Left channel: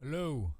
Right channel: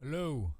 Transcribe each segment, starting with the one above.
Hello.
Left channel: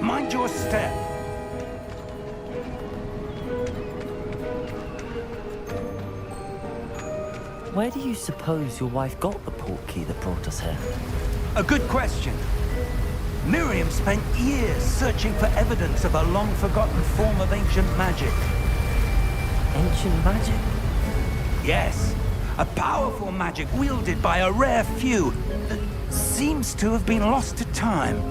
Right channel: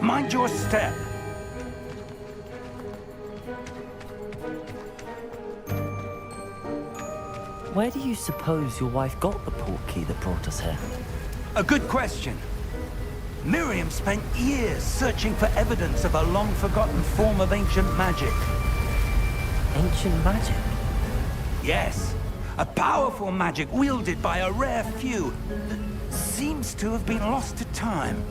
Mind your step. Where do you suppose your wife got the portkey that brought us here? A good question. Miriam spent years searching for evidence of a long-forgotten form of ancient magic. Ancient magic? Yes, a powerful magic wielded by a rare few that seems to have been lost to time.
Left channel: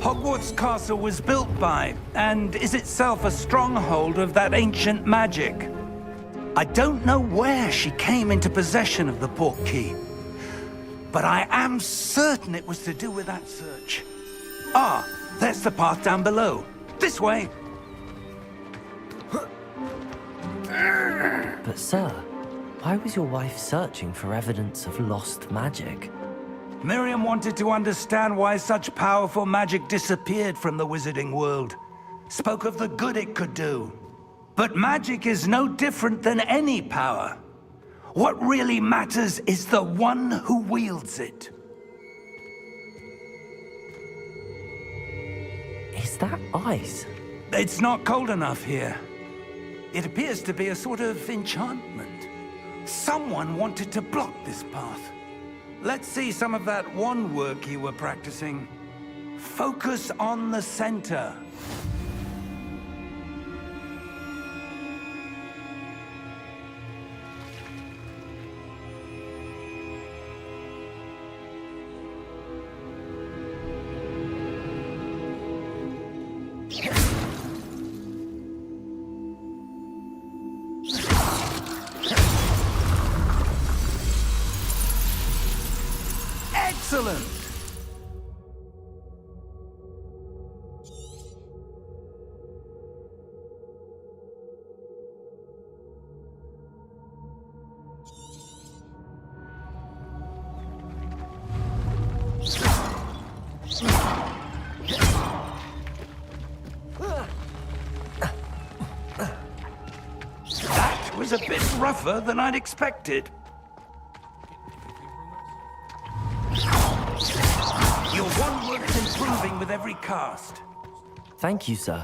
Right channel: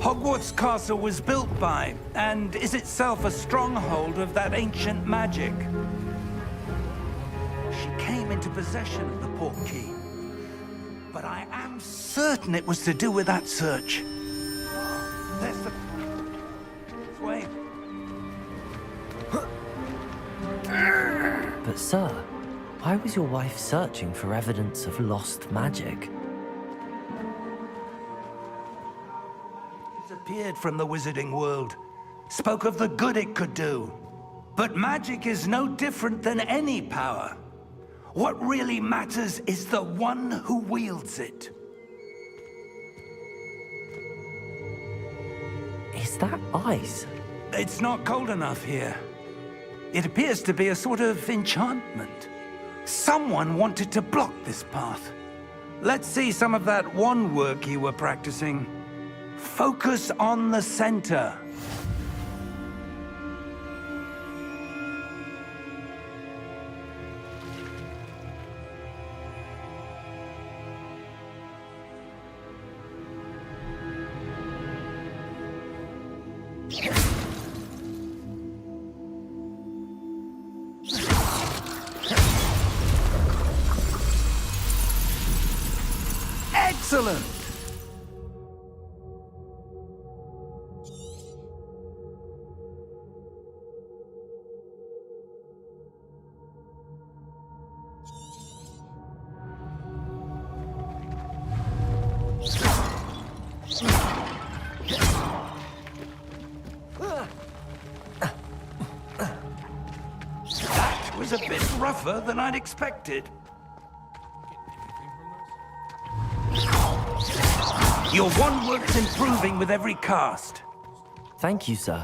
Hogwarts Castle was built by, and is itself a stronghold of that ancient magic. I don't know where she came into possession of the portkey, but I am certain it was to do with that search. Ah, there's the path down below. This way. But sir, why was your wife searching for evidence of lost magic? Miriam wanted to understand why such powerful magic disappeared from the wizarding world. Spoke of the good it could do. But magic is no different than any power. What really matters is the one who wields it. Is that ice? It's not cold enough here. It appears to be a sort of enchantment. Someone wanted to block this path. Let's see some of that wand work you were practicing. Focus on the center. Excellent! That was a bit rougher than I'd expected. Your wand work's improving with every cast. Thank you, sir.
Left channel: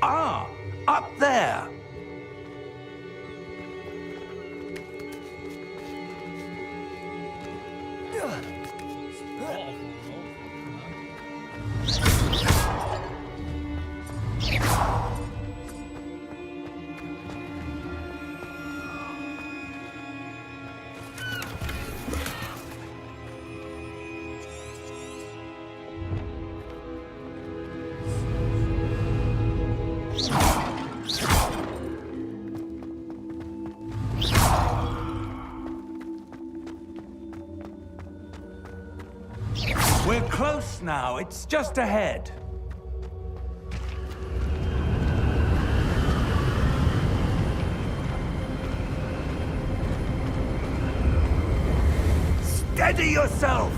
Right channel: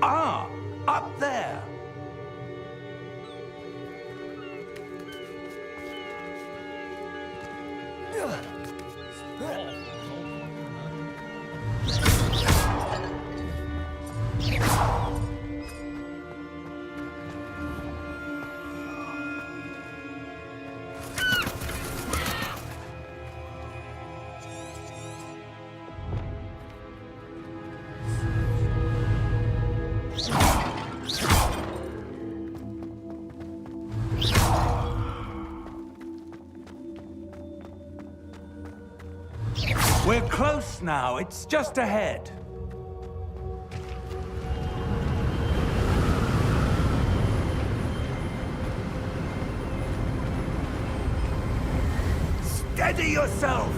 Ah, up there. We're close now. It's just ahead. Steady yourself!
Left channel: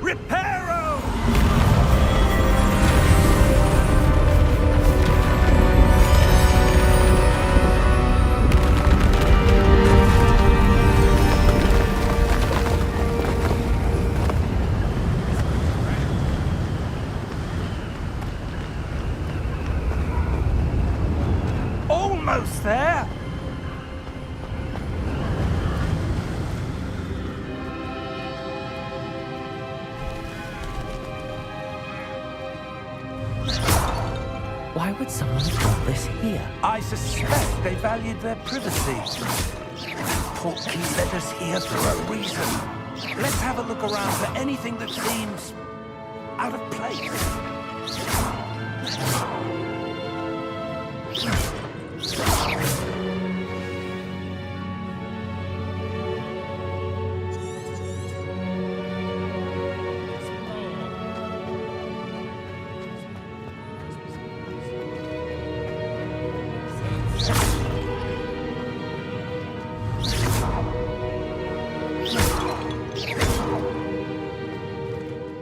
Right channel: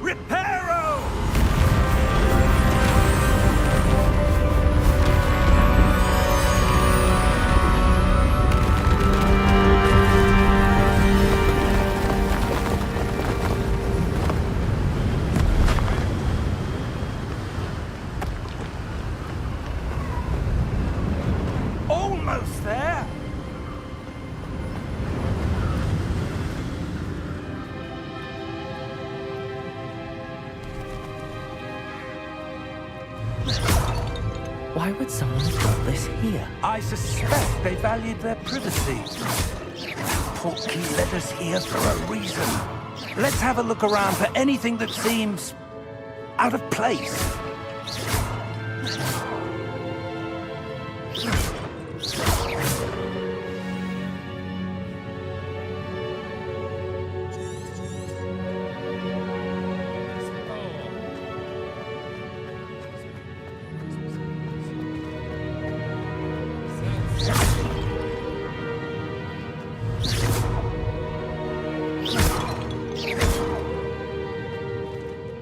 Reparo! Almost there! Why would someone have got this here? I suspect they valued their privacy. Portkey led us here for a reason. Let's have a look around for anything that seems out of place.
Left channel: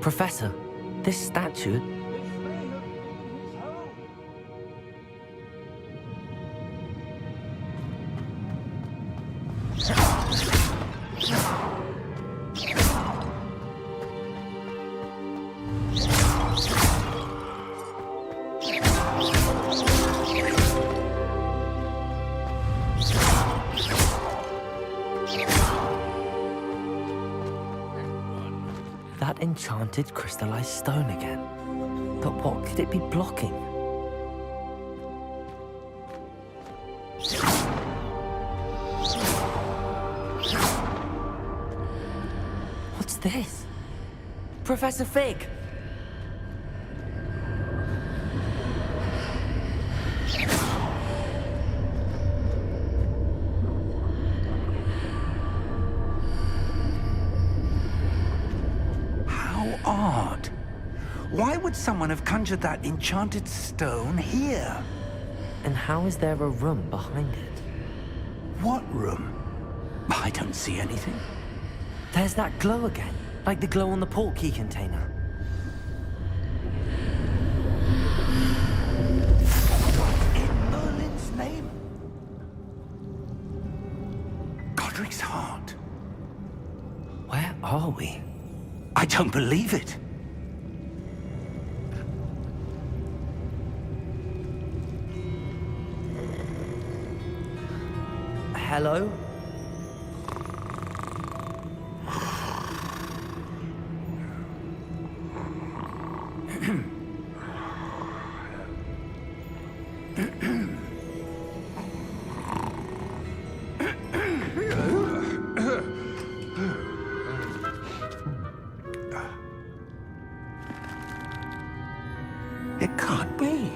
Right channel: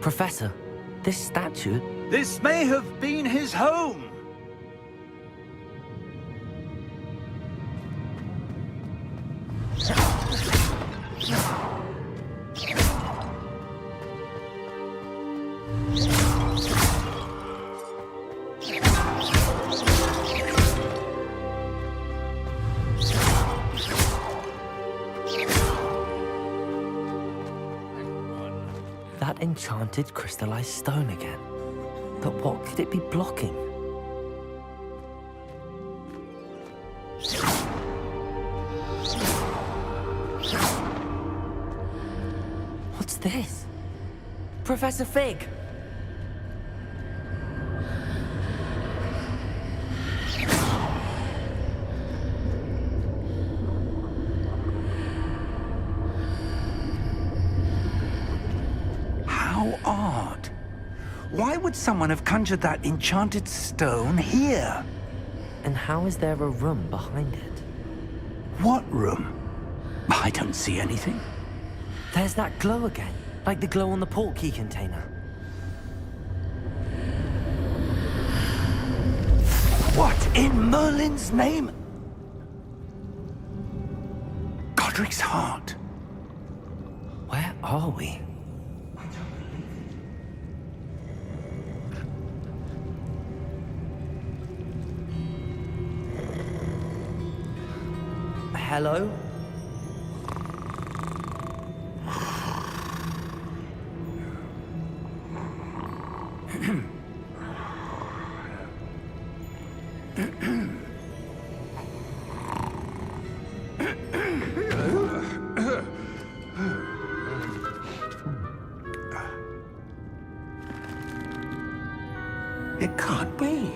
Professor, this statue... This may have been his home. That enchanted crystallized stone again. But what could it be blocking? What's this? Professor Fig! How odd. Why would someone have conjured that enchanted stone here? And how is there a room behind it? What room? I don't see anything. There's that glow again, like the glow on the portkey container. What in Merlin's name? Godric's heart. Where are we? I don't believe it. Hello? It can't be.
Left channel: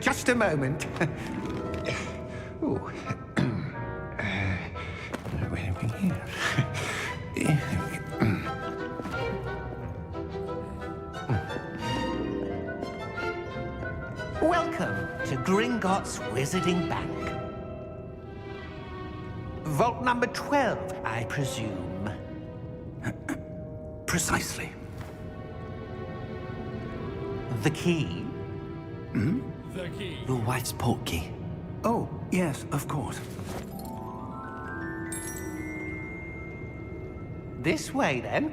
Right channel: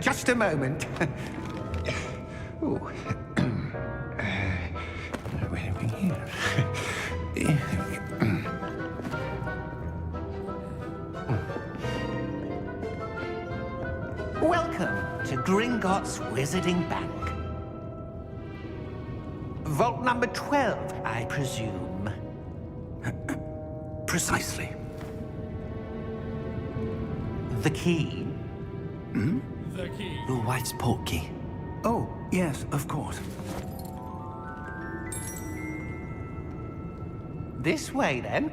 Just a moment. Ooh. Where are we here? Welcome to Gringotts Wizarding Bank. Vault number 12, I presume. Precisely. The key? Your wife's portkey. Oh, yes, of course. This way, then.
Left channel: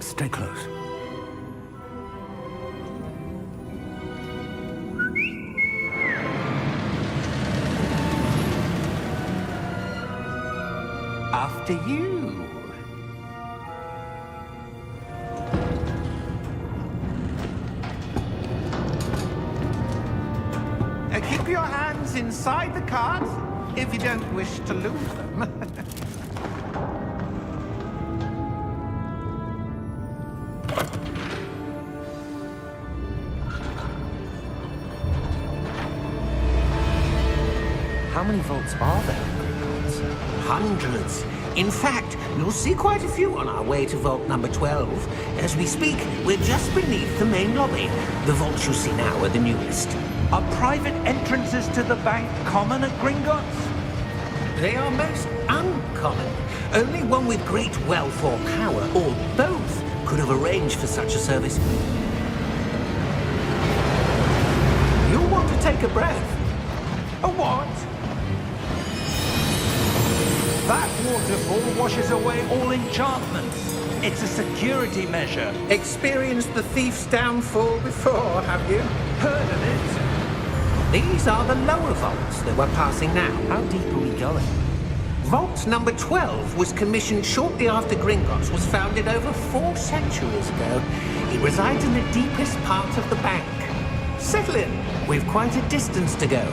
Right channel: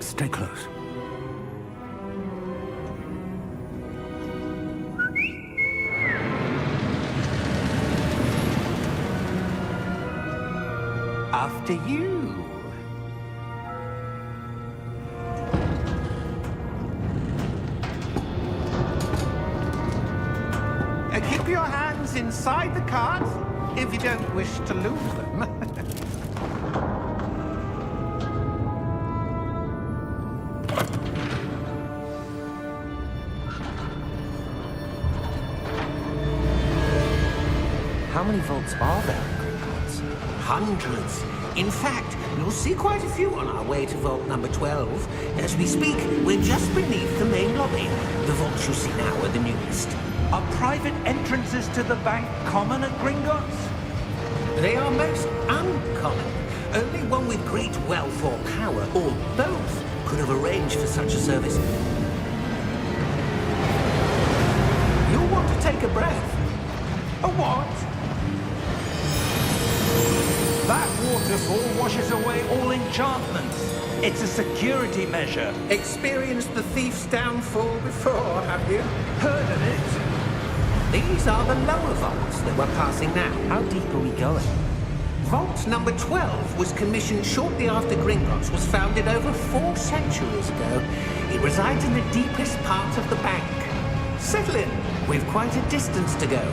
Stay close. After you. Keep your hands inside the cart if you don't wish to lose them. many vaults are there in Gringotts? Hundreds. In fact, you'll see quite a few on our way to vault number 12. As we speak, we're just beneath the main lobby. The vaults you see now are the newest. Are private entrances to the bank common at Gringotts? They are most uncommon. Only one with great wealth or power, or both, could have arranged for such a service. You'll want to take a breath. A what? That waterfall washes away all enchantments. It's a security measure. Experienced the thief's downfall before, have you? Heard of it? These are the lower vaults that we're passing now. How deep are we going? Vault number 12 was commissioned shortly after Gringotts was founded over 4 centuries ago. It resides in the deepest part of the bank. Settle in. We've quite a distance to go.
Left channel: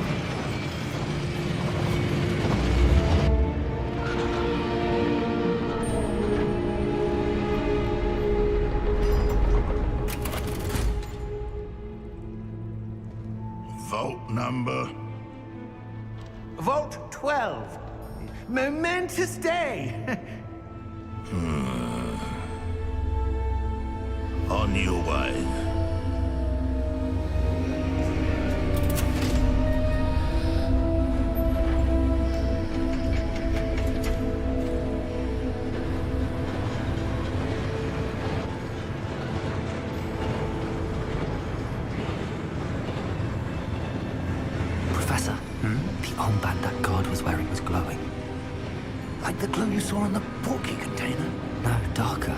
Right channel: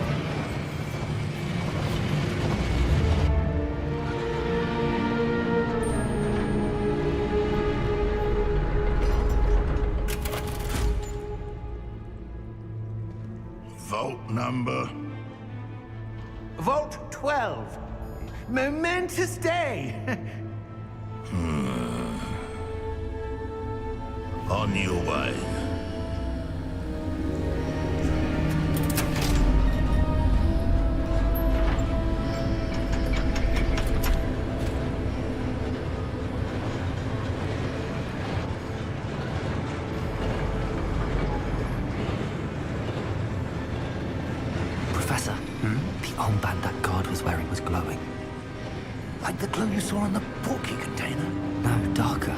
Vault number? Vault 12. Momentous day. On your way. Professor, the armband that guard was wearing was glowing. Like the glow you saw on the portkey container? No, darker.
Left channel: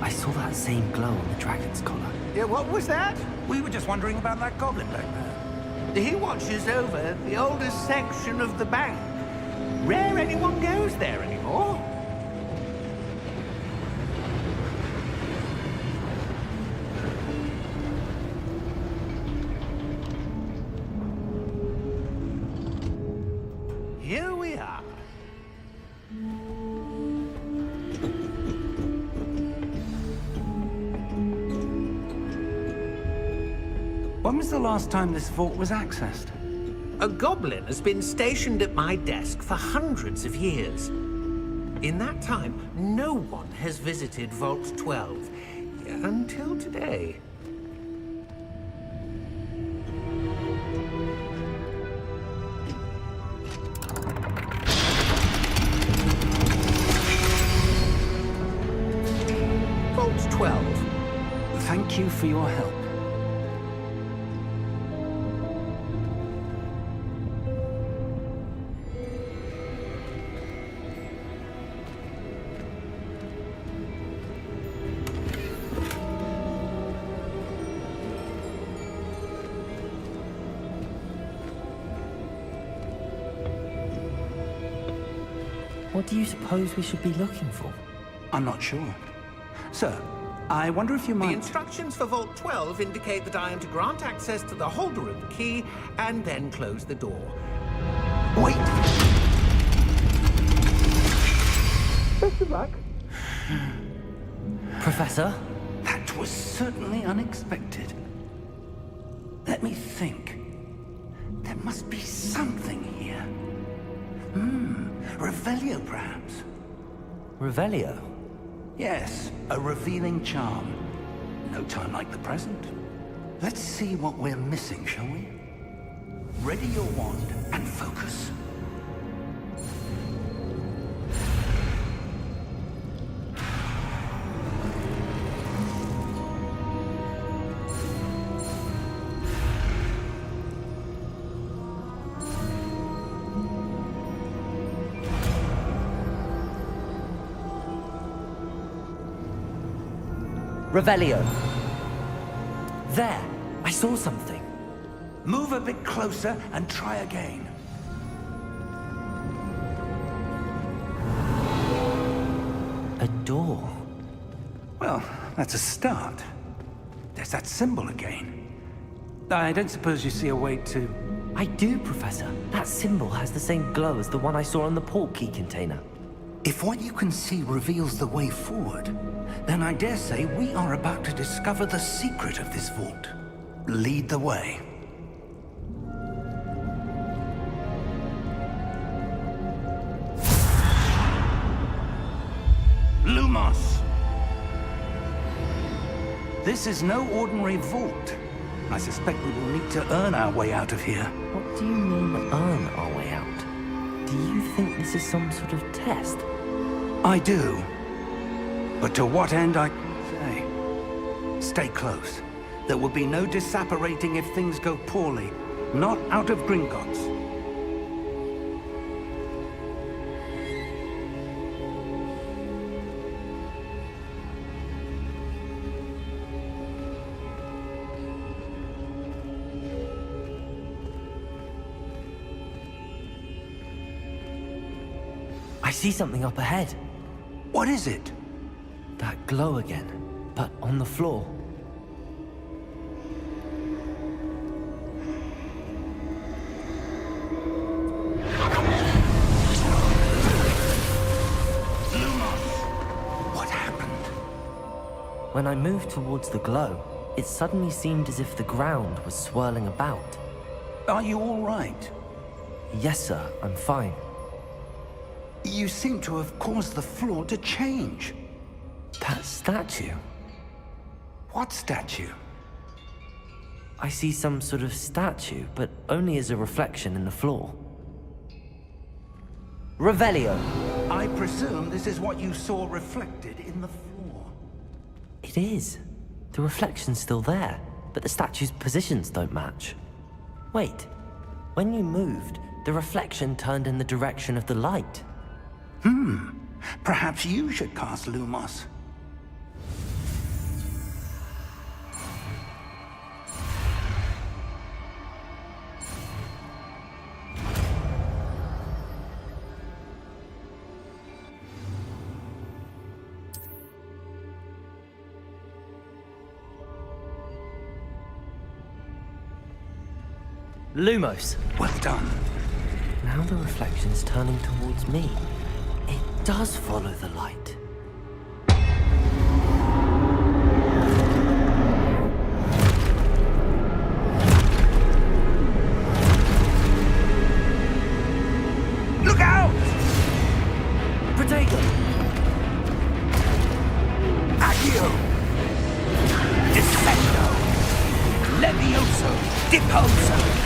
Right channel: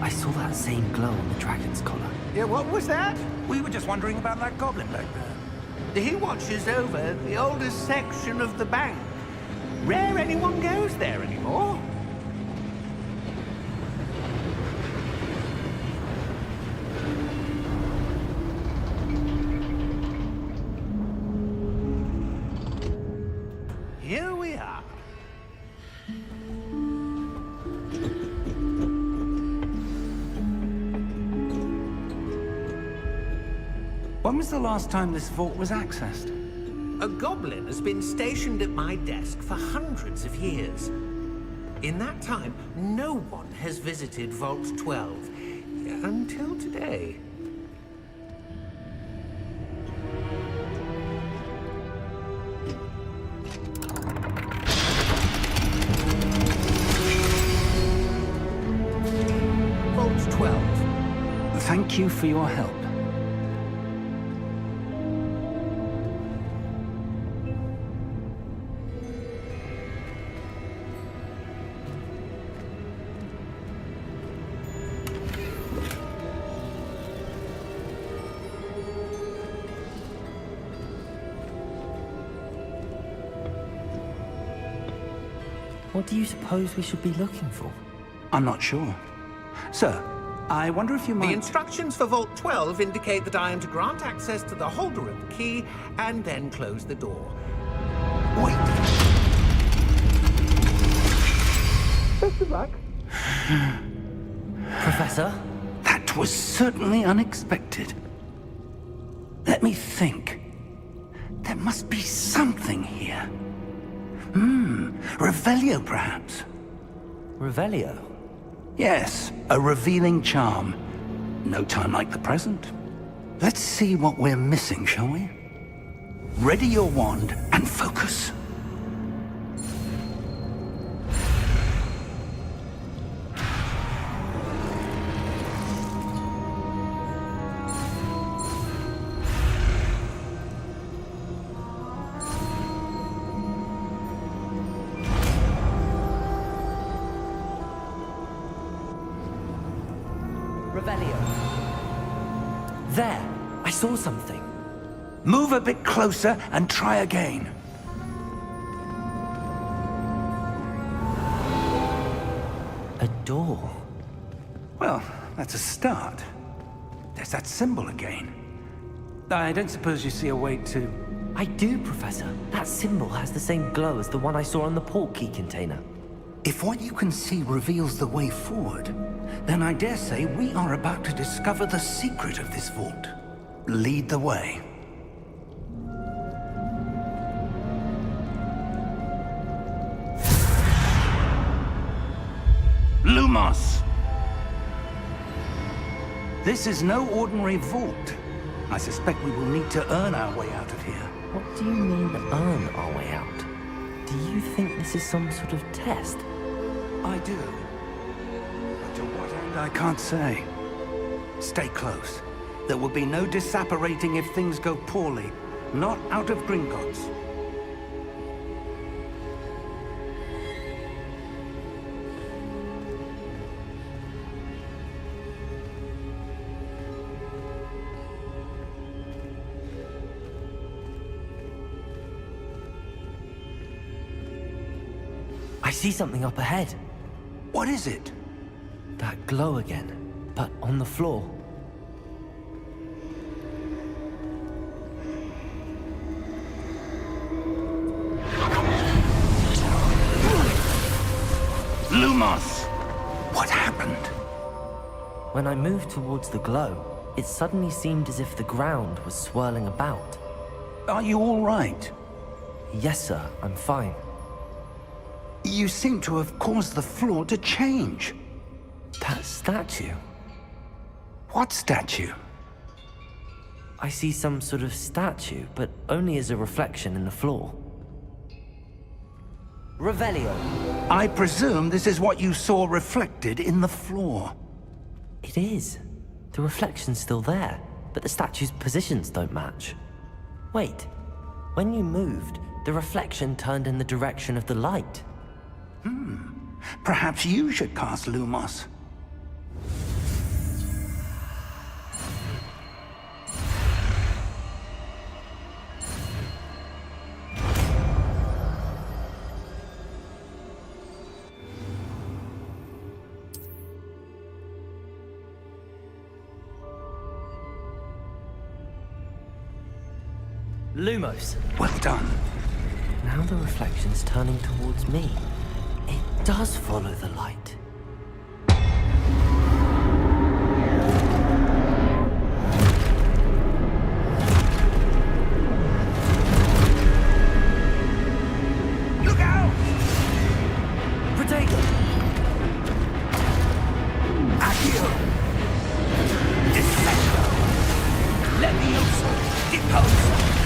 I saw that same glow on the dragon's collar. Yeah, what was that? We were just wondering about that goblin back there. He watches over the oldest section of the bank. Rare anyone goes there anymore. Here we are. When was the last time this vault was accessed? A goblin has been stationed at my desk for hundreds of years. In that time, no one has visited Vault 12. Until today. Vault 12. Thank you for your help. What do you suppose we should be looking for? I'm not sure. Sir, I wonder if you The might... instructions for Vault 12 indicate that I am to grant access to the holder of the key and then close the door. Wait! Best of luck. Professor? That was certainly unexpected. Let me think. There must be something here. Revelio, perhaps? Revelio? Yes, a revealing charm. No time like the present. Let's see what we're missing, shall we? Ready your wand and focus. Revelio. There! I saw something. Move a bit closer and try again. A door. Well, that's a start. There's that symbol again. I don't suppose you see a way to... I do, Professor. That symbol has the same glow as the one I saw on the portkey container. If what you can see reveals the way forward, then I dare say we are about to discover the secret of this vault. Lead the way. Lumos! This is no ordinary vault. I suspect we will need to earn our way out of here. What do you mean, earn our way out? Do you think this is some sort of test? I do. But to what end, I can't say. Stay close. There will be no disapparating if things go poorly. Not out of Gringotts. I see something up ahead. What is it? That glow again, but on the floor. Lumos! What happened? When I moved towards the glow, it suddenly seemed as if the ground was swirling about. Are you all right? Yes, sir, I'm fine. You seem to have caused the floor to change. That statue? What statue? I see some sort of statue, but only as a reflection in the floor. Revelio. I presume this is what you saw reflected in the floor. It is. The reflection's still there, but the statue's positions don't match. Wait. When you moved, the reflection turned in the direction of the light. Perhaps you should cast Lumos. Lumos. Well done. Now the reflection's turning towards me. It does follow the light. Look out! Protego! Accio! Descendo! Levioso! Deposo!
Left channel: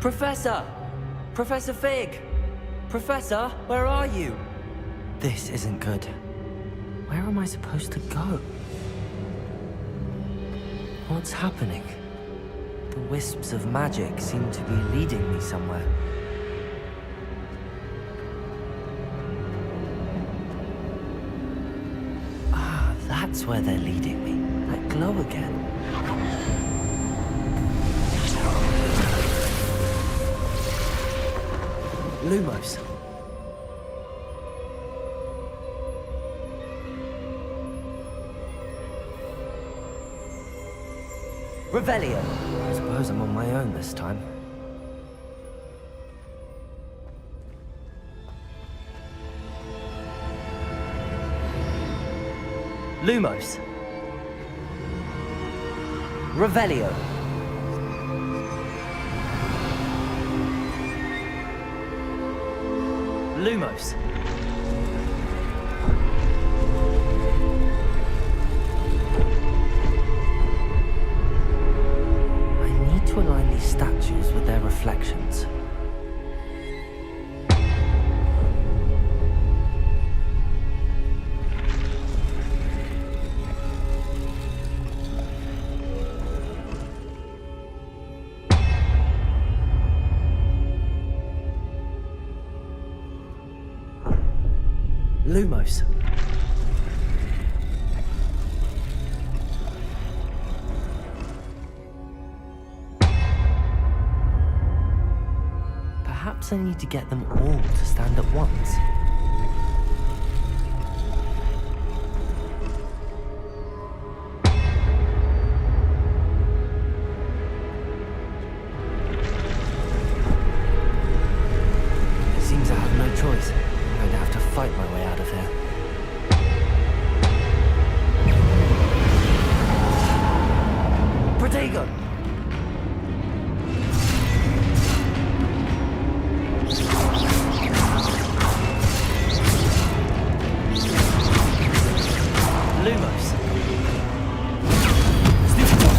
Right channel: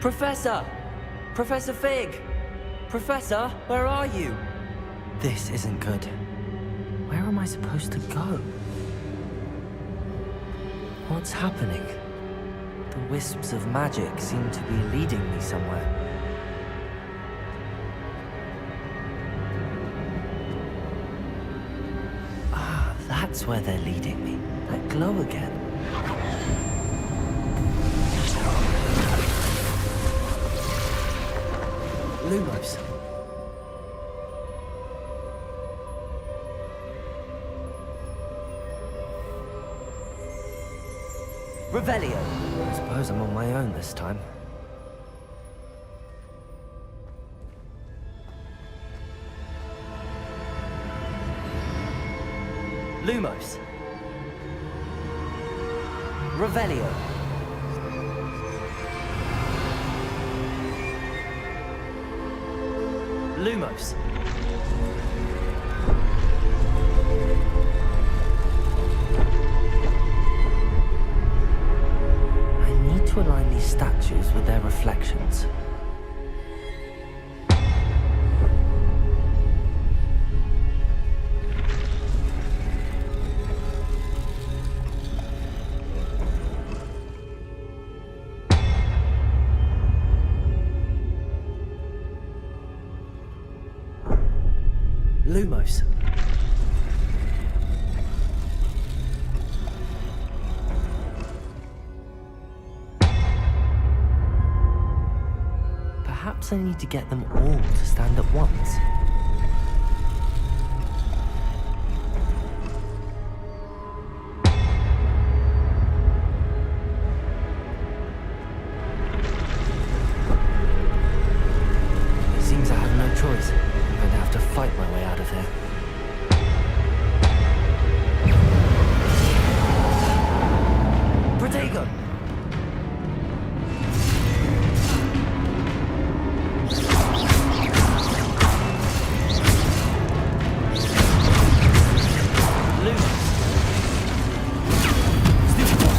Professor! Professor Fig! Professor, where are you? This isn't good. Where am I supposed to go? What's happening? The wisps of magic seem to be leading me somewhere. Ah, that's where they're leading me. That glow again. Lumos. Revelio. I suppose I'm on my own this time. Lumos. Revelio. Lumos. Lumos. Perhaps I need to get them all to stand at once. It seems I have no choice. I'm going to have to fight my way out of here. Protego! Lumos. Stupid one.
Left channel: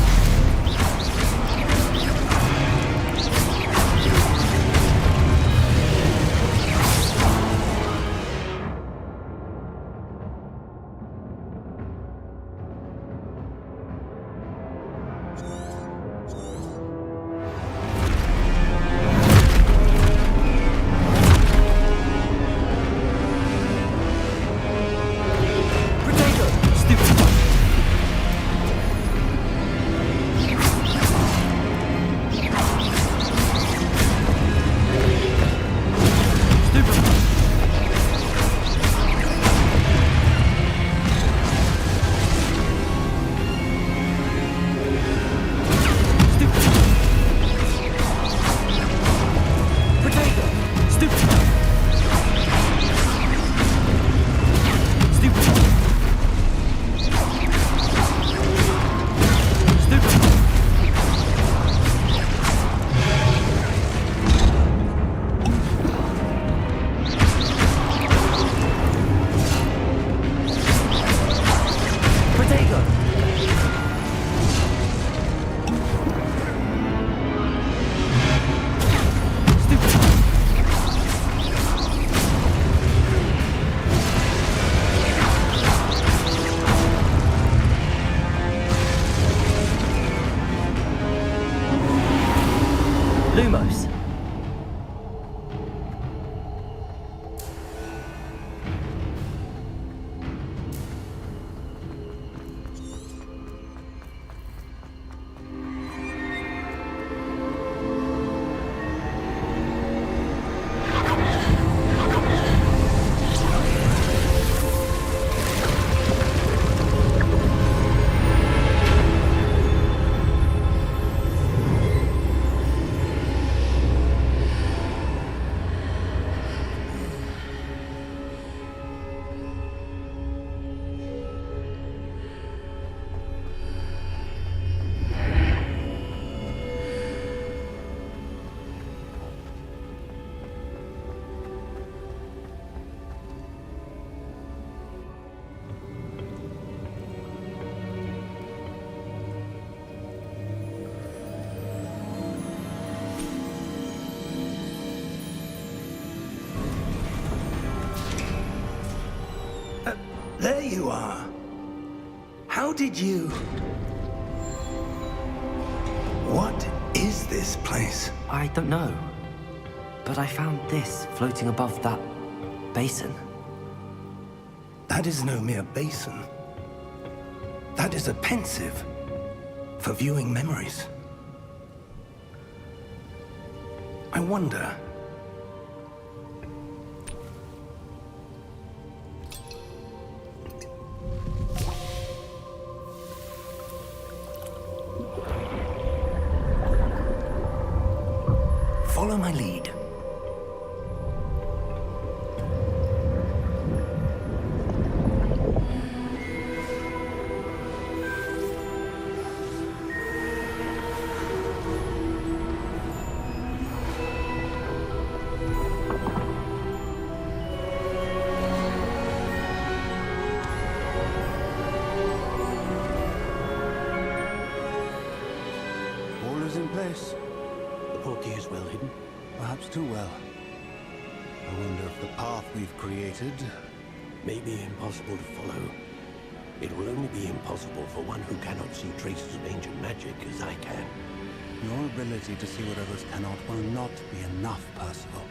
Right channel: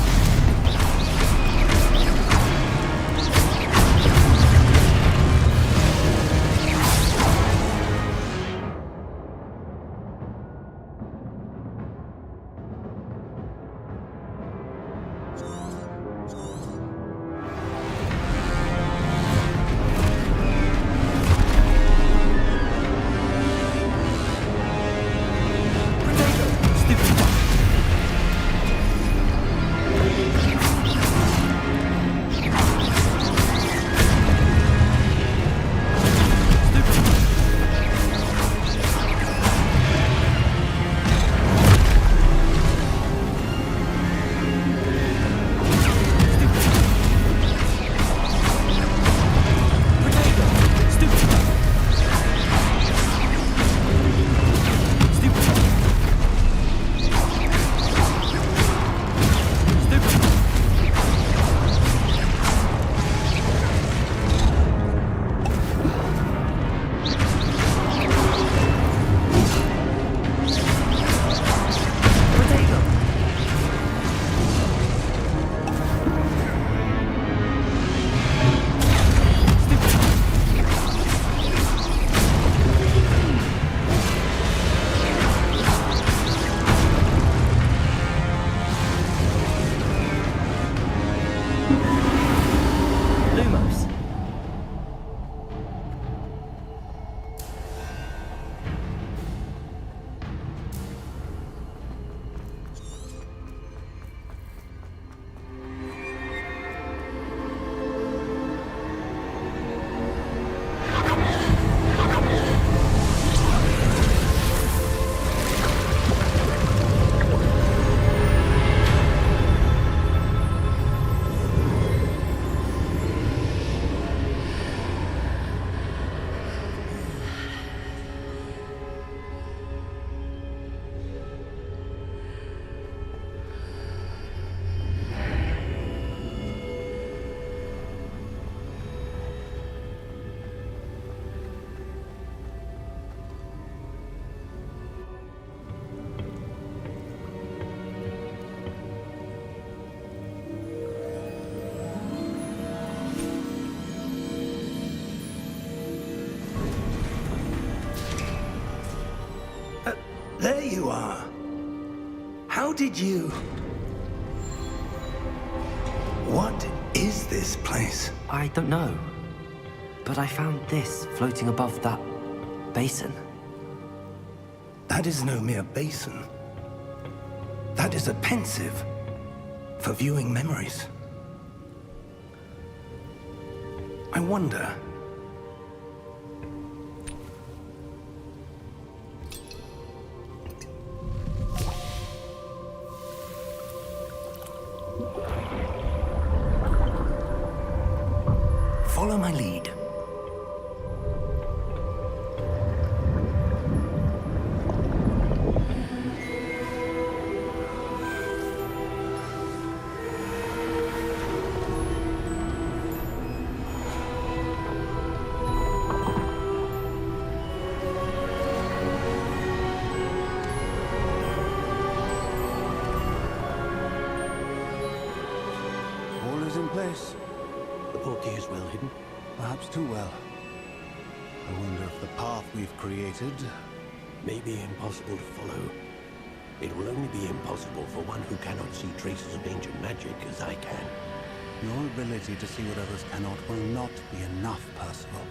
Lumos. There you are. How did you... What is this place? I don't know. But I found this floating above that basin. That is no mere basin. That is a pensive for viewing memories. I wonder... Follow my lead. All is in place. The portkey is well hidden. Perhaps too well. I wonder if the path we've created... May be impossible to follow. It will only be impossible for one who cannot see traces of ancient magic as I can. Your ability to see what others cannot will not be enough, Percival.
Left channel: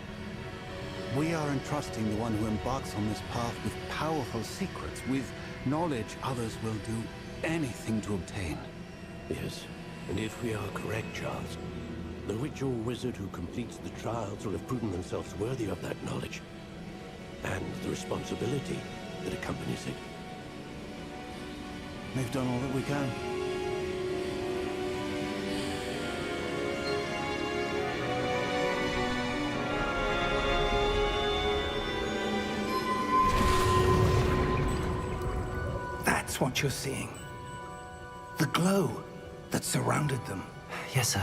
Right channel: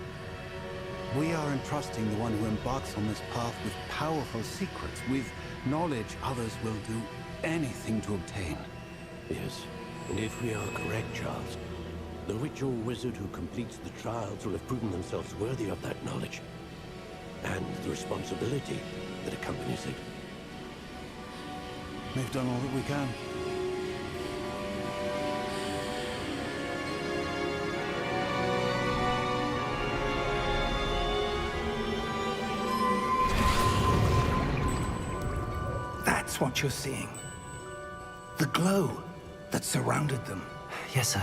We are entrusting the one who embarks on this path with powerful secrets, with knowledge others will do anything to obtain. Yes, and if we are correct, Charles, the witch or wizard who completes the trials will have proven themselves worthy of that knowledge, and the responsibility that accompanies it. We've done all that we can. That's what you're seeing. The glow that surrounded them. Yes, sir.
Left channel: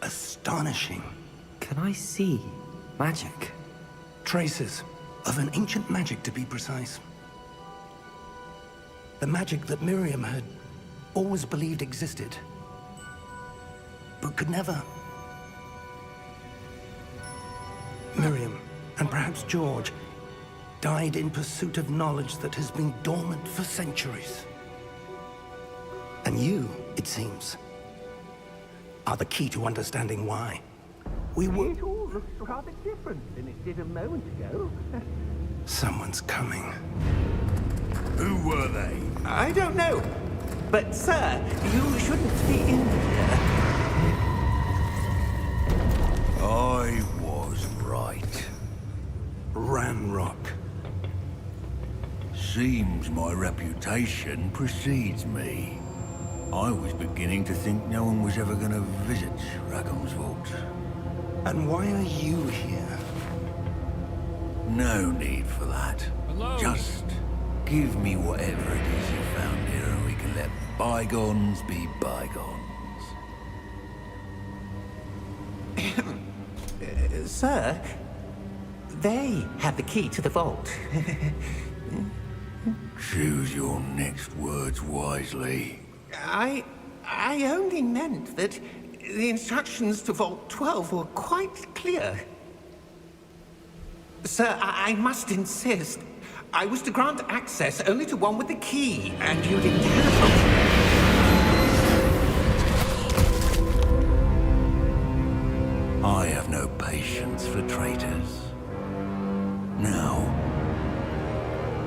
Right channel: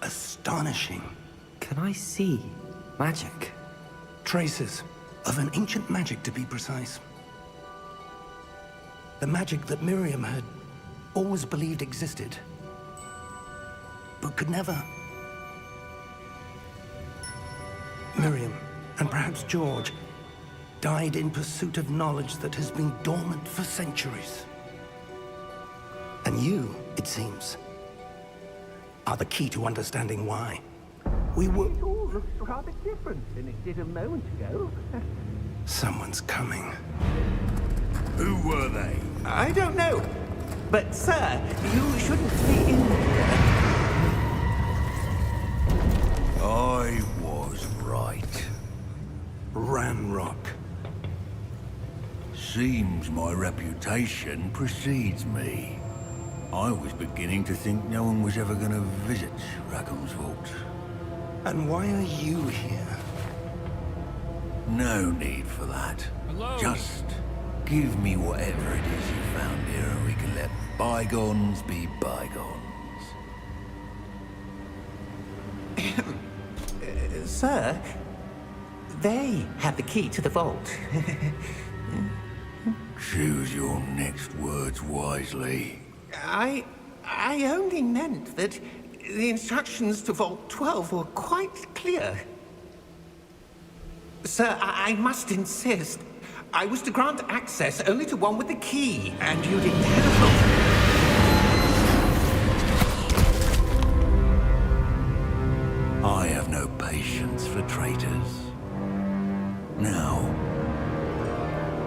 Astonishing. Can I see magic? Traces of an ancient magic, to be precise. The magic that Miriam had always believed existed, but could never. Miriam, and perhaps George, died in pursuit of knowledge that has been dormant for centuries. And you, it seems, are the key to understanding why. We were... It all looks rather different than it did a moment ago. Someone's coming. Who were they? I don't know. But, sir, you shouldn't be in here. I was right. Ranrock. Seems my reputation precedes me. I was beginning to think no one was ever gonna visit Rackham's vault. And why are you here? No need for that. Just give me whatever it is you found here and we can let bygones be bygones. Sir, they have the key to the vault. Choose your next words wisely. I only meant that the instructions to Vault 12 were quite clear. Sir, I must insist. I was to grant access only to one with the key, and you didn't have. I have no patience for traitors. Now,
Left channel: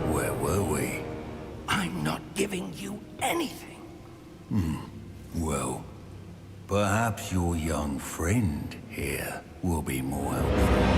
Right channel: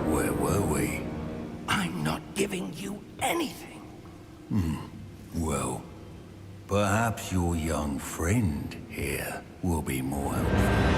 where were we? I'm not giving you anything. Well, perhaps your young friend here will be more helpful.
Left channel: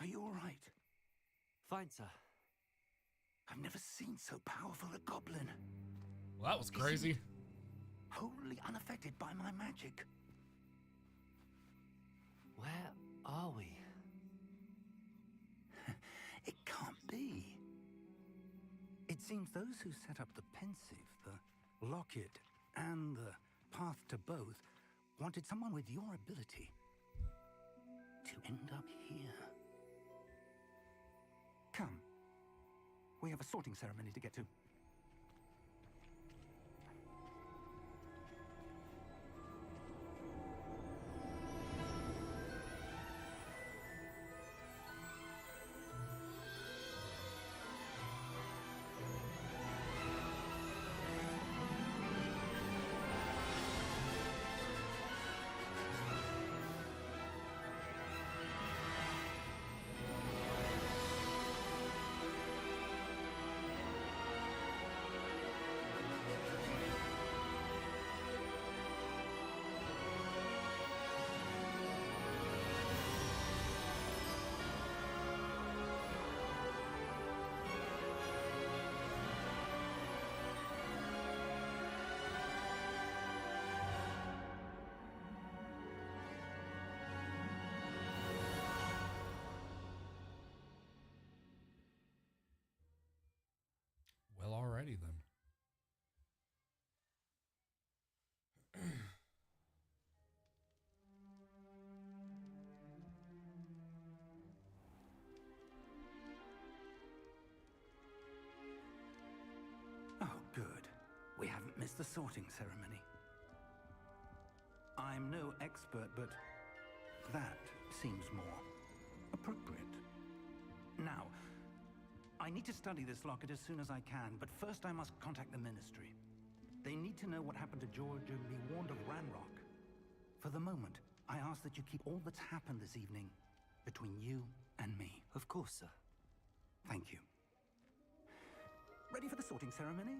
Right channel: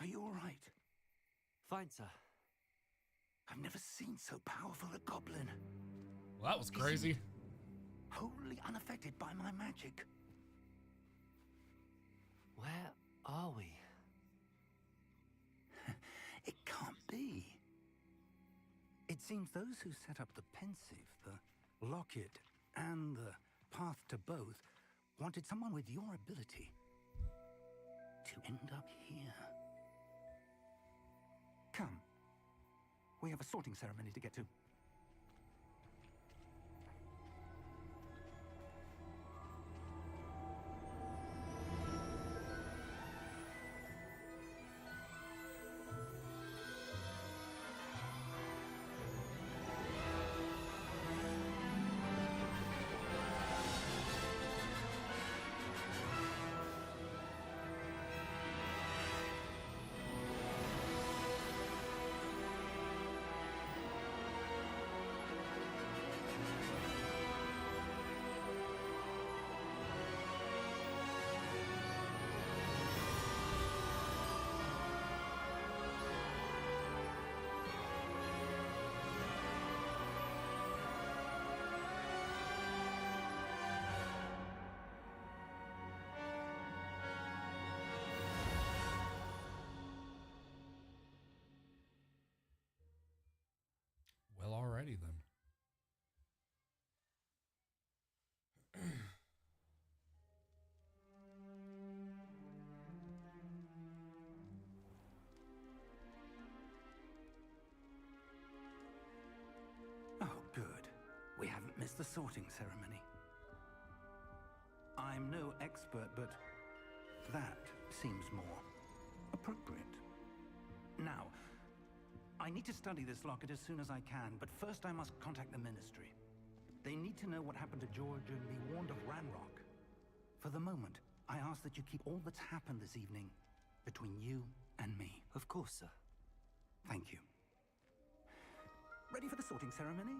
Are you all right? Fine, sir. I've never seen so powerful a goblin. Well, that was crazy. Wholly unaffected by my magic. Where are we? It can't be. It seems those who set up the pensive, the locket, and the path to both wanted someone with your ability to end up here. Come. We have a sorting ceremony to get to. the sorting ceremony. I'm no expert, but that seems more appropriate. Now, I need to study this locket as soon as I can, but first I must contact the Ministry. They need to know what happened to George and be warned of Ranrock. For the moment, I ask that you keep all that's happened this evening between you and me. Of course, sir. Thank you. Ready for the sorting ceremony?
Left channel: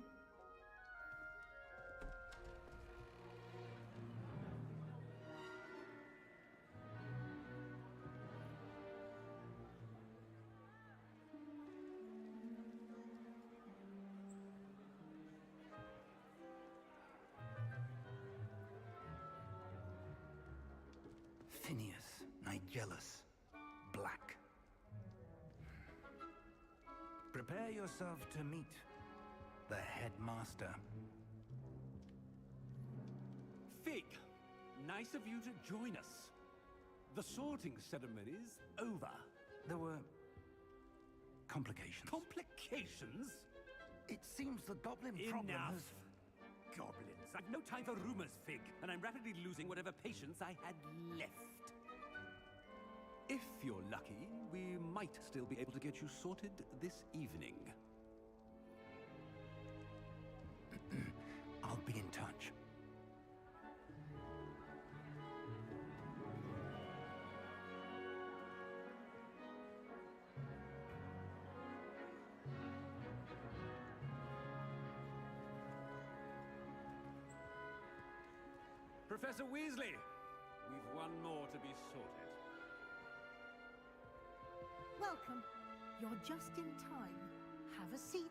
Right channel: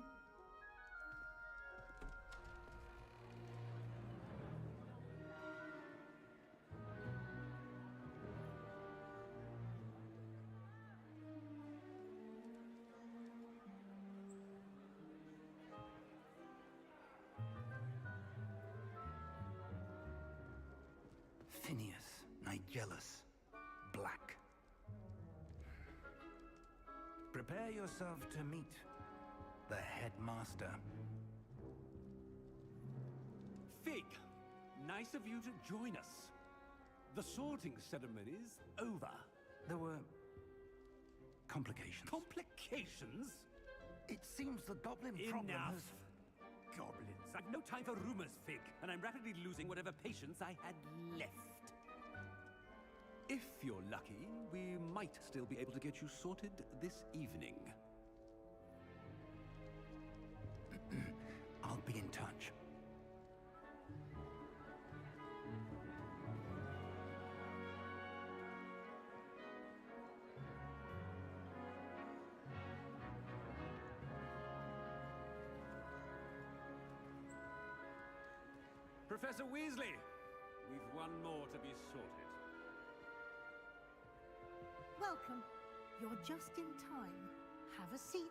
Phineas, Nigellus, Black. Prepare yourself to meet the headmaster. Fig, nice of you to join us. The sorting ceremony's over. There were complications. Complications? It seems the goblin problem has... Enough! Goblins. I've no time for rumors, Fig, and I'm rapidly losing whatever patience I had left. If you're lucky, we might still be able to get you sorted this evening. I'll be in touch. Professor Weasley, we've one more to be sorted. Welcome. You're just in time. Have a seat.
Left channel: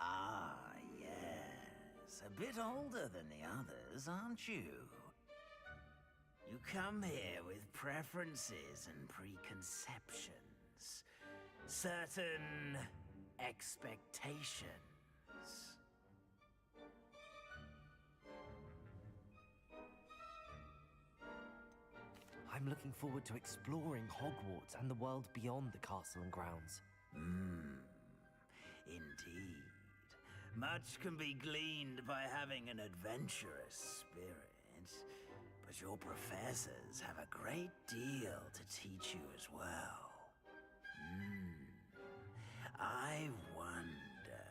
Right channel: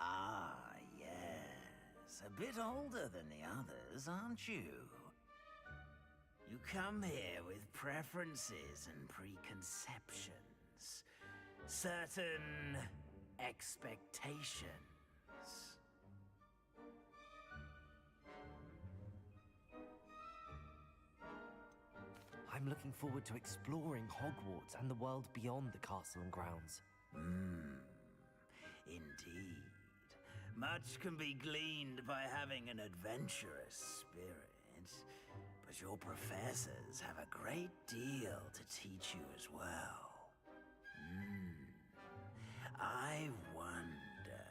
Ah, yes. A bit older than the others, aren't you? You come here with preferences and preconceptions. Certain expectations. I'm looking forward to exploring Hogwarts and the world beyond the castle and grounds. Indeed. Much can be gleaned by having an adventurous spirit, but your professors have a great deal to teach you as well. I wonder...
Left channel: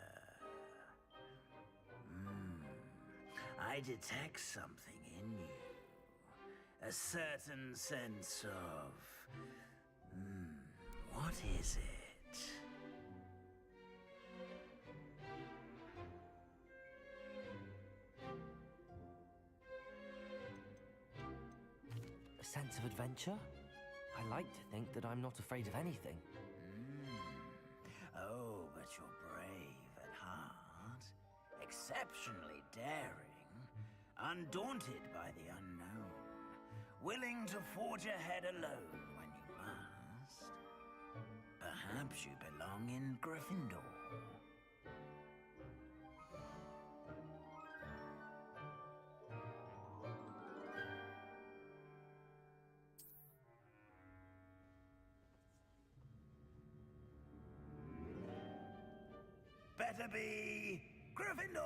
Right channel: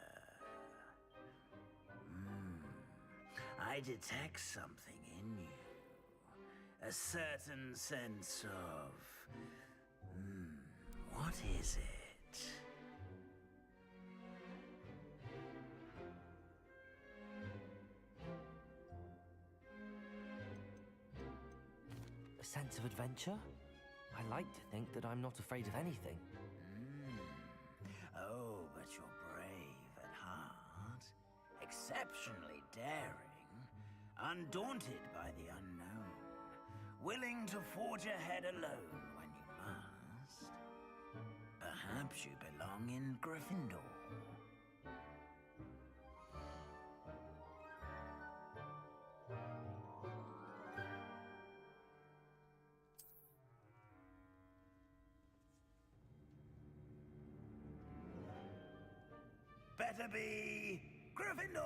I detect something in you. A certain sense of... what is it? A sense of adventure? I like to think that I'm not afraid of anything. Oh, but you're brave at heart. Exceptionally daring. Undaunted by the unknown. Willing to forge ahead alone when you must. Perhaps you belong in Gryffindor. Better be Gryffindor!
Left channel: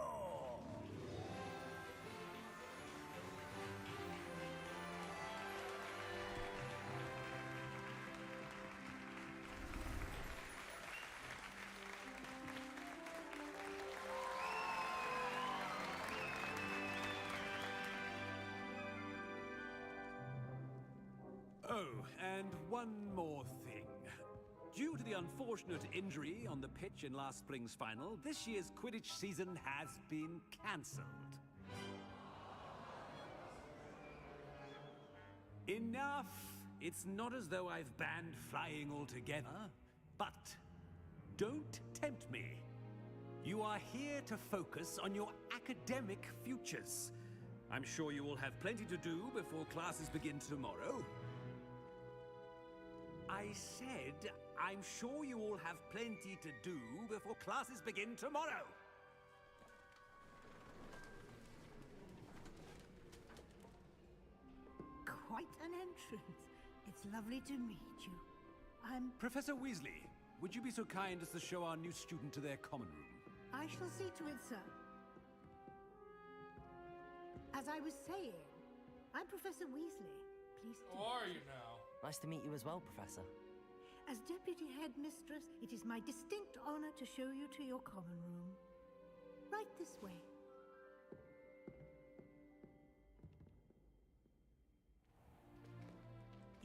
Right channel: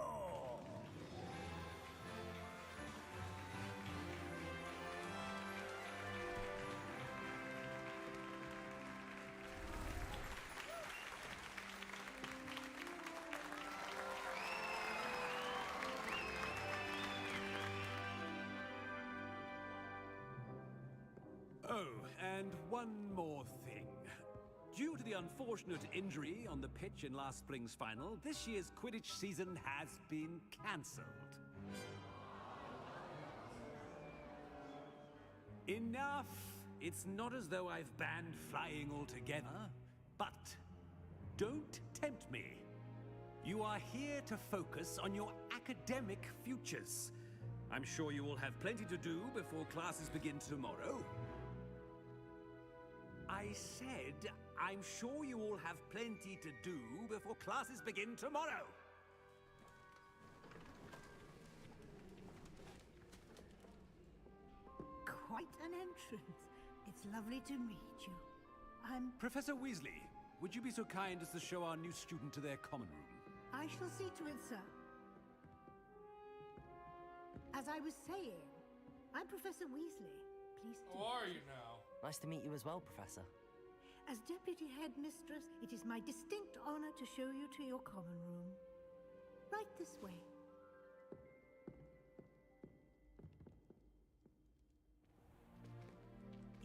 Oh, and one more thing. Due to the unfortunate injury on the pitch in last spring's final, this year's Quidditch season has been cancelled. Enough! It's not as though I've banned flying altogether, but don't tempt me. You are here to focus on your academic futures. I'm sure you will have plenty to do before classes begin tomorrow. I said, I'm sure you all have plenty to do before classes begin tomorrow. quite an entrance. It's lovely to meet you. I'm... Professor Weasley, would you be so kind as to show our new student to their common room? I shall see to it, sir. As I was saying, I'm Professor Weasley. Pleased to How are you now? Nice to meet you as well, Professor. As Deputy Headmistress, it is my distinct honor to show you to your common room. Right this way.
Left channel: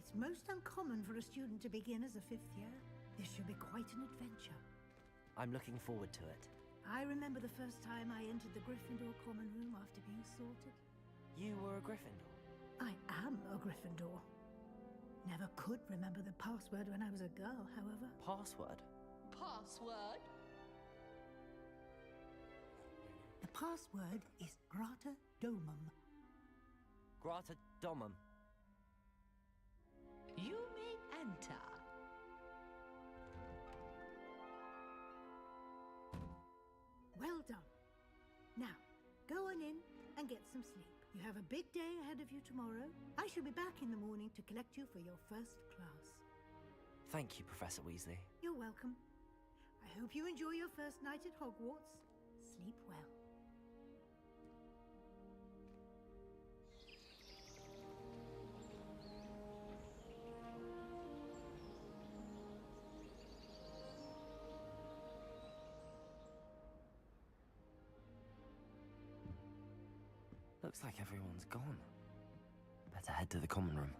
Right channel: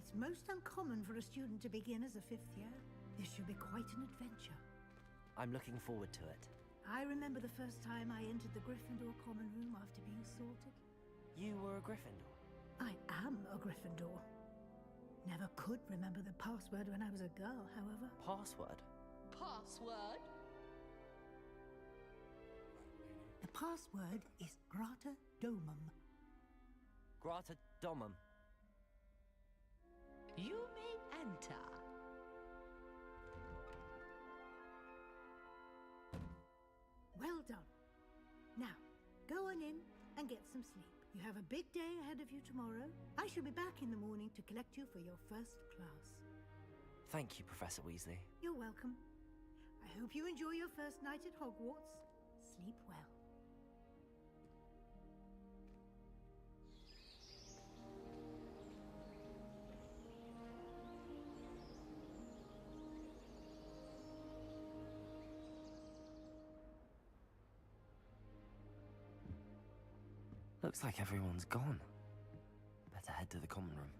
It's most uncommon for a student to begin as a 5th year. This should be quite an adventure. I'm looking forward to it. I remember the first time I entered the Gryffindor common room after being sorted. You were a Gryffindor? I am a Gryffindor. Never could remember the password when I was a girl, however. Password? Password? The password is Grata Domum. Grata Domum. You may enter. Well done. Now, go on in and get some sleep. You have a big day ahead of you tomorrow. I shall be back in the morning to collect you for your first class. Thank you, Professor Weasley. You're welcome. I hope you enjoy your first night at Hogwarts. Sleep well. Looks like everyone's gone. Better head to the common room.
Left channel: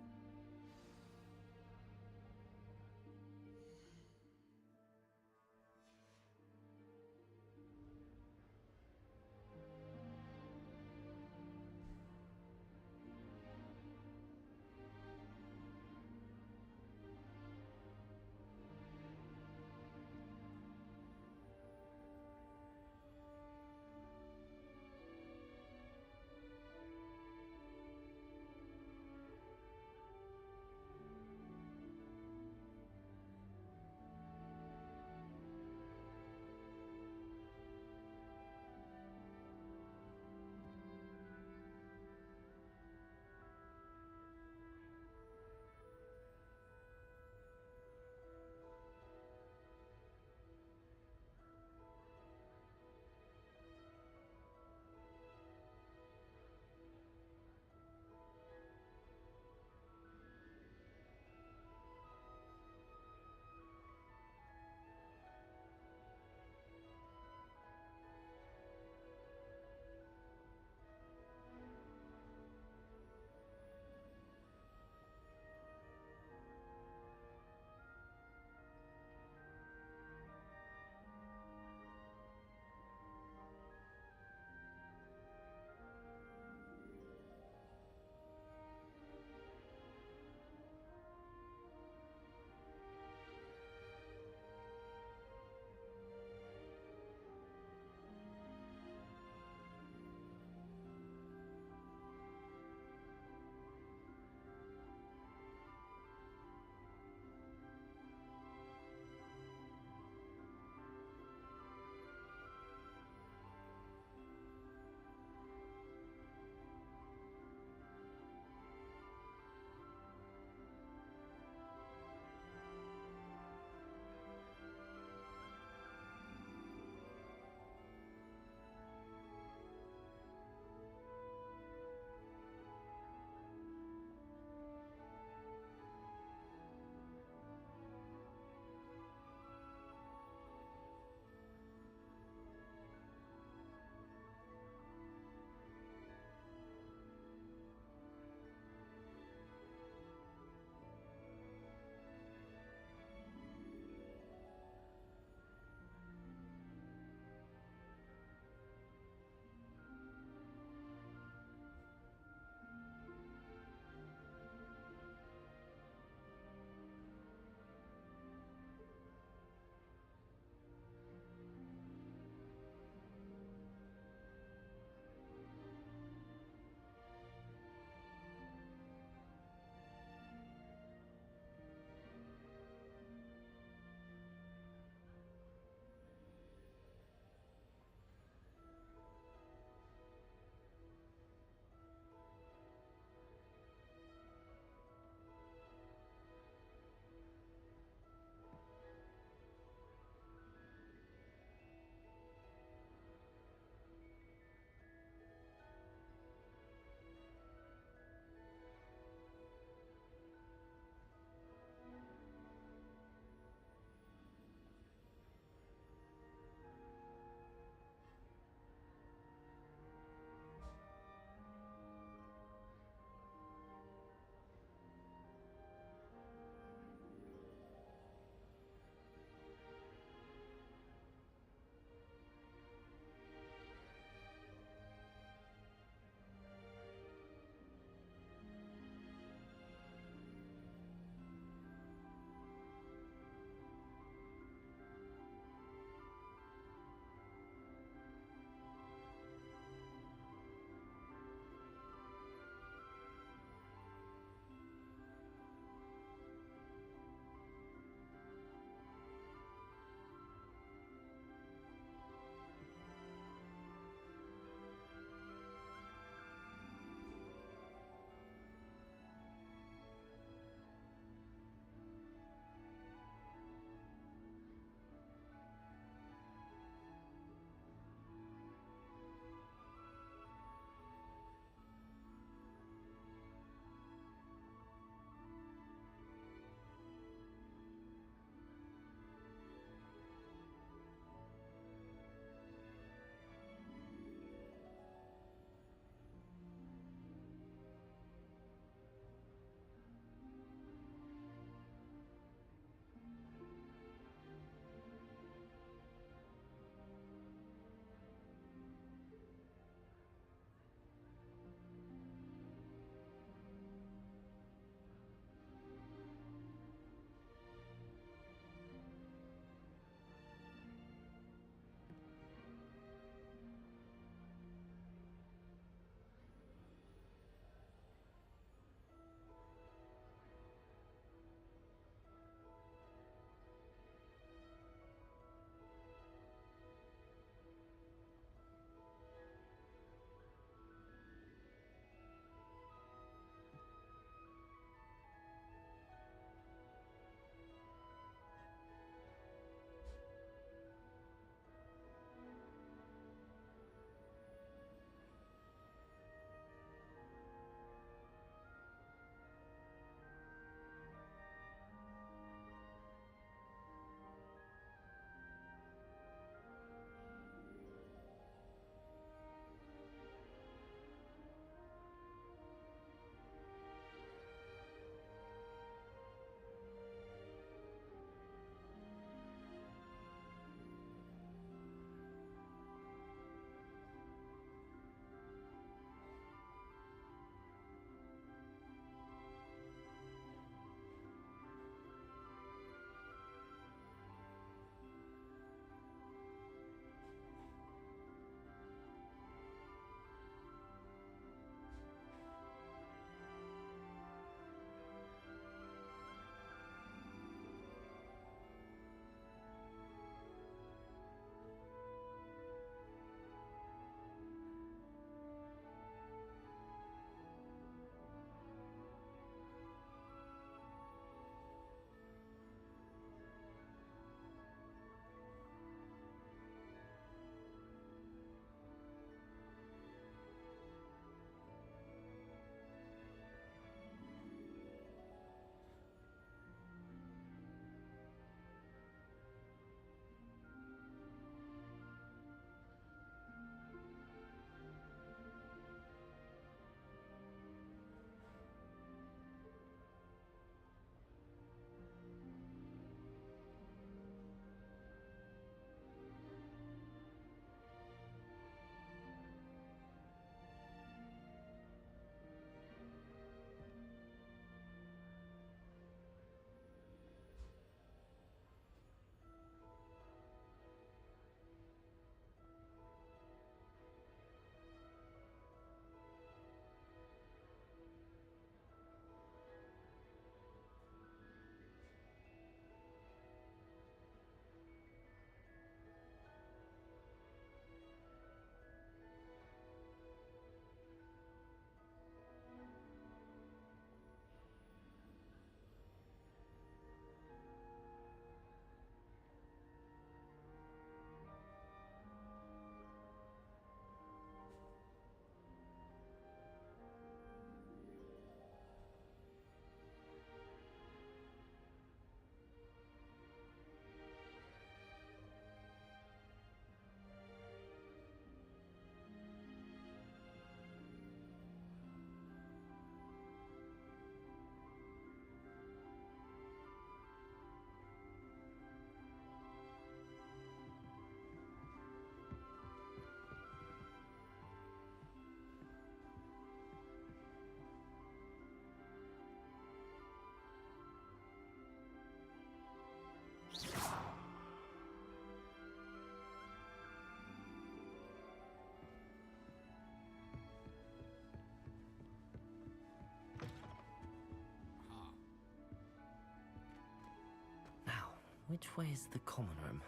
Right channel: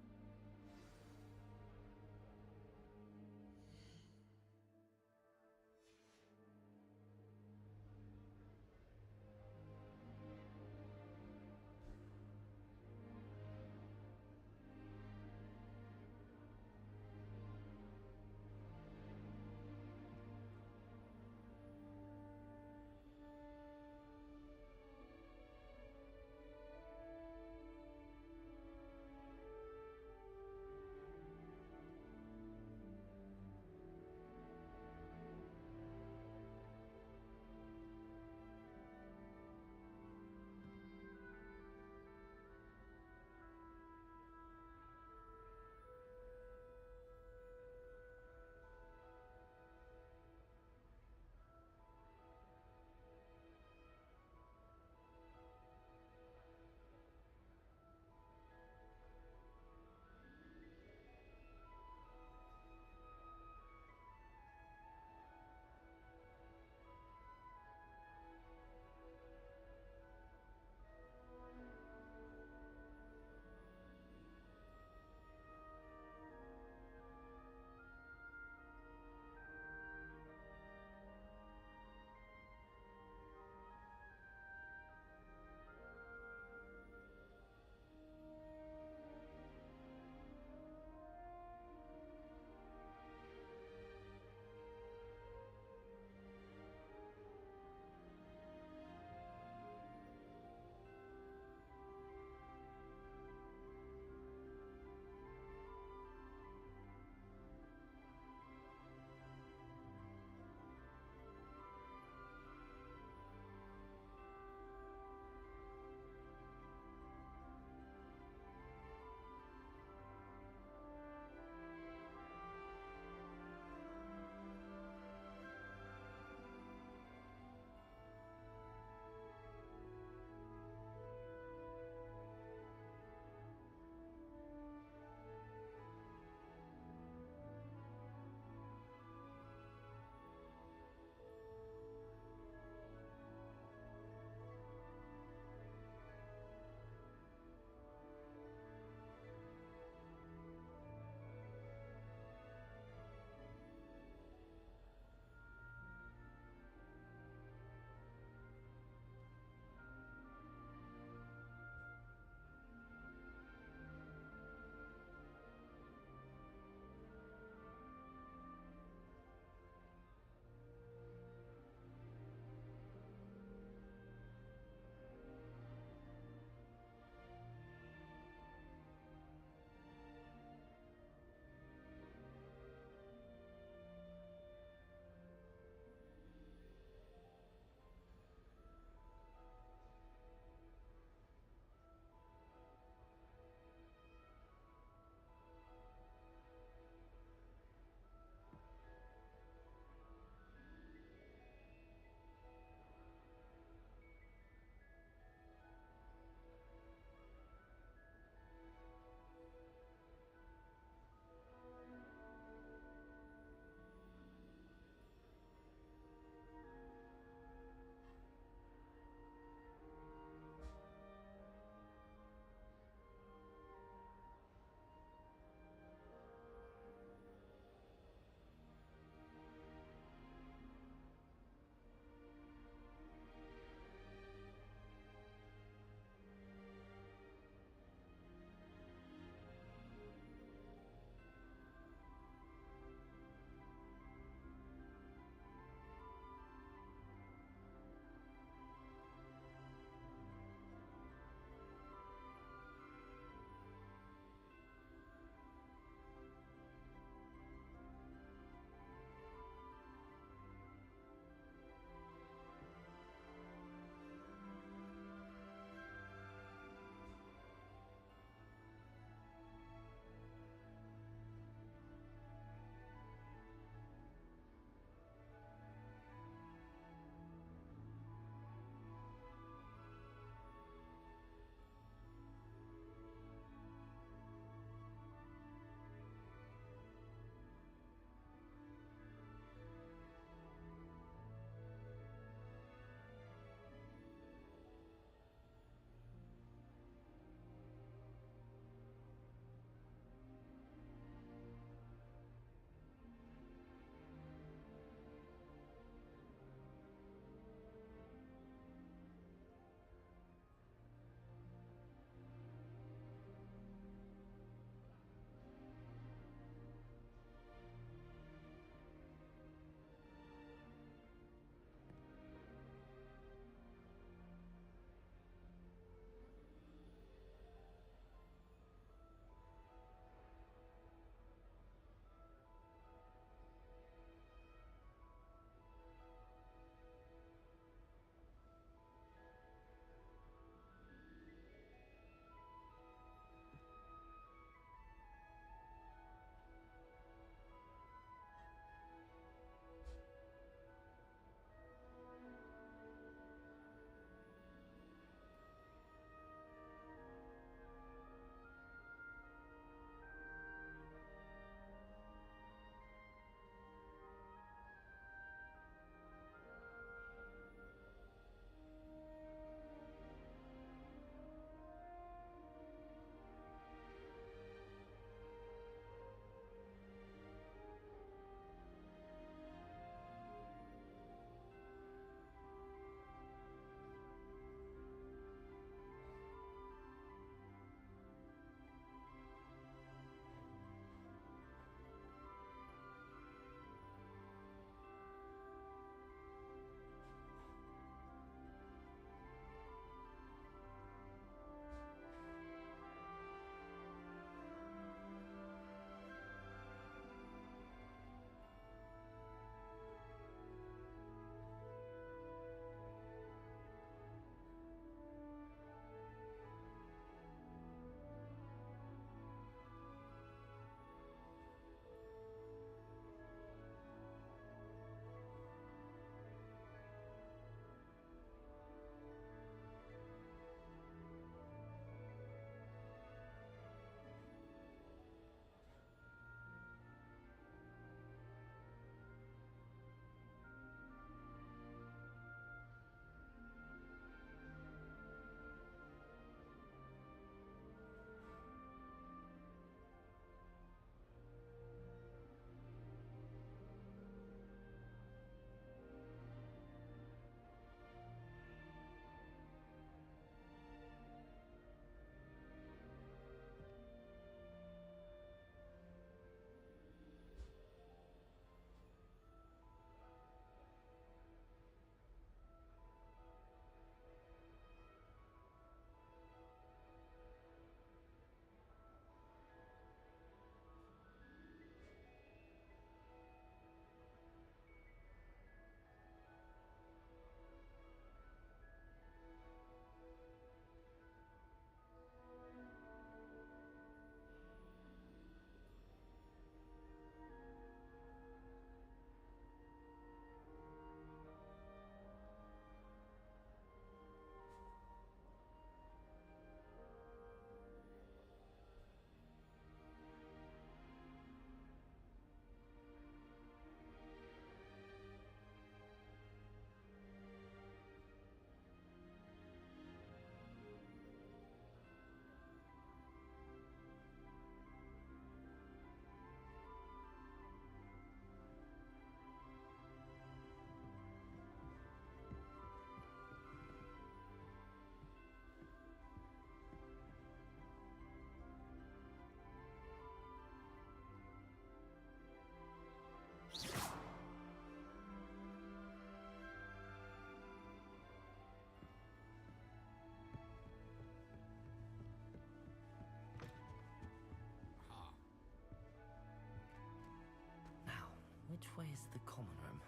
Which way is the common room?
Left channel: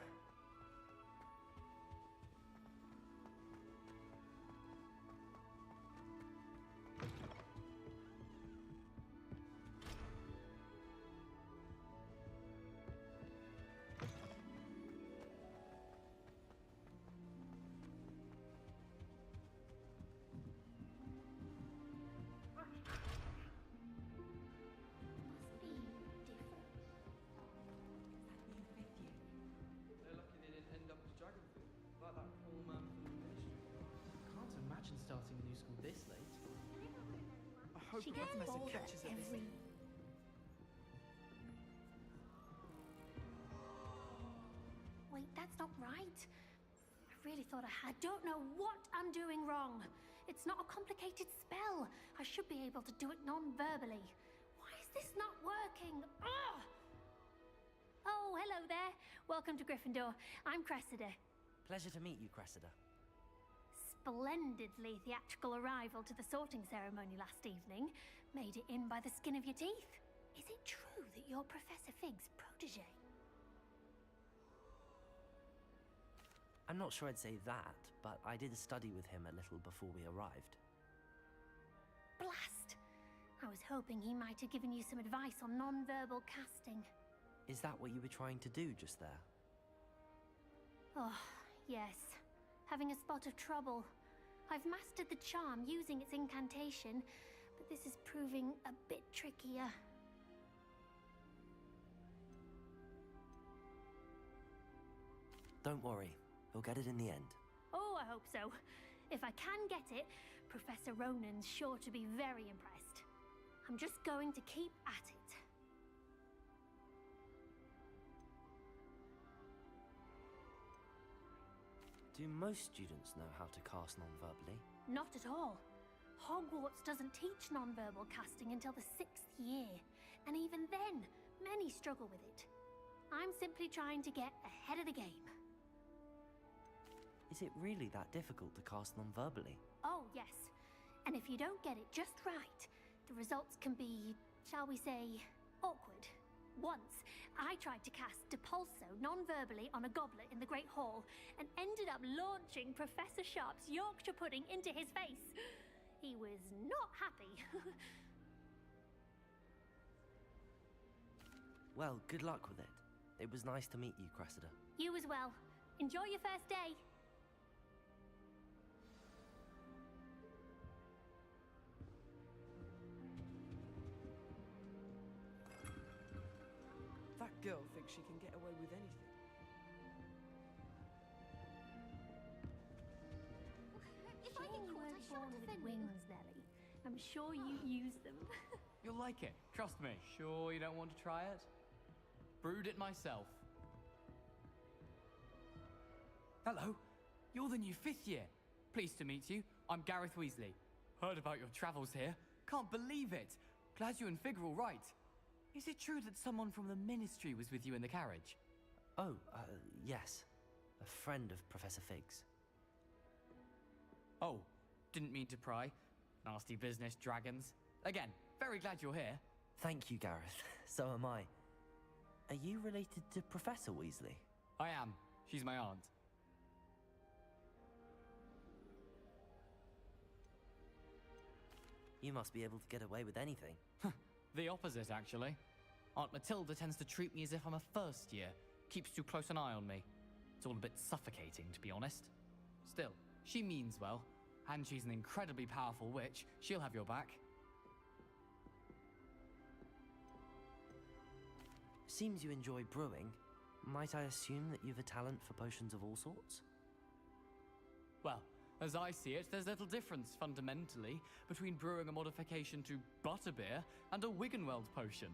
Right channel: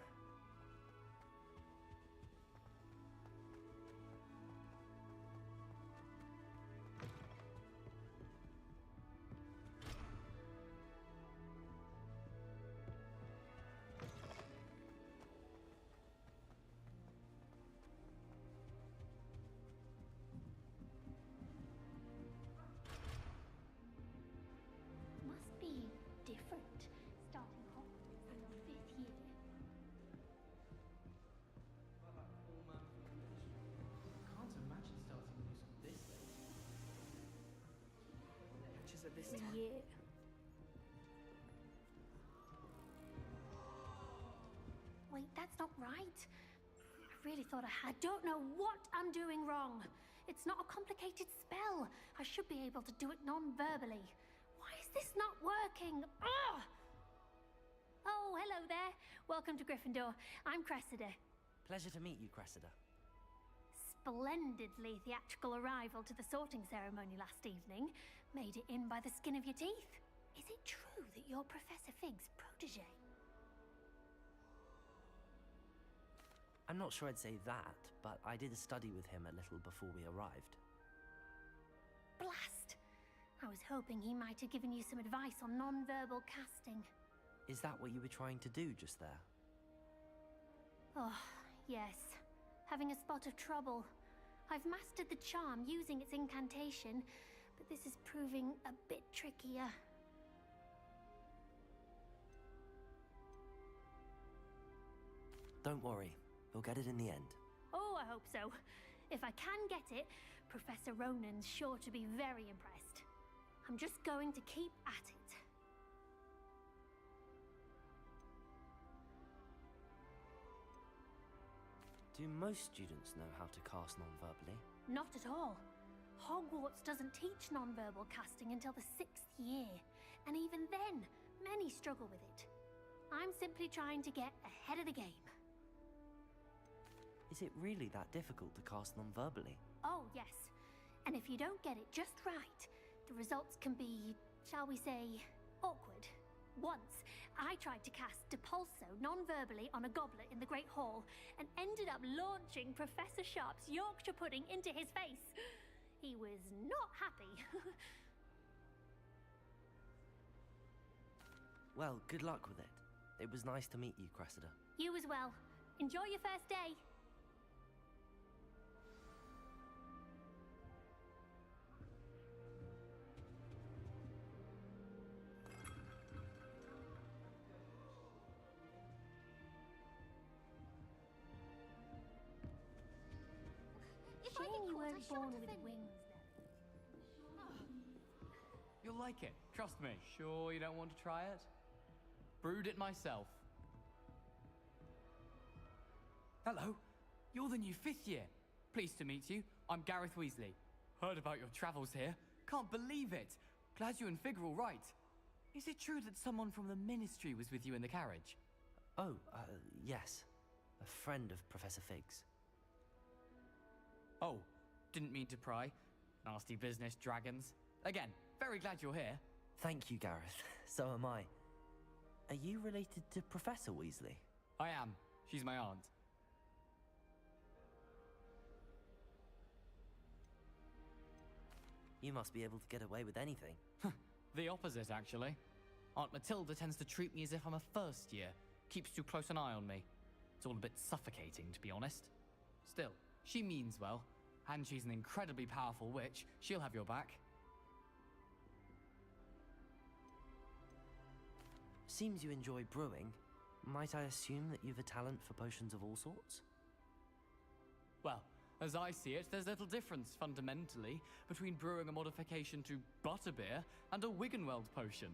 Must be different. Starting off at fifth year. They're lucky they didn't end up with dragon. Like that poor man from the ministry. Can't imagine starting a new school this late. I hope She gets Professor older catches her this every time. year. Wait, that's not right. I really thought I don't know what I'm doing wrong. It's not a complicated spell. I should be able to do it non-verbally. Why is this not working? Ugh! Oh, hello there. Welcome to Gryffindor. I'm Cressida. Pleasure to meet you, Cressida. Splendidly theatrical arrival to the sorting ceremony last evening. Made it in by the skin of your teeth. Is it true that you're Professor Fig's protege? I'm not sure I'd say that, but I did study with him a little before we arrived. Blast! I was hoping he might have given you some advice on non-verbal casting. Is that what you were trying to do just there? Oh, yes. Having a spot of trouble. I've mastered the charm using its incantation, but this is proving a bit trickier. Don't worry, you'll get it in the end. Oh, I hope so. If I can get it, Professor Ronan's sure to be very impressed. I'm just going to keep at it. Do most students know how to cast non-verbally? Not at all. Hogwarts doesn't teach nonverbal casting until the 6th year, and even then, many struggle with it. I'm simply trying to get ahead of the game. Is it really that difficult to cast non-verbally? Oh, yes. And if you don't get it just right, the results can be, shall we say, awkward. Once, I tried to cast Depulso non-verbally on a goblet in the Great Hall and ended up launching Professor Sharp's Yorkshire pudding into his face. He was not happy. Well, good luck with it. It was nice to meet you, Cressida. You as well. Enjoy your first day. That girl thinks she can get away with anything. If Shame you weren't born with wings, Nelly. I'm sure you use them. You'll like it, trust me. Sure you don't want to try it? Brewed it myself. Hello, you're the new 5th year. Pleased to meet you. I'm Gareth Weasley. Heard about your travels here. Can't believe it. Glad you and Fig are all right. Is it true that someone from the Ministry was with you in the carriage? Oh, yes. A friend of Professor Fig's. Oh, didn't mean to pry. Nasty business, dragons. Again, very glad you're here. Thank you, Gareth. So am I. Are you related to Professor Weasley? I am. She's my aunt. You must be able to get away with anything. The opposite, actually. Aunt Matilda tends to treat me as if I'm a first year. Keeps too close an eye on me. It's all a bit suffocating, to be honest. Still, she means well. And she's an incredibly powerful witch. She'll have your back. Seems you enjoy brewing. Might I assume that you've a talent for potions of all sorts? Well, as I see it, there's little difference, fundamentally, between brewing a modification to butterbeer and a Wiggenweld potion.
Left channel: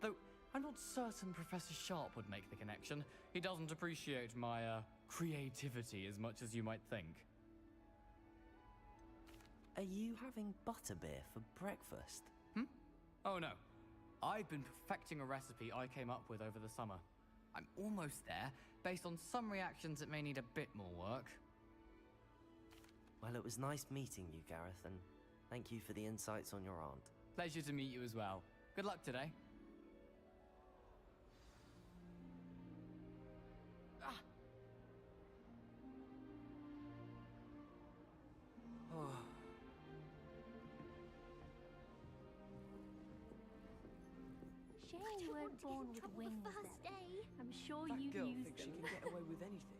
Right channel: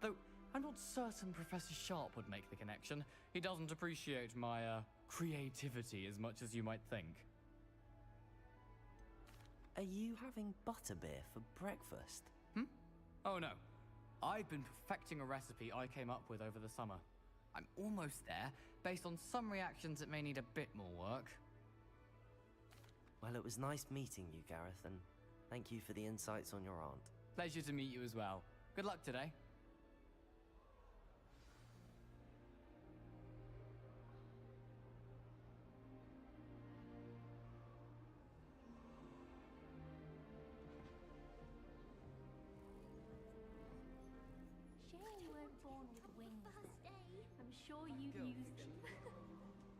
Though, I'm not certain Professor Sharp would make the connection. He doesn't appreciate my, creativity as much as you might think. Are you having butterbeer for breakfast? Oh no. I've been perfecting a recipe I came up with over the summer. I'm almost there, based on some reactions that may need a bit more work. Well, it was nice meeting you, Gareth, and thank you for the insights on your aunt. Pleasure to meet you as well. Good luck today. shame you weren't born with wings first then. day. I'm sure That you'd girl use thinks she them. can get away with anything.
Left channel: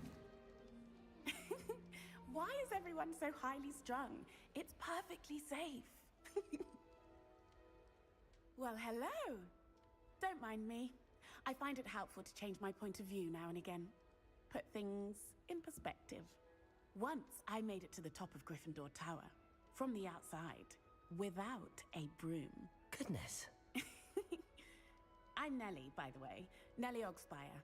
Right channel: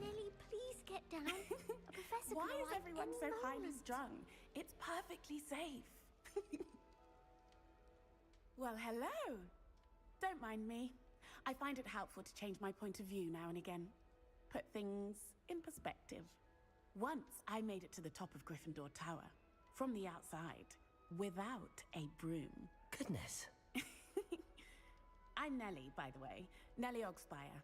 Lily, please get down. Professor Why will is like everyone any so highly moment. strung? It's perfectly safe. Well, hello. Don't mind me. I find it helpful to change my point of view now and again. Put things in perspective. Once I made it to the top of Gryffindor Tower, from the outside, without a broom. Goodness. I'm Nellie, by the way. Nellie Ogspire.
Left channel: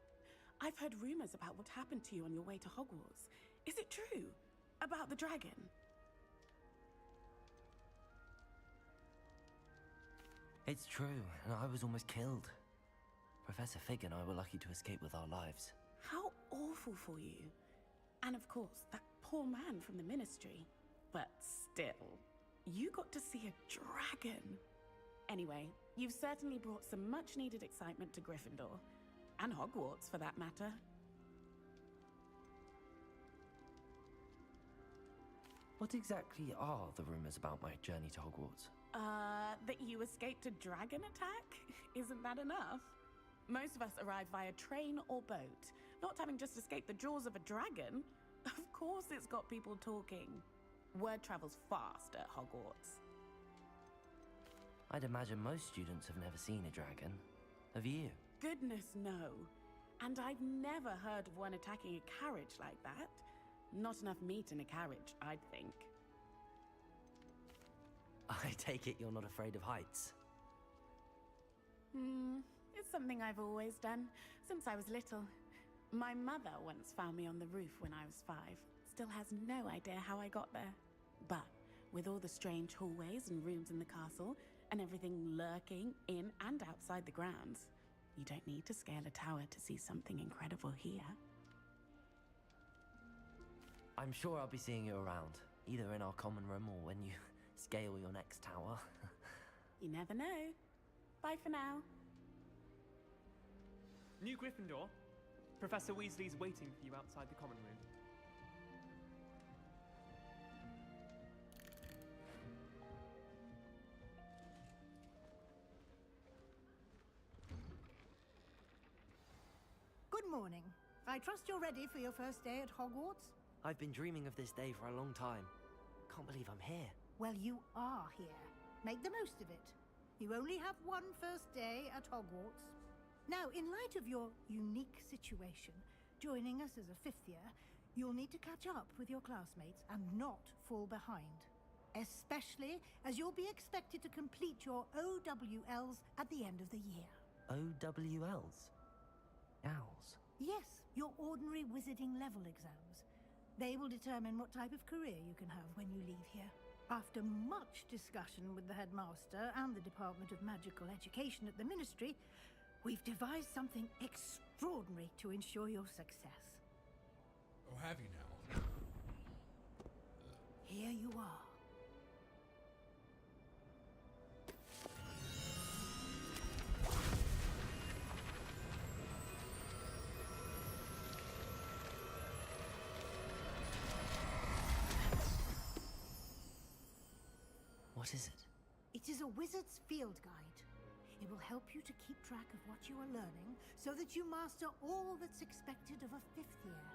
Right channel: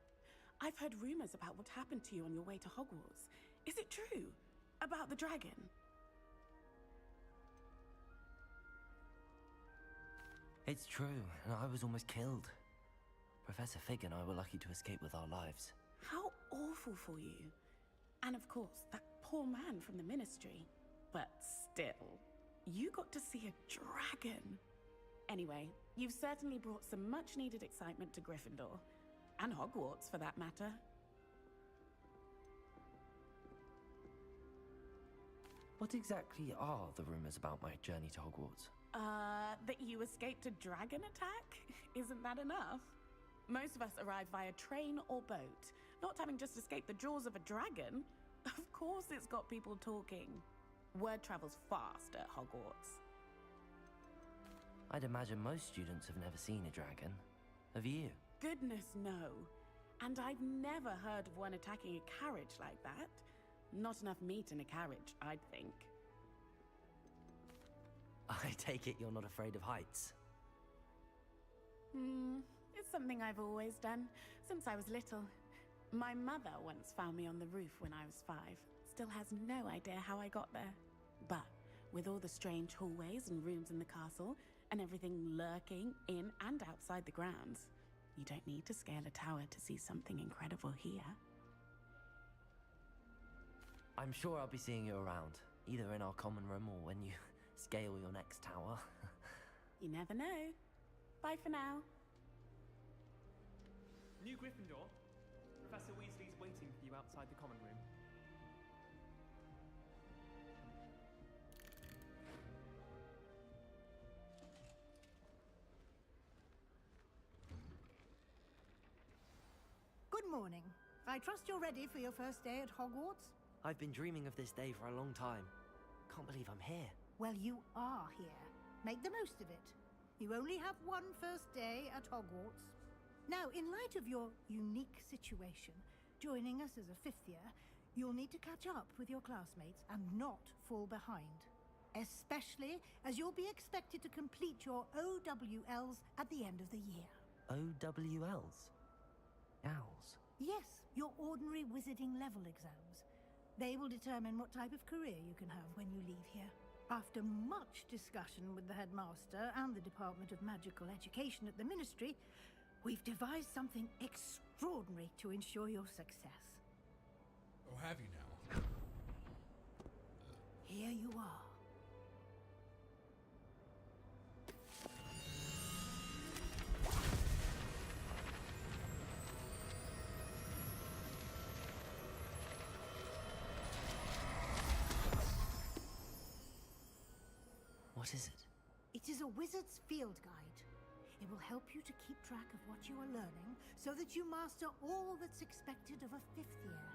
I've heard rumors about what happened to you on your way to Hogwarts. Is it true? About the dragon? It's true, and I was almost killed. Professor Fig and I were lucky to escape with our lives. How awful for you. And of course, that poor man from the Ministry. But still, you got to see a dragon. Anyway, you've certainly brought some much-needed excitement to Gryffindor. And Hogwarts, for that matter. What exactly are the rumors about my journey to Hogwarts? That you escaped a dragon attack? Isn't that enough? Most of us arrive via train or boat, not having just escaped the jaws of a dragon. Of course it's got people talking. Word travels fast at Hogwarts. I'd imagine most students have never seen a dragon. Have you? Goodness, no. And I've never heard of one attacking a carriage like that. Not enough meat in a carriage, I'd think. I take it you're not afraid of heights. It's something I've always done, since I was little. My mother once found me on the roof when I was 5. Still has no idea how I got there. But with all the strange hallways and rooms in the castle, and everything lurking in and outside the grounds, you don't need to scale a tower to see something incredible here. I'm sure I'll be seeing you around, either in our common room or when you scale your next tower. You never know. Bye for now. New Gryffindor. Professor Weasley's waiting for you outside the common room. Good morning. I trust you're ready for your first day at Hogwarts? I've been dreaming of this day for a long time. Can't believe I'm here. Well, you are here. Make the most of it. You only have one first day at Hogwarts. Now, in light of your unique situation, joining us as a 5th year, you'll need to catch up with your classmates and not fall behind. Especially as you'll be expected to complete your OWLs at the end of the year. OWLs? Owls? Yes, your ordinary wizarding level exams. They will determine what type of career you can have when you leave here. After much discussion with the headmaster and the Department of Magical Education at the Ministry, we've devised something extraordinary to ensure your success. Oh, have you now? Here you are. What is it? It is a wizard's field guide. It will help you to keep track of what you are learning so that you master all that's expected of a 5th year.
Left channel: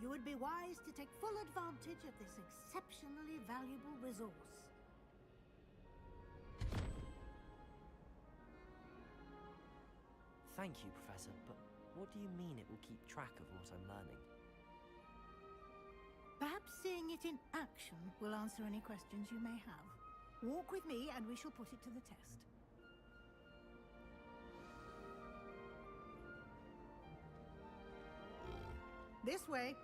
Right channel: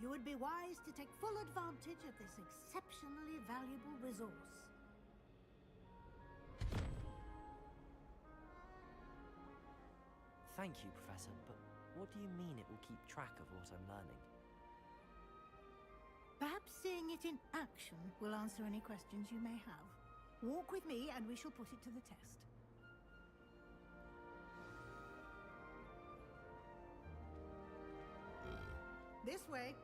You would be wise to take full advantage of this exceptionally valuable resource. Thank you, Professor, but what do you mean it will keep track of what I'm learning? Perhaps seeing it in action will answer any questions you may have. Walk with me and we shall put it to the test. This way.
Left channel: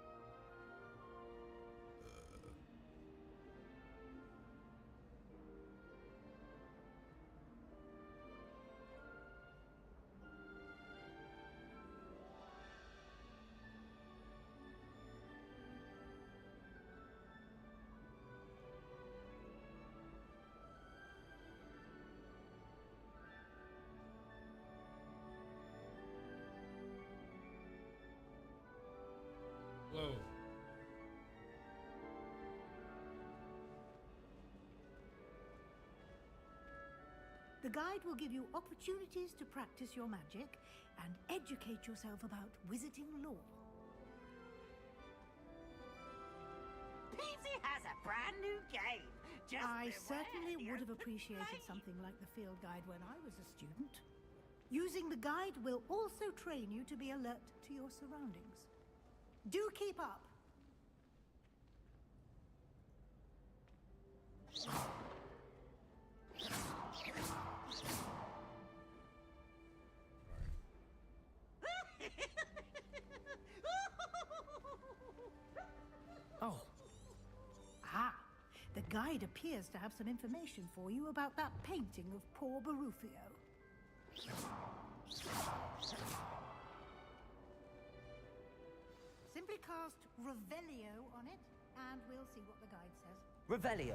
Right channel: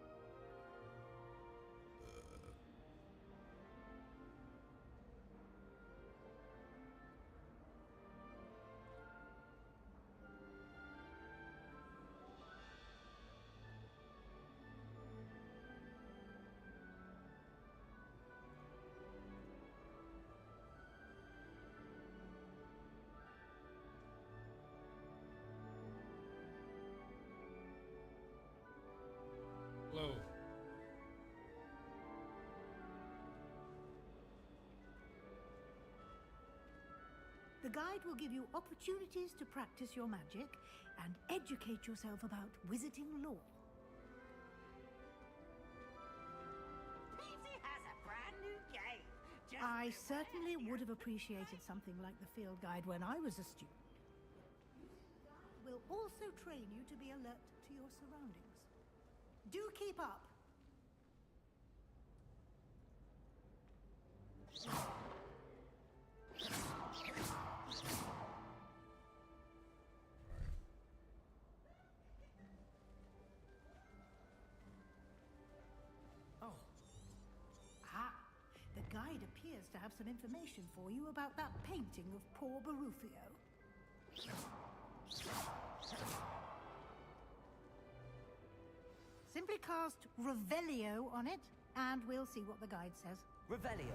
Hello. The guide will give you opportunities to practice your magic and educate yourself about wizarding lore. Peavesy has a brand new game. Just I beware certainly the would have open appreciated something like the field guide when I was a student. Using the guide will also train you to be alert to your surroundings. Do keep up! Oh. Ah, the guide appears to have some information for you about that painting of poor Barufio. Simply cast Revelio on it, and we'll see what the guide says. Revelio.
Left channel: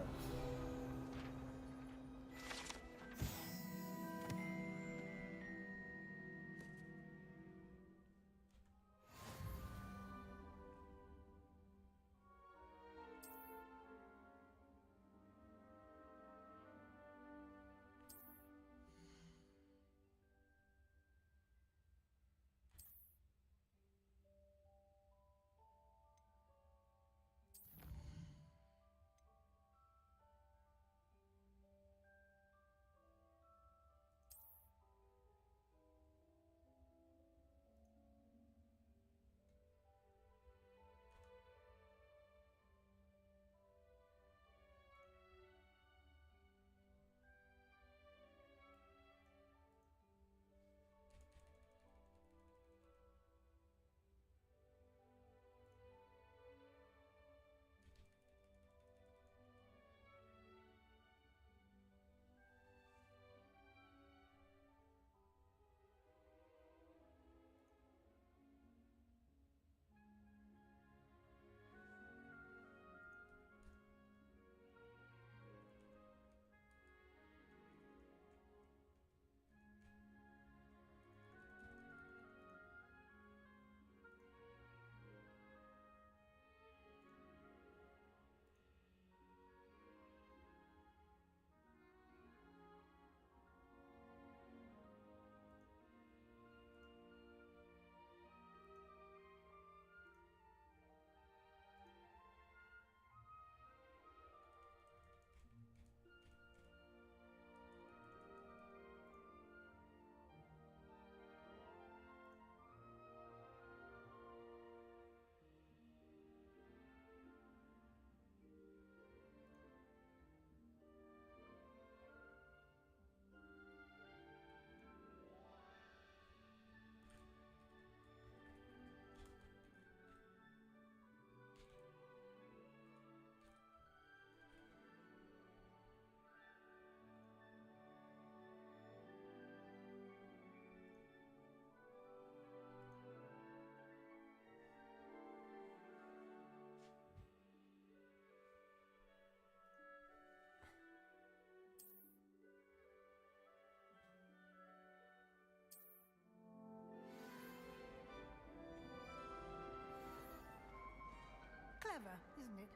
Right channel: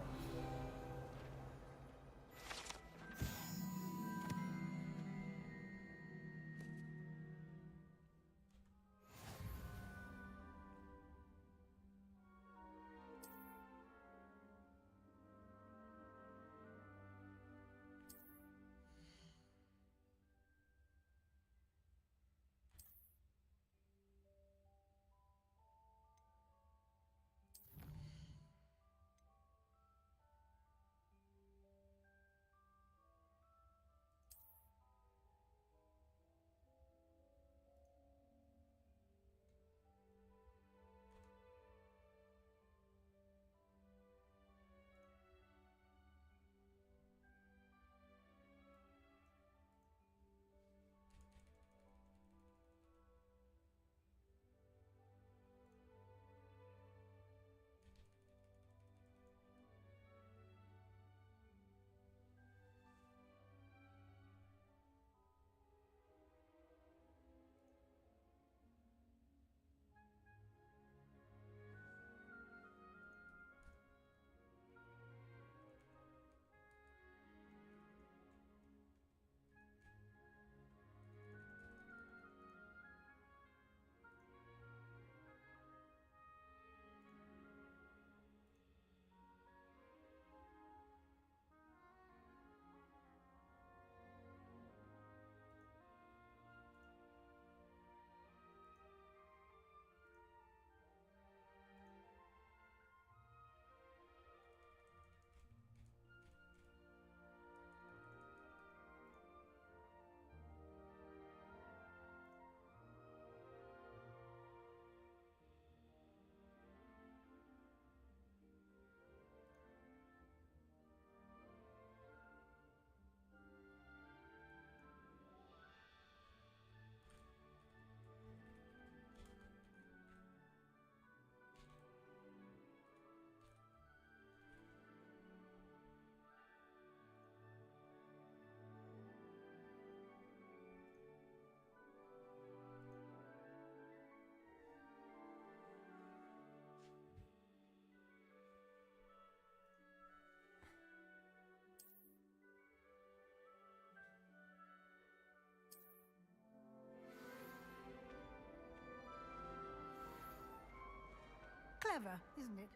Clever, isn't it?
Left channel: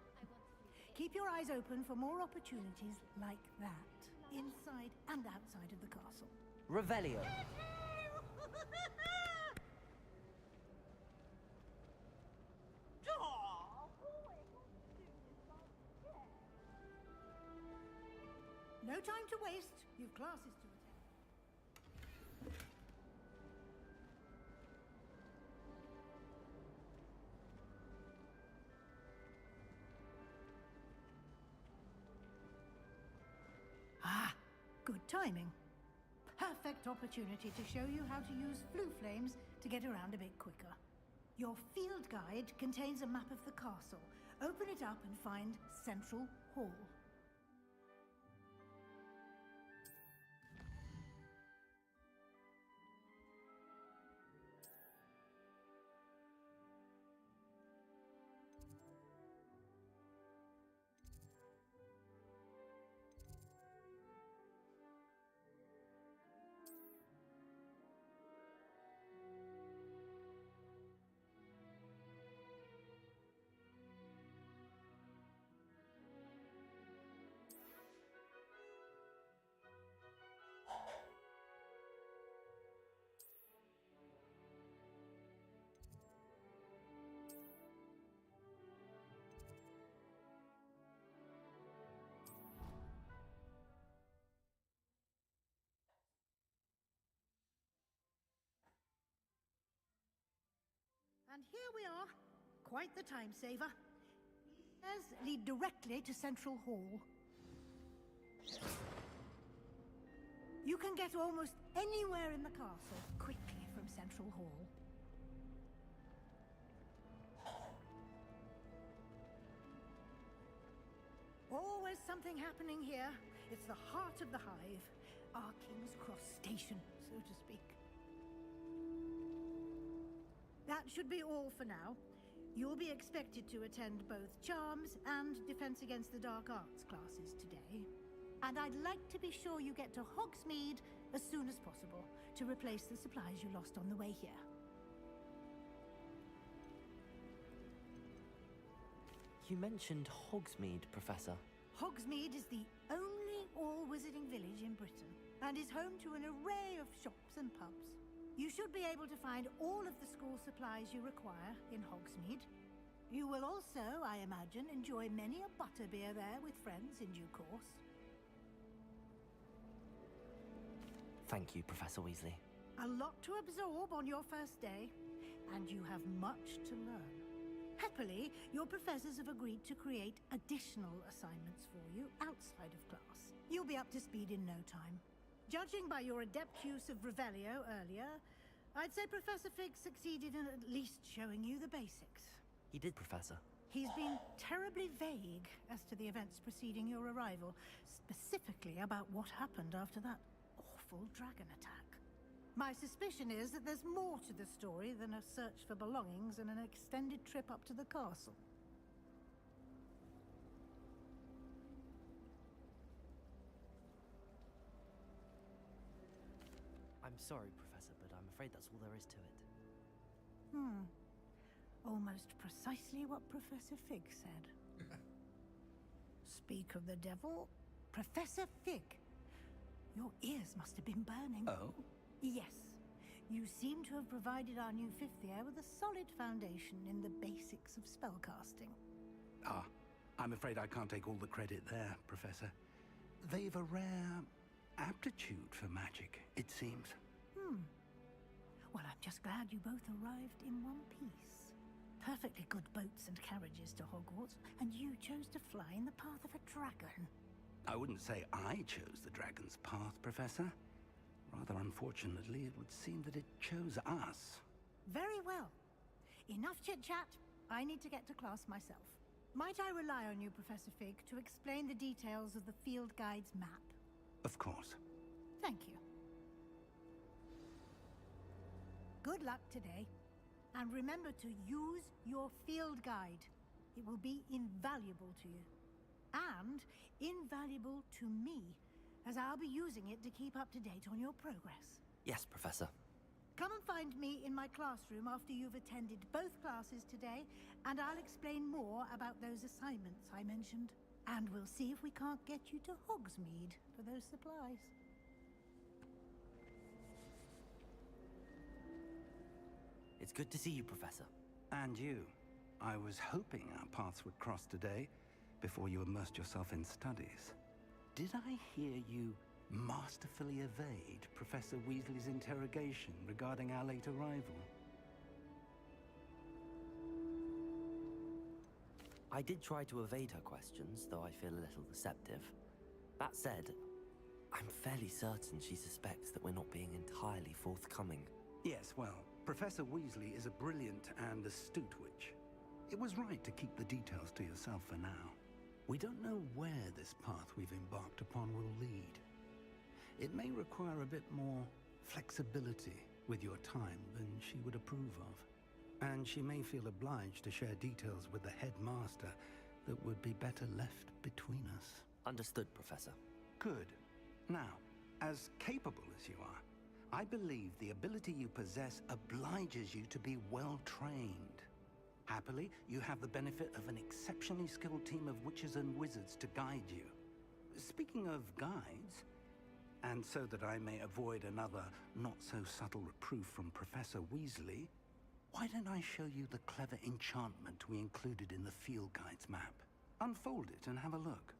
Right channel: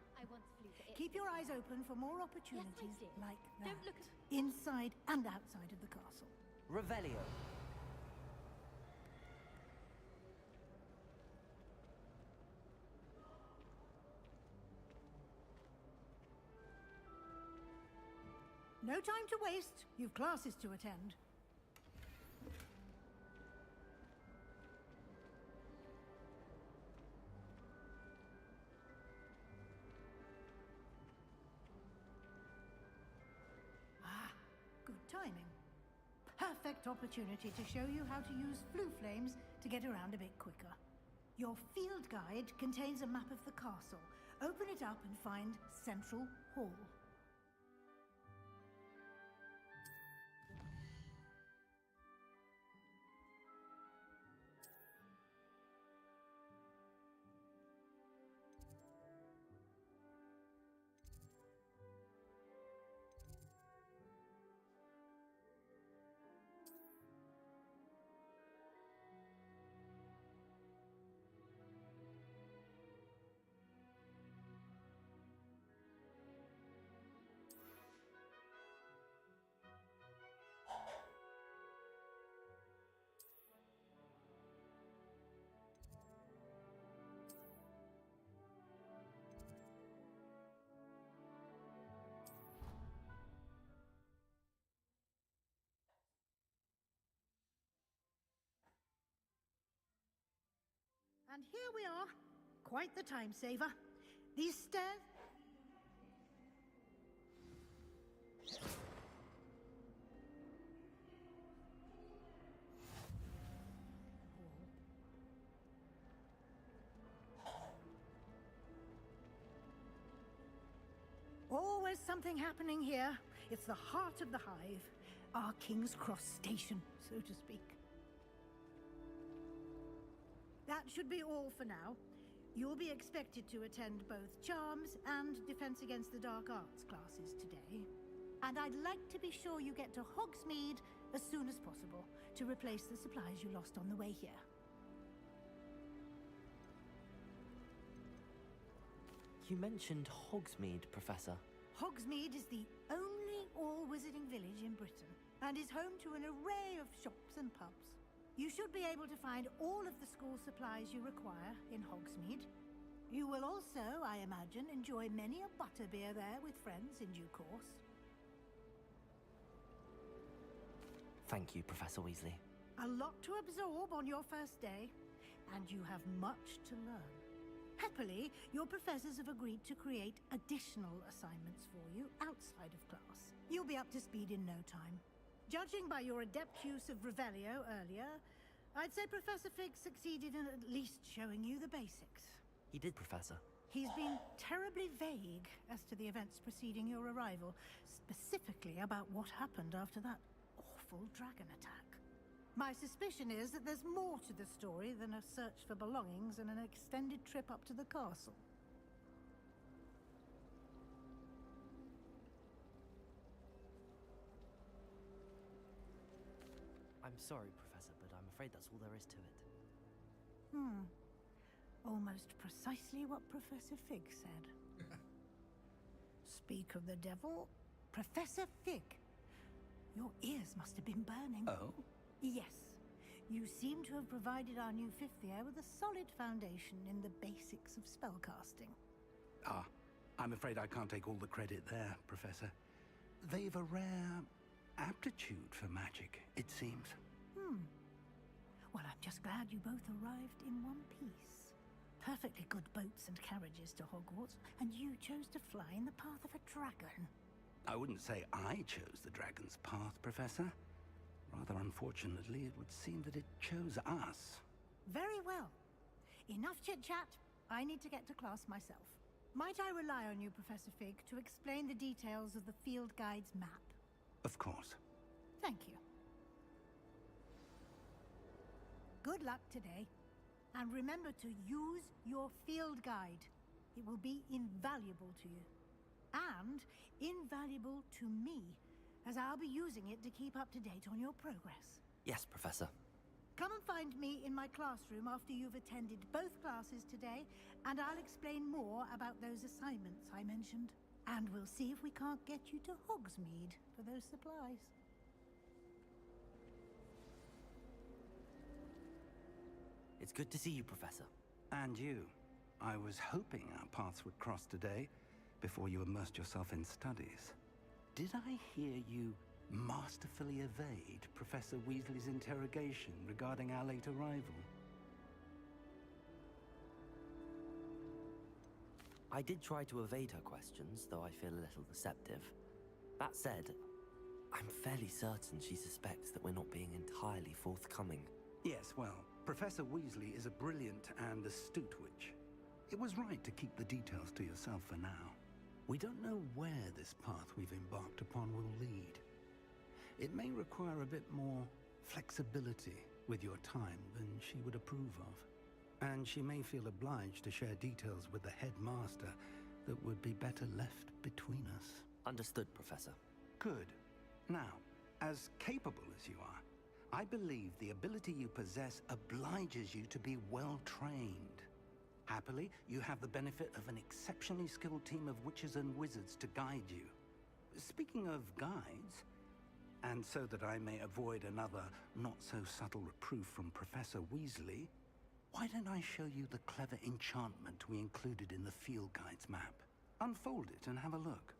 Keep your eyes open for more opportunities like that, inside and outside of the castle. Revelio. No time to waste. You've classes to attend. Ah, good timing. Perfect opportunity to show you how to use flue flames to get around a bit quicker. Your field guide contains a map of the castle. Open it up and find Central Hall. And here we are. Quite the time saver. These stairs lead directly to Central Hall. You can get almost anywhere in the castle quickly from Central Hall. Always something happening here. It's the heart of the Hive. Our King's Cross station, so to speak. That should be all for now. You'll be expected to attend both Charms and Defense Against the Dark Arts classes today. And I'd like to be sure you get to Hogsmeade as soon as possible to replace the supplies you lost on the way here. You mentioned Hogsmeade, Professor. Hogsmeade is the only all-wizarding village in Britain and is home to an array of shops and pubs. You should be able to find all of the school supplies you require in Hogsmeade. You will also, I imagine, enjoy many a butterbeer there with friends in due course. Thank you, Professor Weasley. A lot to absorb on your first day, and you have much to learn. Happily, your professors have agreed to create additional assignments for you outside of class. You'll be up to speed in no time. Judging by your adept use of Revelio earlier, I'd say Professor Fig succeeded in at least showing you the basics. He did, Professor. He's been terribly vague as to the events preceding your arrival, specifically about what happened after that awful dragon attack. My suspicion is that there's more to the story than a search for belongings and an extended trip up to the castle. I'm sorry, Professor, but I'm afraid that's all there is to it. Almost precisely what Professor Fig said. Speak of the devil, Professor Fig. Your ears must have been burning. Oh? Yes. You seem to have provided our new fifth year with a solid foundation in the basics of spellcasting. Ah, I'm afraid I can't take all the credit there, Professor. They've a rare aptitude for magic, it seems. Well, I'm just glad you both arrived in one piece. Perfectly good boats and carriages to Hogwarts, and you chose to fly in the path of a dragon. I wouldn't say I chose the dragon's path, Professor. Rather unfortunately, it would seem that it chose us. Very well. Enough chit-chat. I need to get to class myself. Might I rely on you, Professor Fig, to explain the details of the field guide's map? Of course. Thank you. Good luck today. And remember to use your field guide. It will be invaluable to you. And invaluable to me, as I'll be using it to keep up to date on your progress. Yes, Professor. Come and find me in my classroom after you've attended both classes today, and I'll explain more about those assignments I mentioned. And we'll see if we can't get you to Hogsmeade for those supplies. It's good to see you, Professor. And you. I was hoping our paths would cross today, before you immersed yourself in studies. Did I hear you masterfully evade Professor Weasley's interrogation regarding our late arrival? I did try to evade her questions, though I feel a little deceptive. That said, I'm fairly certain she suspects that we're not being entirely forthcoming. Yes, well, Professor Weasley is a brilliant and astute witch. It was right to keep the details to yourself for now. We don't know where this path we've embarked upon will lead. It may require a bit more flexibility with your time than she would approve of. And she may feel obliged to share details with the headmaster that would be better left between us. Understood, Professor. Good. Now, as capable as you are, I believe the ability you possess obliges you to be well trained. Happily, you have the benefit of an exceptionally skilled team of witches and wizards to guide you. Speaking of guides, and so that I may avoid another not-so-subtle reproof from Professor Weasley, why don't I show you the clever enchantment we included in the field guide's map? Unfold it and have a look.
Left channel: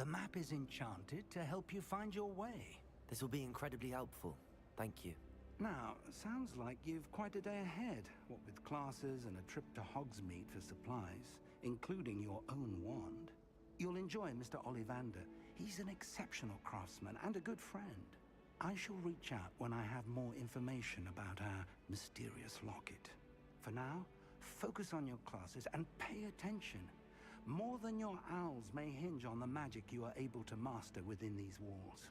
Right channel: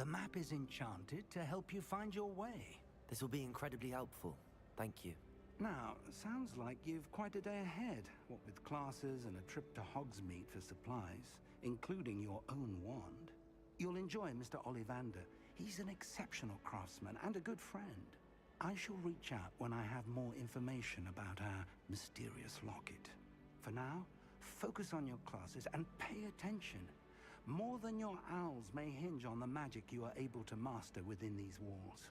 The map is enchanted to help you find your way. This will be incredibly helpful. Thank you. Now, sounds like you've quite a day ahead, what with classes and a trip to Hogsmeade for supplies, including your own wand. You'll enjoy Mr. Ollivander. He's an exceptional craftsman and a good friend. I shall reach out when I have more information about our mysterious locket. For now, focus on your classes and pay attention. More than your owls may hinge on the magic you are able to master within these walls.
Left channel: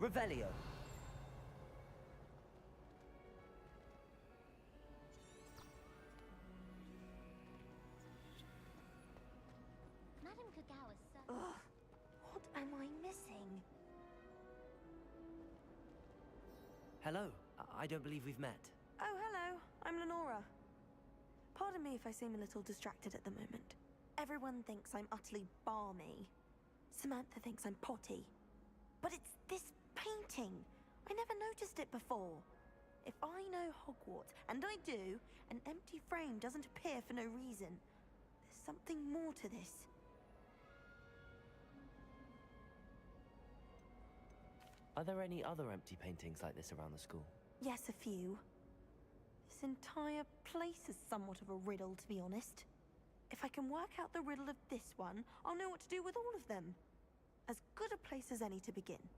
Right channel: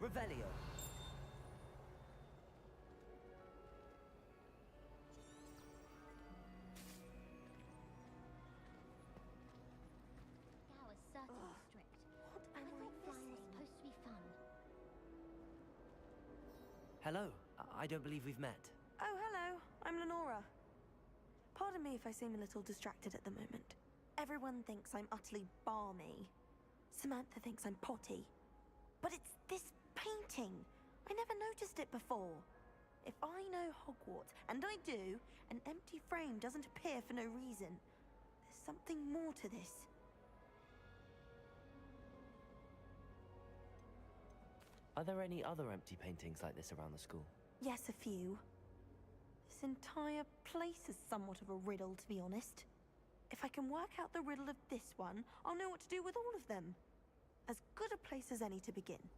Revelio. Madame Kagawa's certainly strict. What am I missing? Supposed to be fun. Hello. I don't believe we've met. Oh, hello. I'm Lenora. Pardon me if I seem a little distracted at the moment. Everyone thinks I'm utterly balmy. Samantha thinks I'm potty. But it's this painting. I never noticed it before. If I know Hogwarts, and I do, an empty frame doesn't appear for no reason. There's something more to this. Are there any other empty paintings like this around the school? Yes, a few. This entire place is somewhat of a riddle, to be honest. If I can work out the riddle of this one, I'll know what to do with all of them. As good a place as any to begin.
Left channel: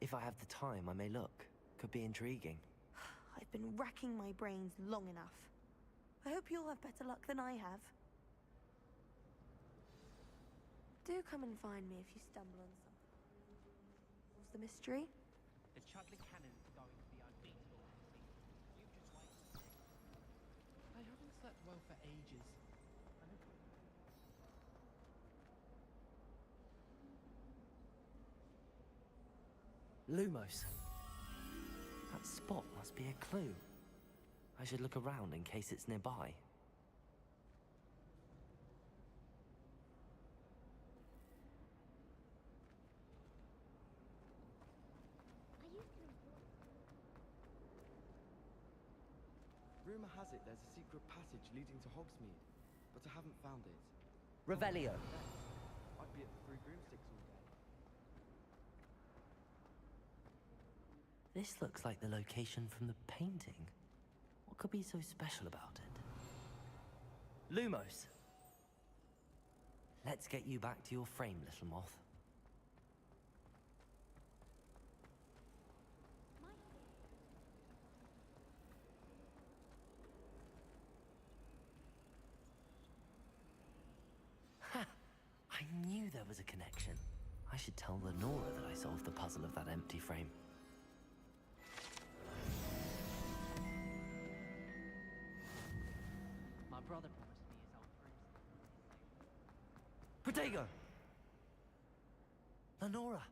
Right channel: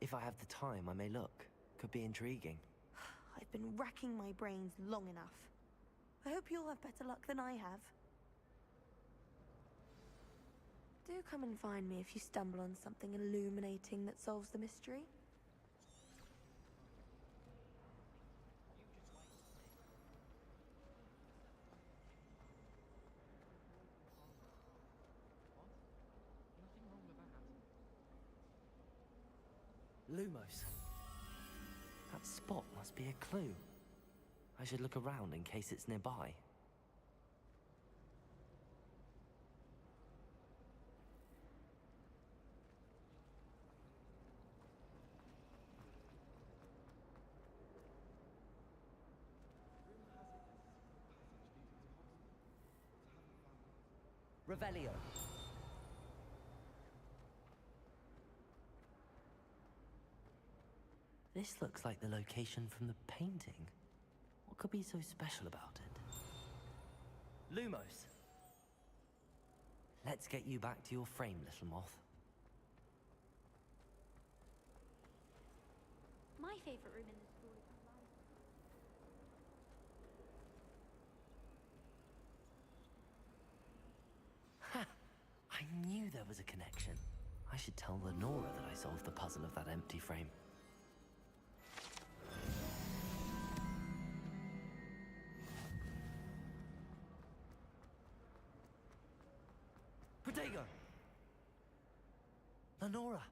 If I have the time, I may look. Could be intriguing. I've been racking my brains long enough. I hope you'll have better luck than I have. Do come and find me if you stumble on something illuminating that solves the mystery. I haven't slept well for ages. Lumos. That spot must be a clue. I should look around in case it's nearby. Rumor has it there's a secret passage leading to Hogsmeade, but I haven't found it. Revelio. Might be at the Three Broomsticks. This looks like the location from the painting. What could be so special about it? Lumos. Let's get you back to your frame, little moth. My favorite room in the Ha! I knew there was a connection. I should tell Lenora that I solved the puzzle of that empty frame. My brother Protego! Lenora,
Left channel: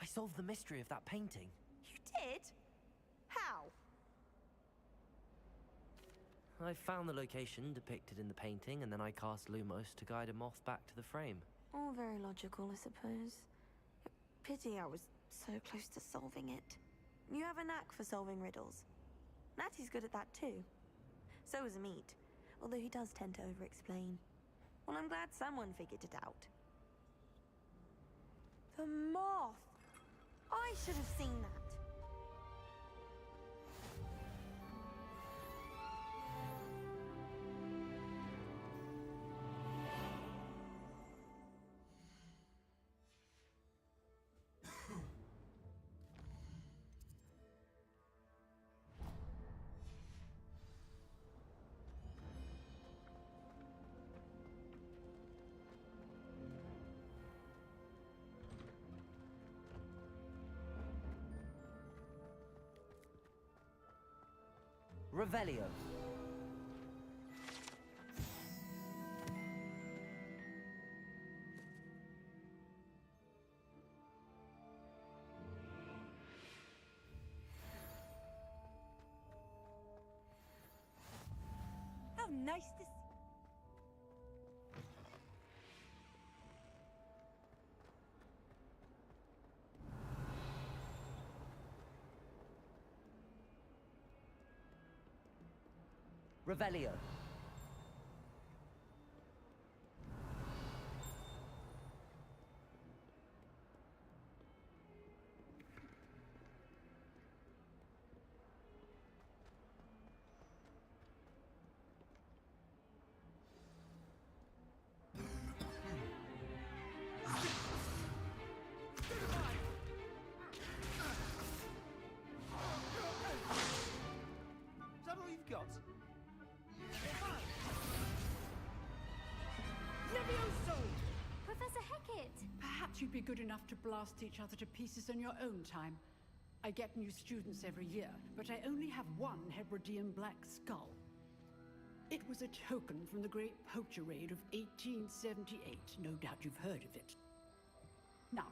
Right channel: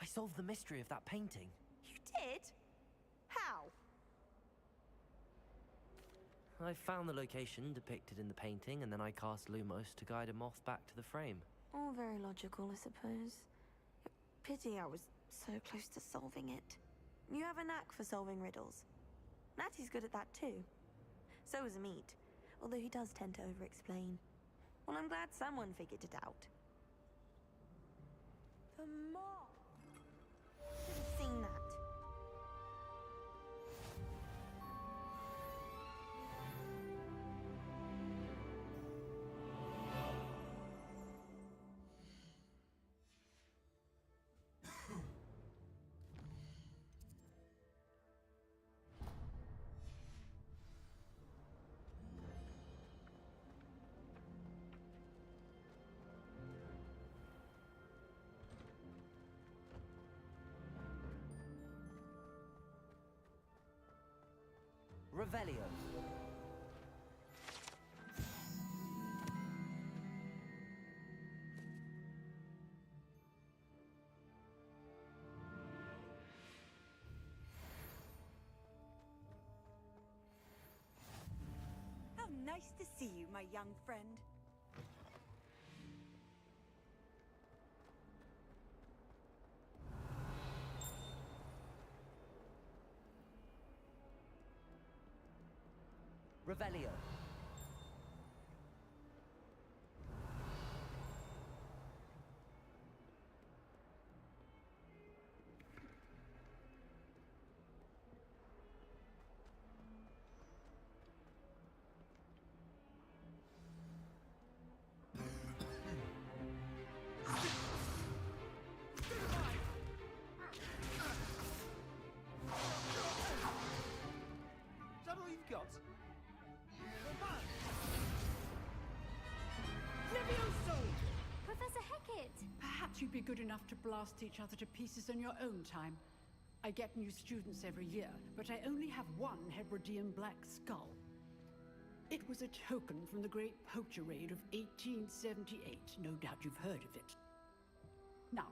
I solved the mystery of that painting. You did? How? I found the location depicted in the painting, and then I cast Lumos to guide a moth back to the frame. All very logical, I suppose. Pity I was so close to solving it. You have a knack for solving riddles. Natty's good at that too. So is Amit, although he does tend to over-explain. Well, I'm glad someone figured it out. The moth! I should have seen that. Revelio. Nice to see you, my young friend. Revelio. Is that all you've got? Levioso! Professor Hecat! Perhaps you'd be good enough to blast each other to pieces in your own time. I get new students every year, but I only have one Hebridean black skull. It was a token from the Great Poacher Raid of 1878. No doubt you've heard of it. Now,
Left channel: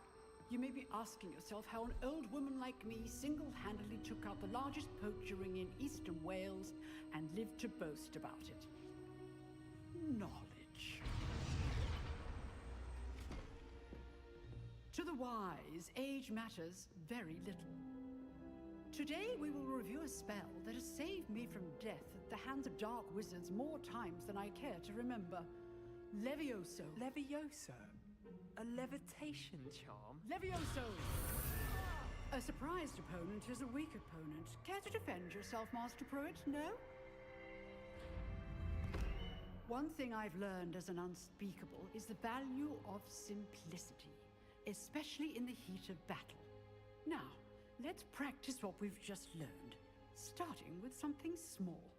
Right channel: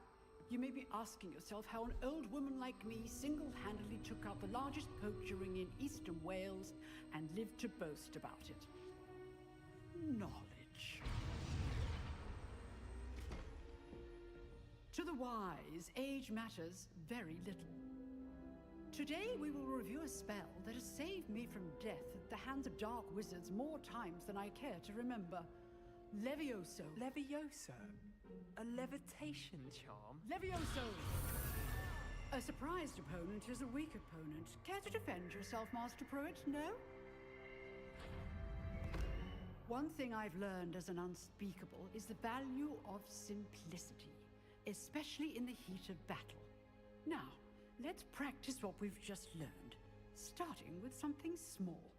you may be asking yourself how an old woman like me single-handedly took out the largest poacher ring in eastern Wales and lived to boast about it. Knowledge. To the wise, age matters very little. Today we will review a spell that has saved me from death at the hands of dark wizards more times than I care to remember. Levioso. Levioso? A levitation charm? Levioso! A surprised opponent is a weak opponent. Care to defend yourself, Master Pruitt? No? One thing I've learned as an unspeakable is the value of simplicity, especially in the heat of battle. Now, let's practice what we've just learned, starting with something small.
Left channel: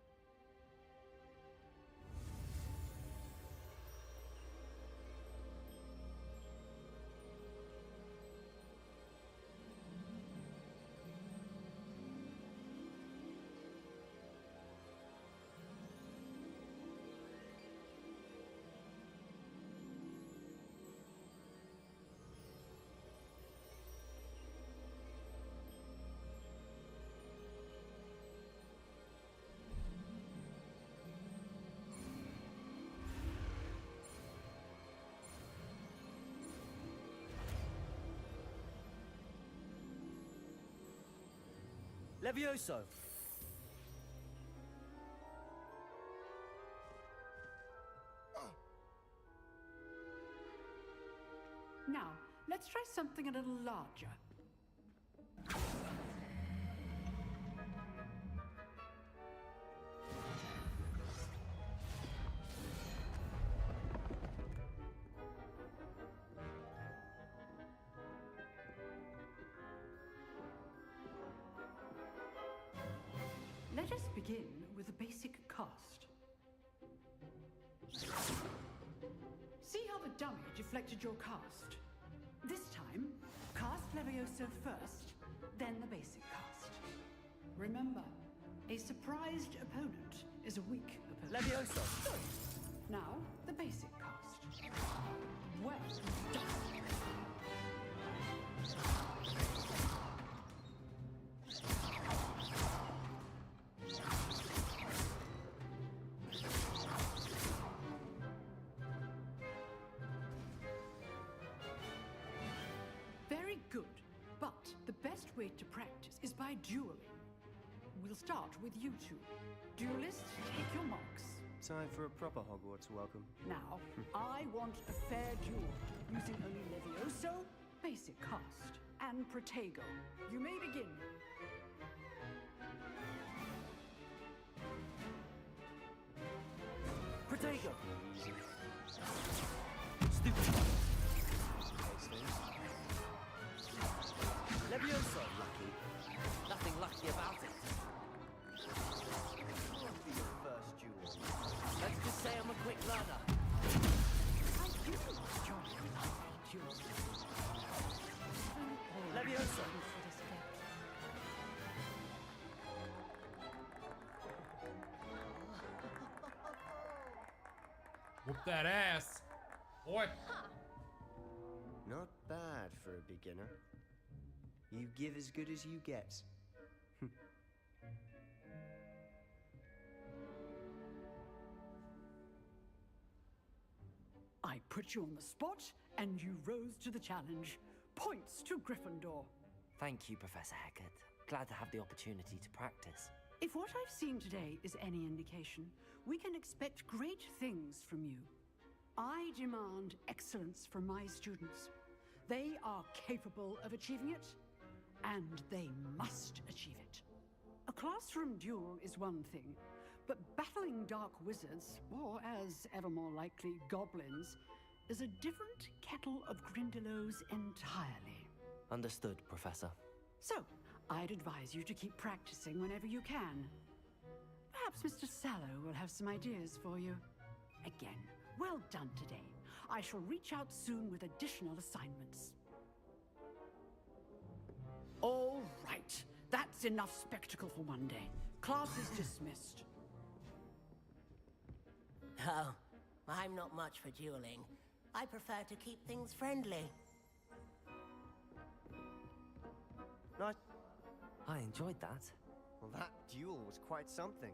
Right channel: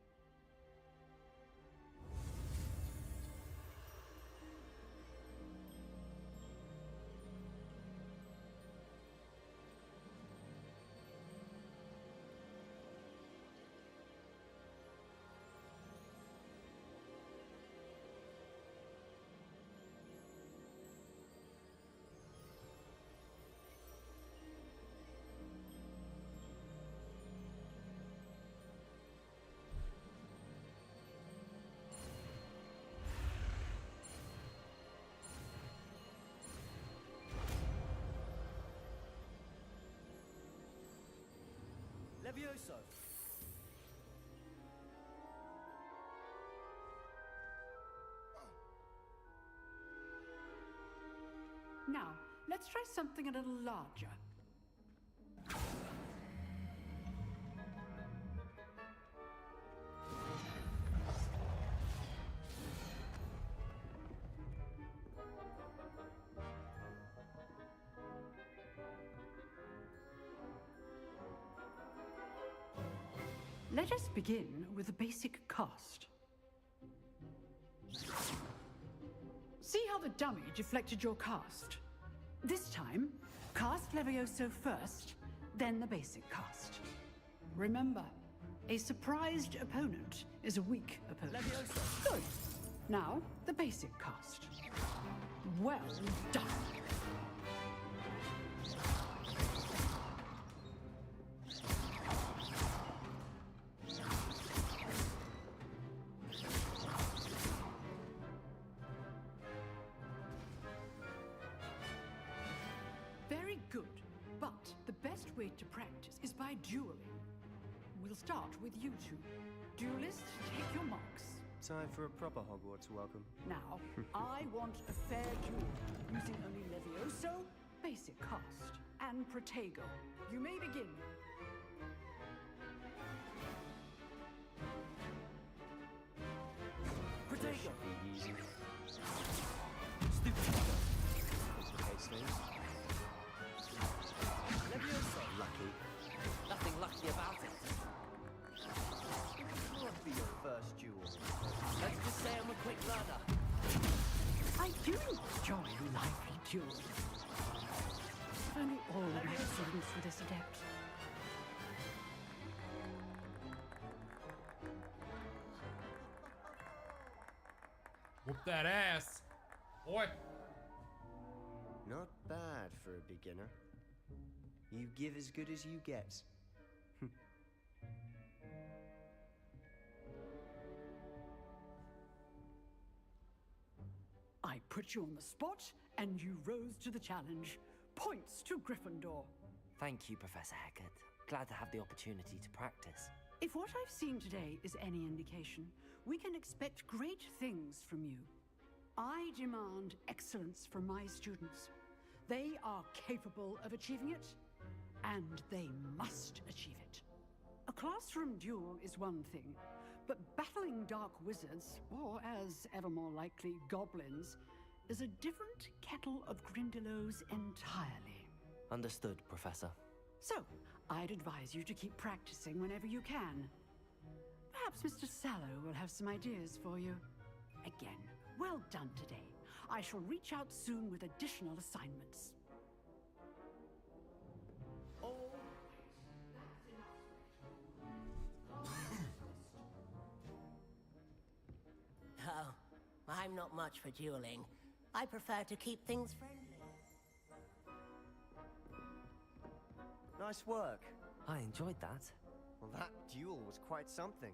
Levioso. Now, let's try something a little larger. Let us begin with a basic cast. See how the dummy deflected your cast? This time, cast Levioso first, then the basic cast. Remember, a surprised opponent is a weak opponent. Levioso! Good. Now, the basic cast. Well done. Very good, but the best way to practice is by dueling. We'll start with you two. Duelists, take your marks. Time for a proper Hogwarts welcome. Now, I want a fair duel, using only Levioso, basic cast, and Protego. You may begin. Protego! Easy. Stupid. Case things. Levioso! Lucky. Nothing lucky about it. It can't be your first duel. Let's just say I'm a quick learner. I do enjoy lively duels. Only all Levioso. students for this adept. Whoop that ass. Boy. Not bad for a beginner. You give as good as you get. put you on the spot, and you rose to the challenge. Points to Gryffindor. Thank you, Professor Hecat. Glad to have the opportunity to practice. If what I've seen today is any indication, we can expect great things from you. I demand excellence from my students. They are capable of achieving it, and they must achieve it. A classroom duel is one thing, but battling dark wizards, or as ever more likely, goblins, is a different kettle of Grindylows entirely. Understood, Professor. So, I'd advise you to keep practicing whenever you can. Perhaps Mr. Sallow will have some ideas for you. Again, well done today. I shall reach out soon with additional assignments. All right. That's enough spectacle for one day. Class is dismissed. Oh, I'm not much for dueling. I prefer to keep things friendly. Nice work. I enjoyed that. Well, that duel was quite something.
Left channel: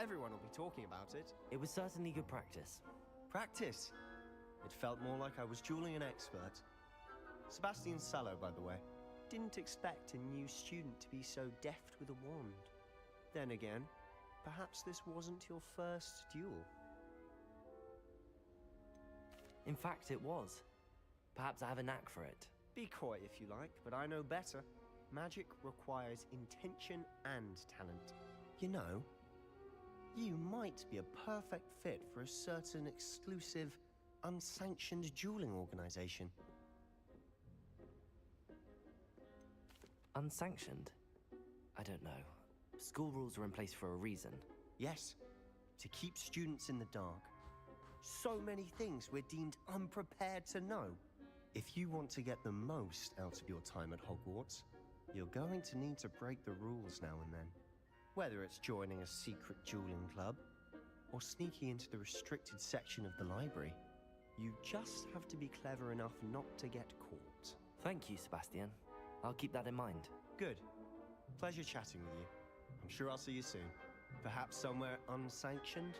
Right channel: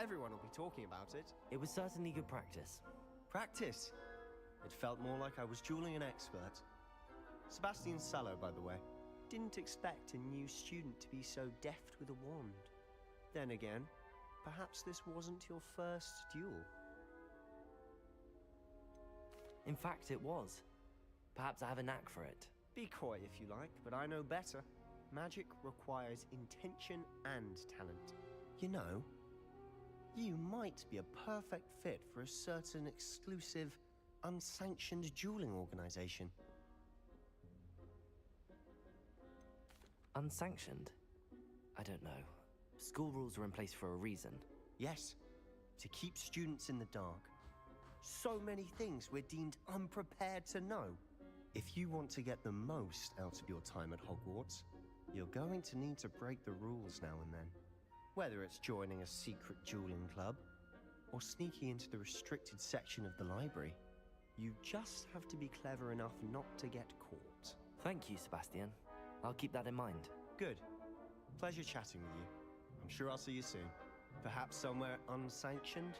Everyone will be talking about it. It was certainly good practice. Practice? It felt more like I was dueling an expert. Sebastian Sallow, by the way. Didn't expect a new student to be so deft with a wand. Then again, perhaps this wasn't your first duel. In fact, it was. Perhaps I have a knack for it. Be coy if you like, but I know better. Magic requires intention and talent. You know, you might be a perfect fit for a certain exclusive, unsanctioned dueling organization. Unsanctioned? I don't know. School rules are in place for a reason. Yes, to keep students in the dark. So many things we're deemed unprepared to know. If you want to get the most out of your time at Hogwarts, you're going to need to break the rules now and then. Whether it's joining a secret dueling club, or sneaking into the restricted section of the library, you just have to be clever enough not to get caught. Thank you, Sebastian. I'll keep that in mind. Good. Pleasure chatting with you. I'm sure I'll see you soon. Perhaps somewhere unsanctioned?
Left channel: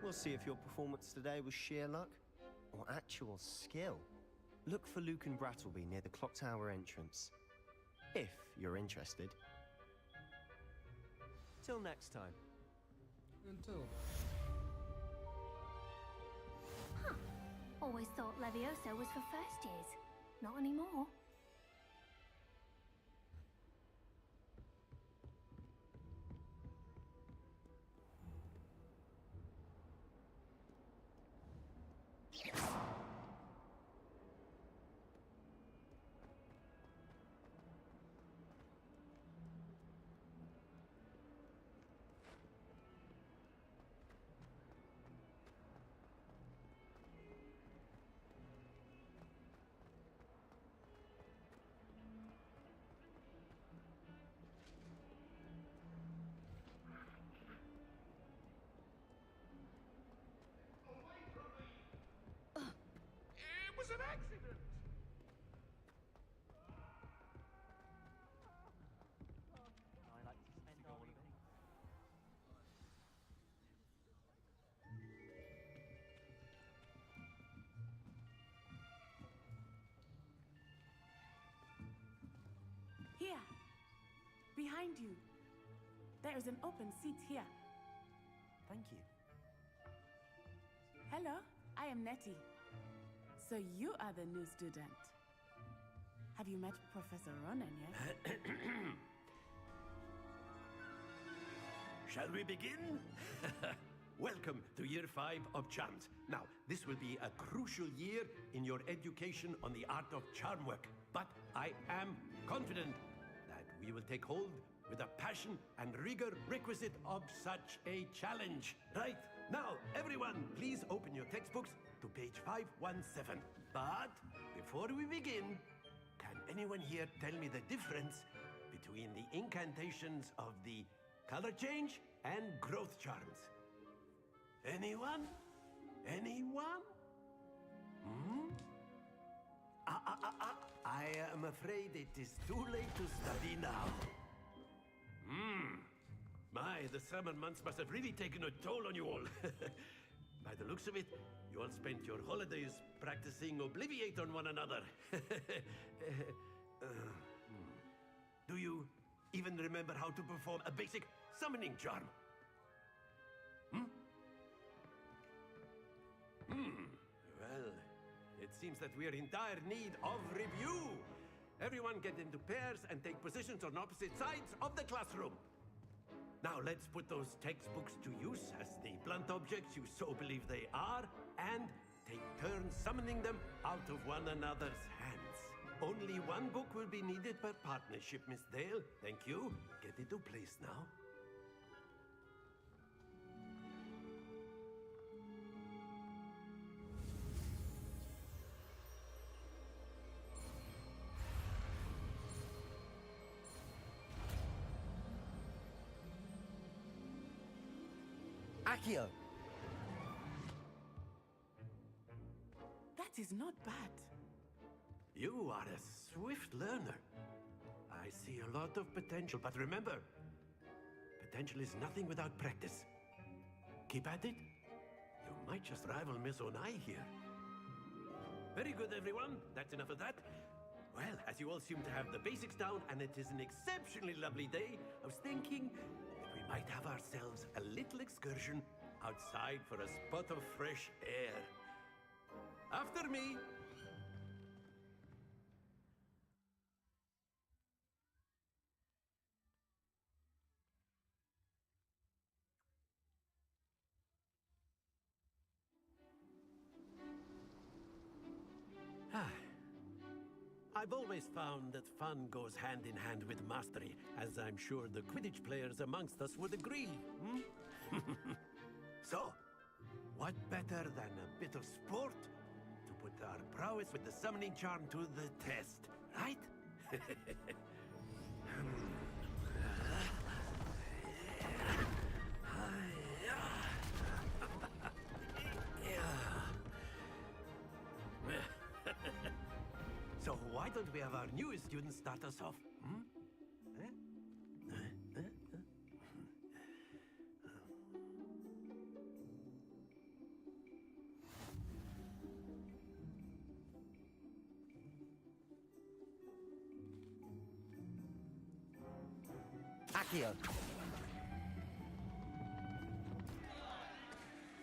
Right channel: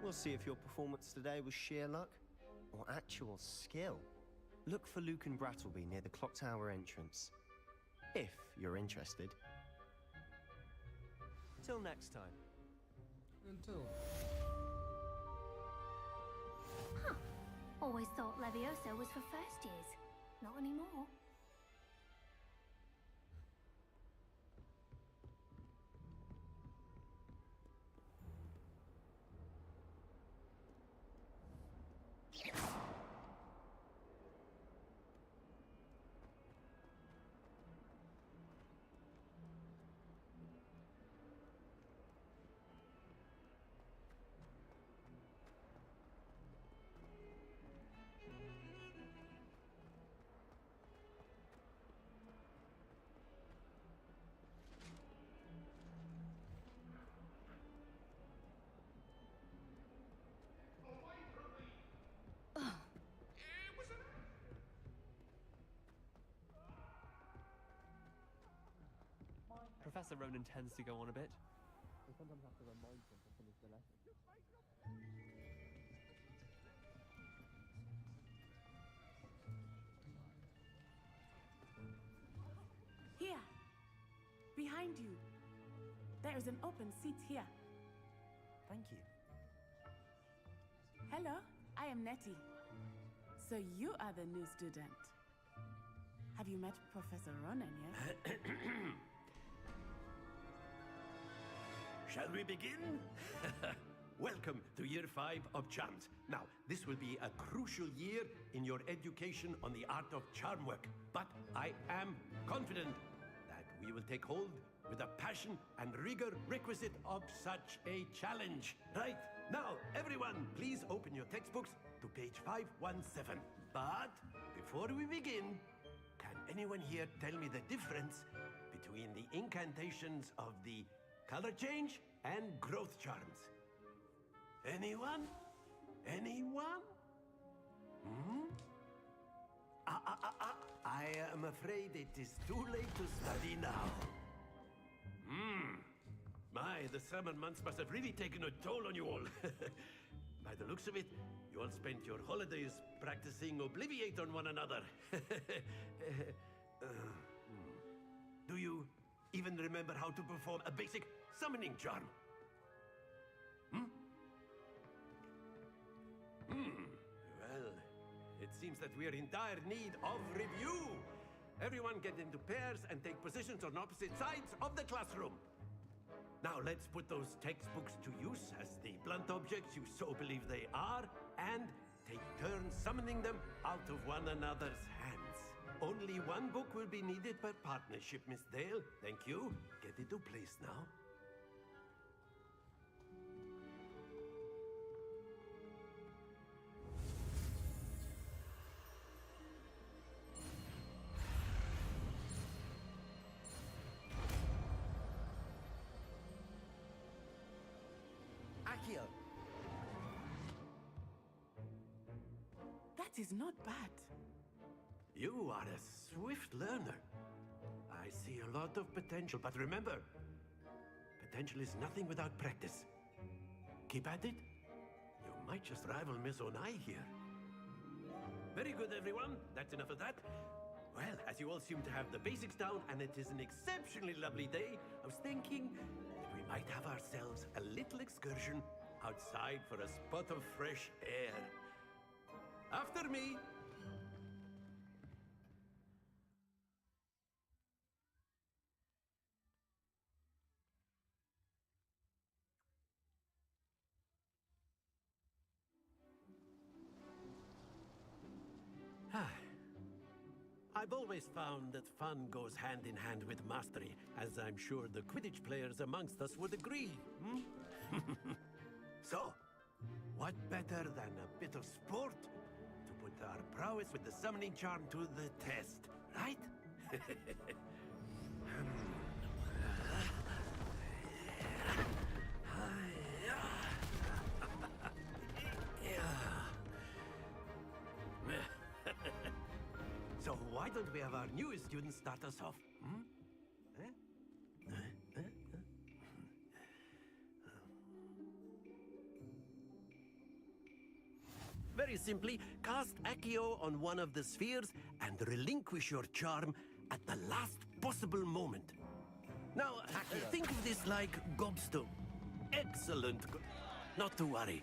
We'll see if your performance today was sheer luck or actual skill. Look for Luke and Brattleby near the clock tower entrance, if you're interested. Till next time. Until. Huh. Always thought Levioso was for first years. Not anymore. Professor Ronan tends to go on a bit. Here. Behind you. There is an open seat here. Thank you. Hello, I am Nettie. So you are the new student. Have you met Professor Ronan yet? Shall we begin? Welcome to Year 5 of Charms. Now, this will be a crucial year in your education on the art of charm work. But I am confident that we will take hold with the passion and rigor requisite of such a challenge. Right, now, everyone, please open your textbooks to page 517. But before we begin, can anyone here tell me the difference between the incantations of the color change and growth charms? Anyone? Anyone? Hmm? I am afraid it is too late to study now. My, the summer months must have really taken a toll on you all. By the looks of it, you all spent your holidays practicing Obliviate on one another. Do you even remember how to perform a basic summoning charm? Well, it seems that we are in dire need of review. Everyone get into pairs and take positions on opposite sides of the classroom. Now let's put those textbooks to use as the blunt objects you so believe they are, and take turns summoning them out of one another's hands. Only one book will be needed per partnership, Miss Dale. Thank you. Get into place now. Accio! That is not bad. You are a swift learner. I see a lot of potential, but remember, potential is nothing without practice. Keep at it. You might just rival Miss Onai here. Very good, everyone. That's enough of that. Well, as you all seem to have the basics down, and it is an exceptionally lovely day, I was thinking that we might have ourselves a little excursion outside for a spot of fresh air. After me. I've always found that fun goes hand in hand with mastery, as I'm sure the Quidditch players amongst us would agree. So, what better than a bit of sport to put our prowess with the summoning charm to the test, right? So why don't we have our newest student start us off? Very simply, cast Accio on one of the spheres and relinquish your charm at the last possible moment. Now, Accio. think of this like gobstone. Excellent. Not to worry.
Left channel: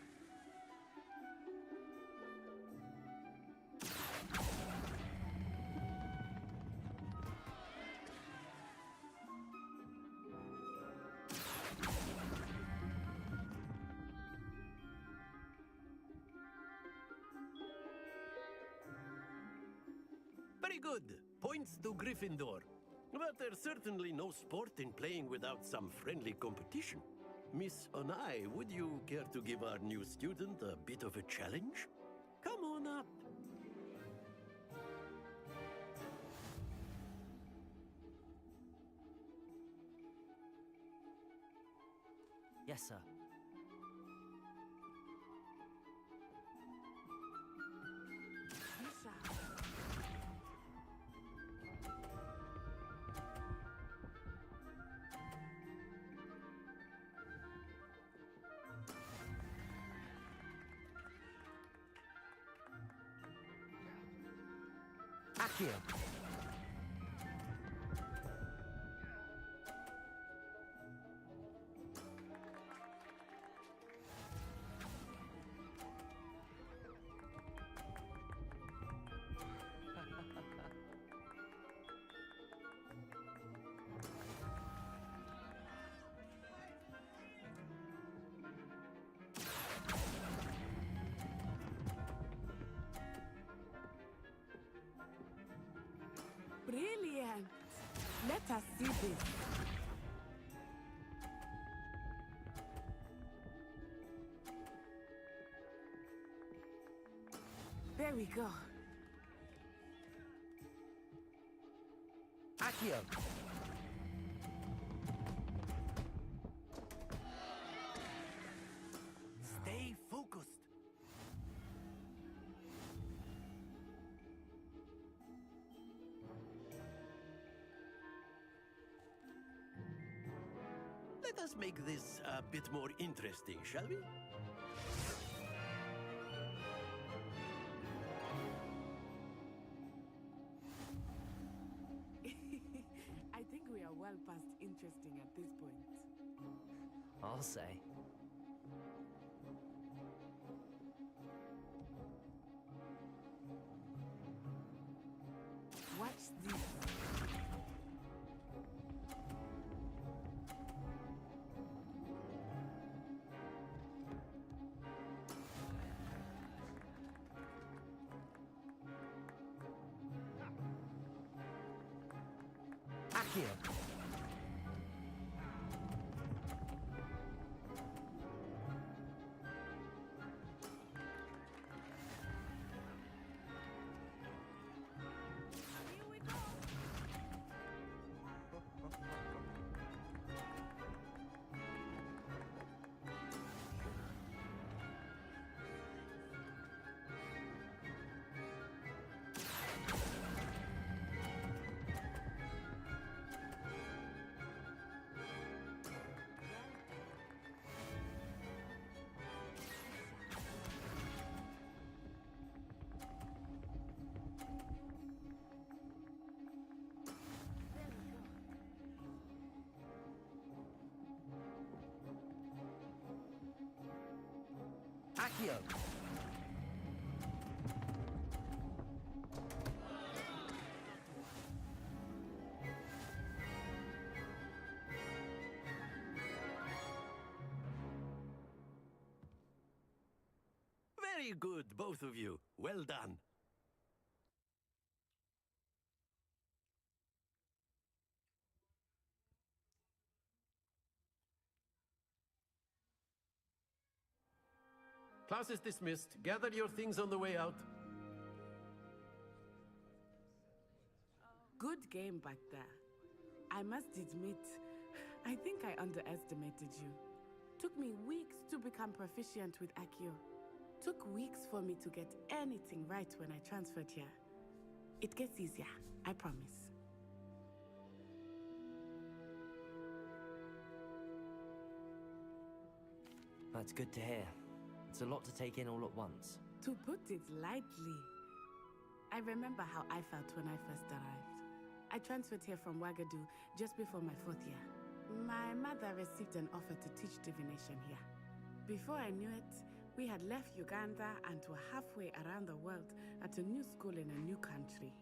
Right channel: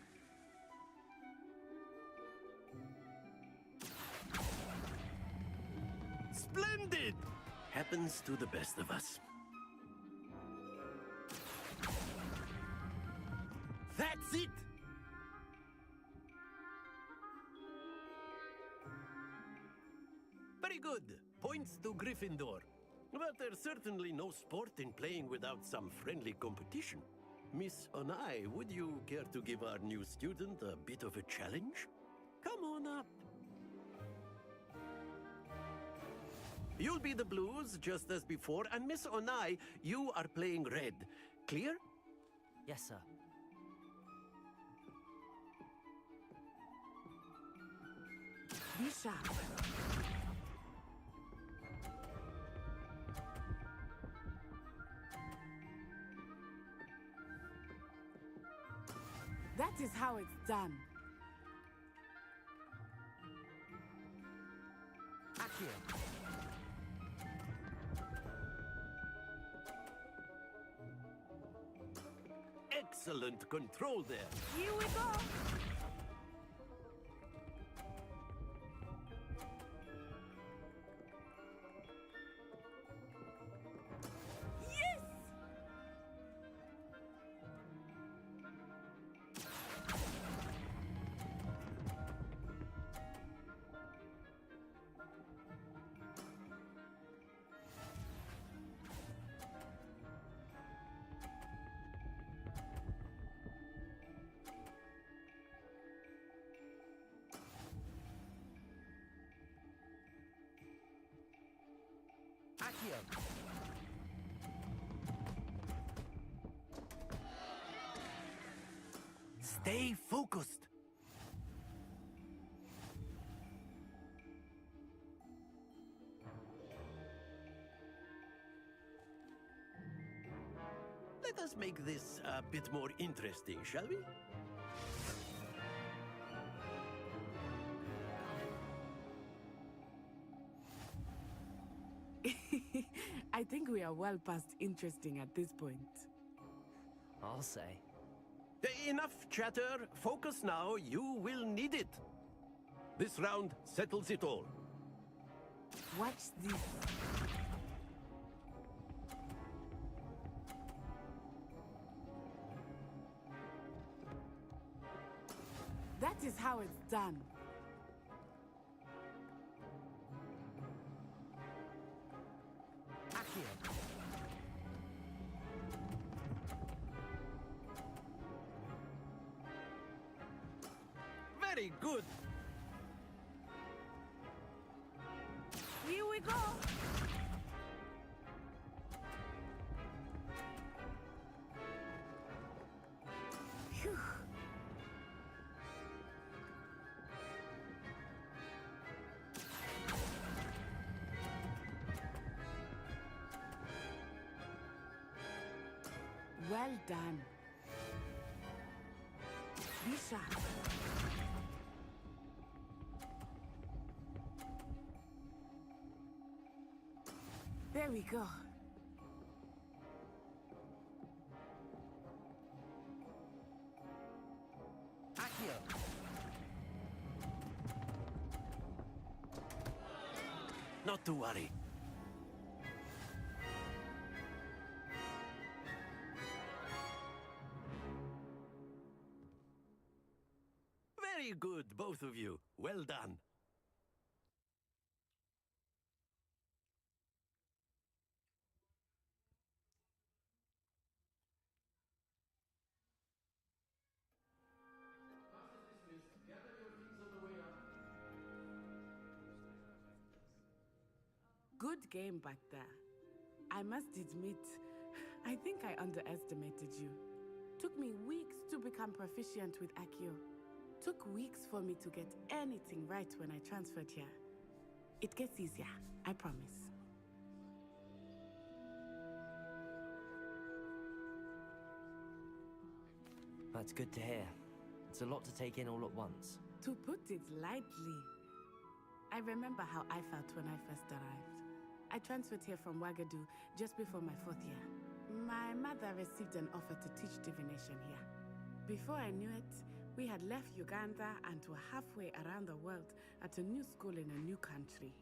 Splendid! Happens to the best of us. That's it! Very good. Points to Gryffindor. But there's certainly no sport in playing without some friendly competition. Miss Onai, would you care to give our new student a bit of a challenge? Come on up. You'll be the blues, just as before, and Miss Onai, you are playing red. Clear? Yes, sir. Be sharp. That is how it's done. Accio! Excellent control there. Here we go. Yes! Brilliant. Let us see this. There we go. Accio! Stay focused. Let us make this a bit more interesting, shall we? we are well past interesting at this point. I'll say. Enough chatter. Focus now. You will need it. This round settles it all. Watch this. That is how it's done. Accio. Very good. Here we go. Phew. Well done. Misha. There we go. Accio. Not to worry. Very good, both of you. Well done. Class is dismissed. Gather your things on the way out. Good game back there. I must admit, I think I underestimated you. Took me weeks to become proficient with Accio. Took weeks for me to get anything right when I transferred here. It gets easier, I promise. That's good to hear. It's a lot to take in all at once. To put it lightly, I remember how I felt when I first arrived. I transferred here from Wagadu just before my 4th year. My mother received an offer to teach divination here. Before I knew it, we had left Uganda and were halfway around the world at a new school in a new country.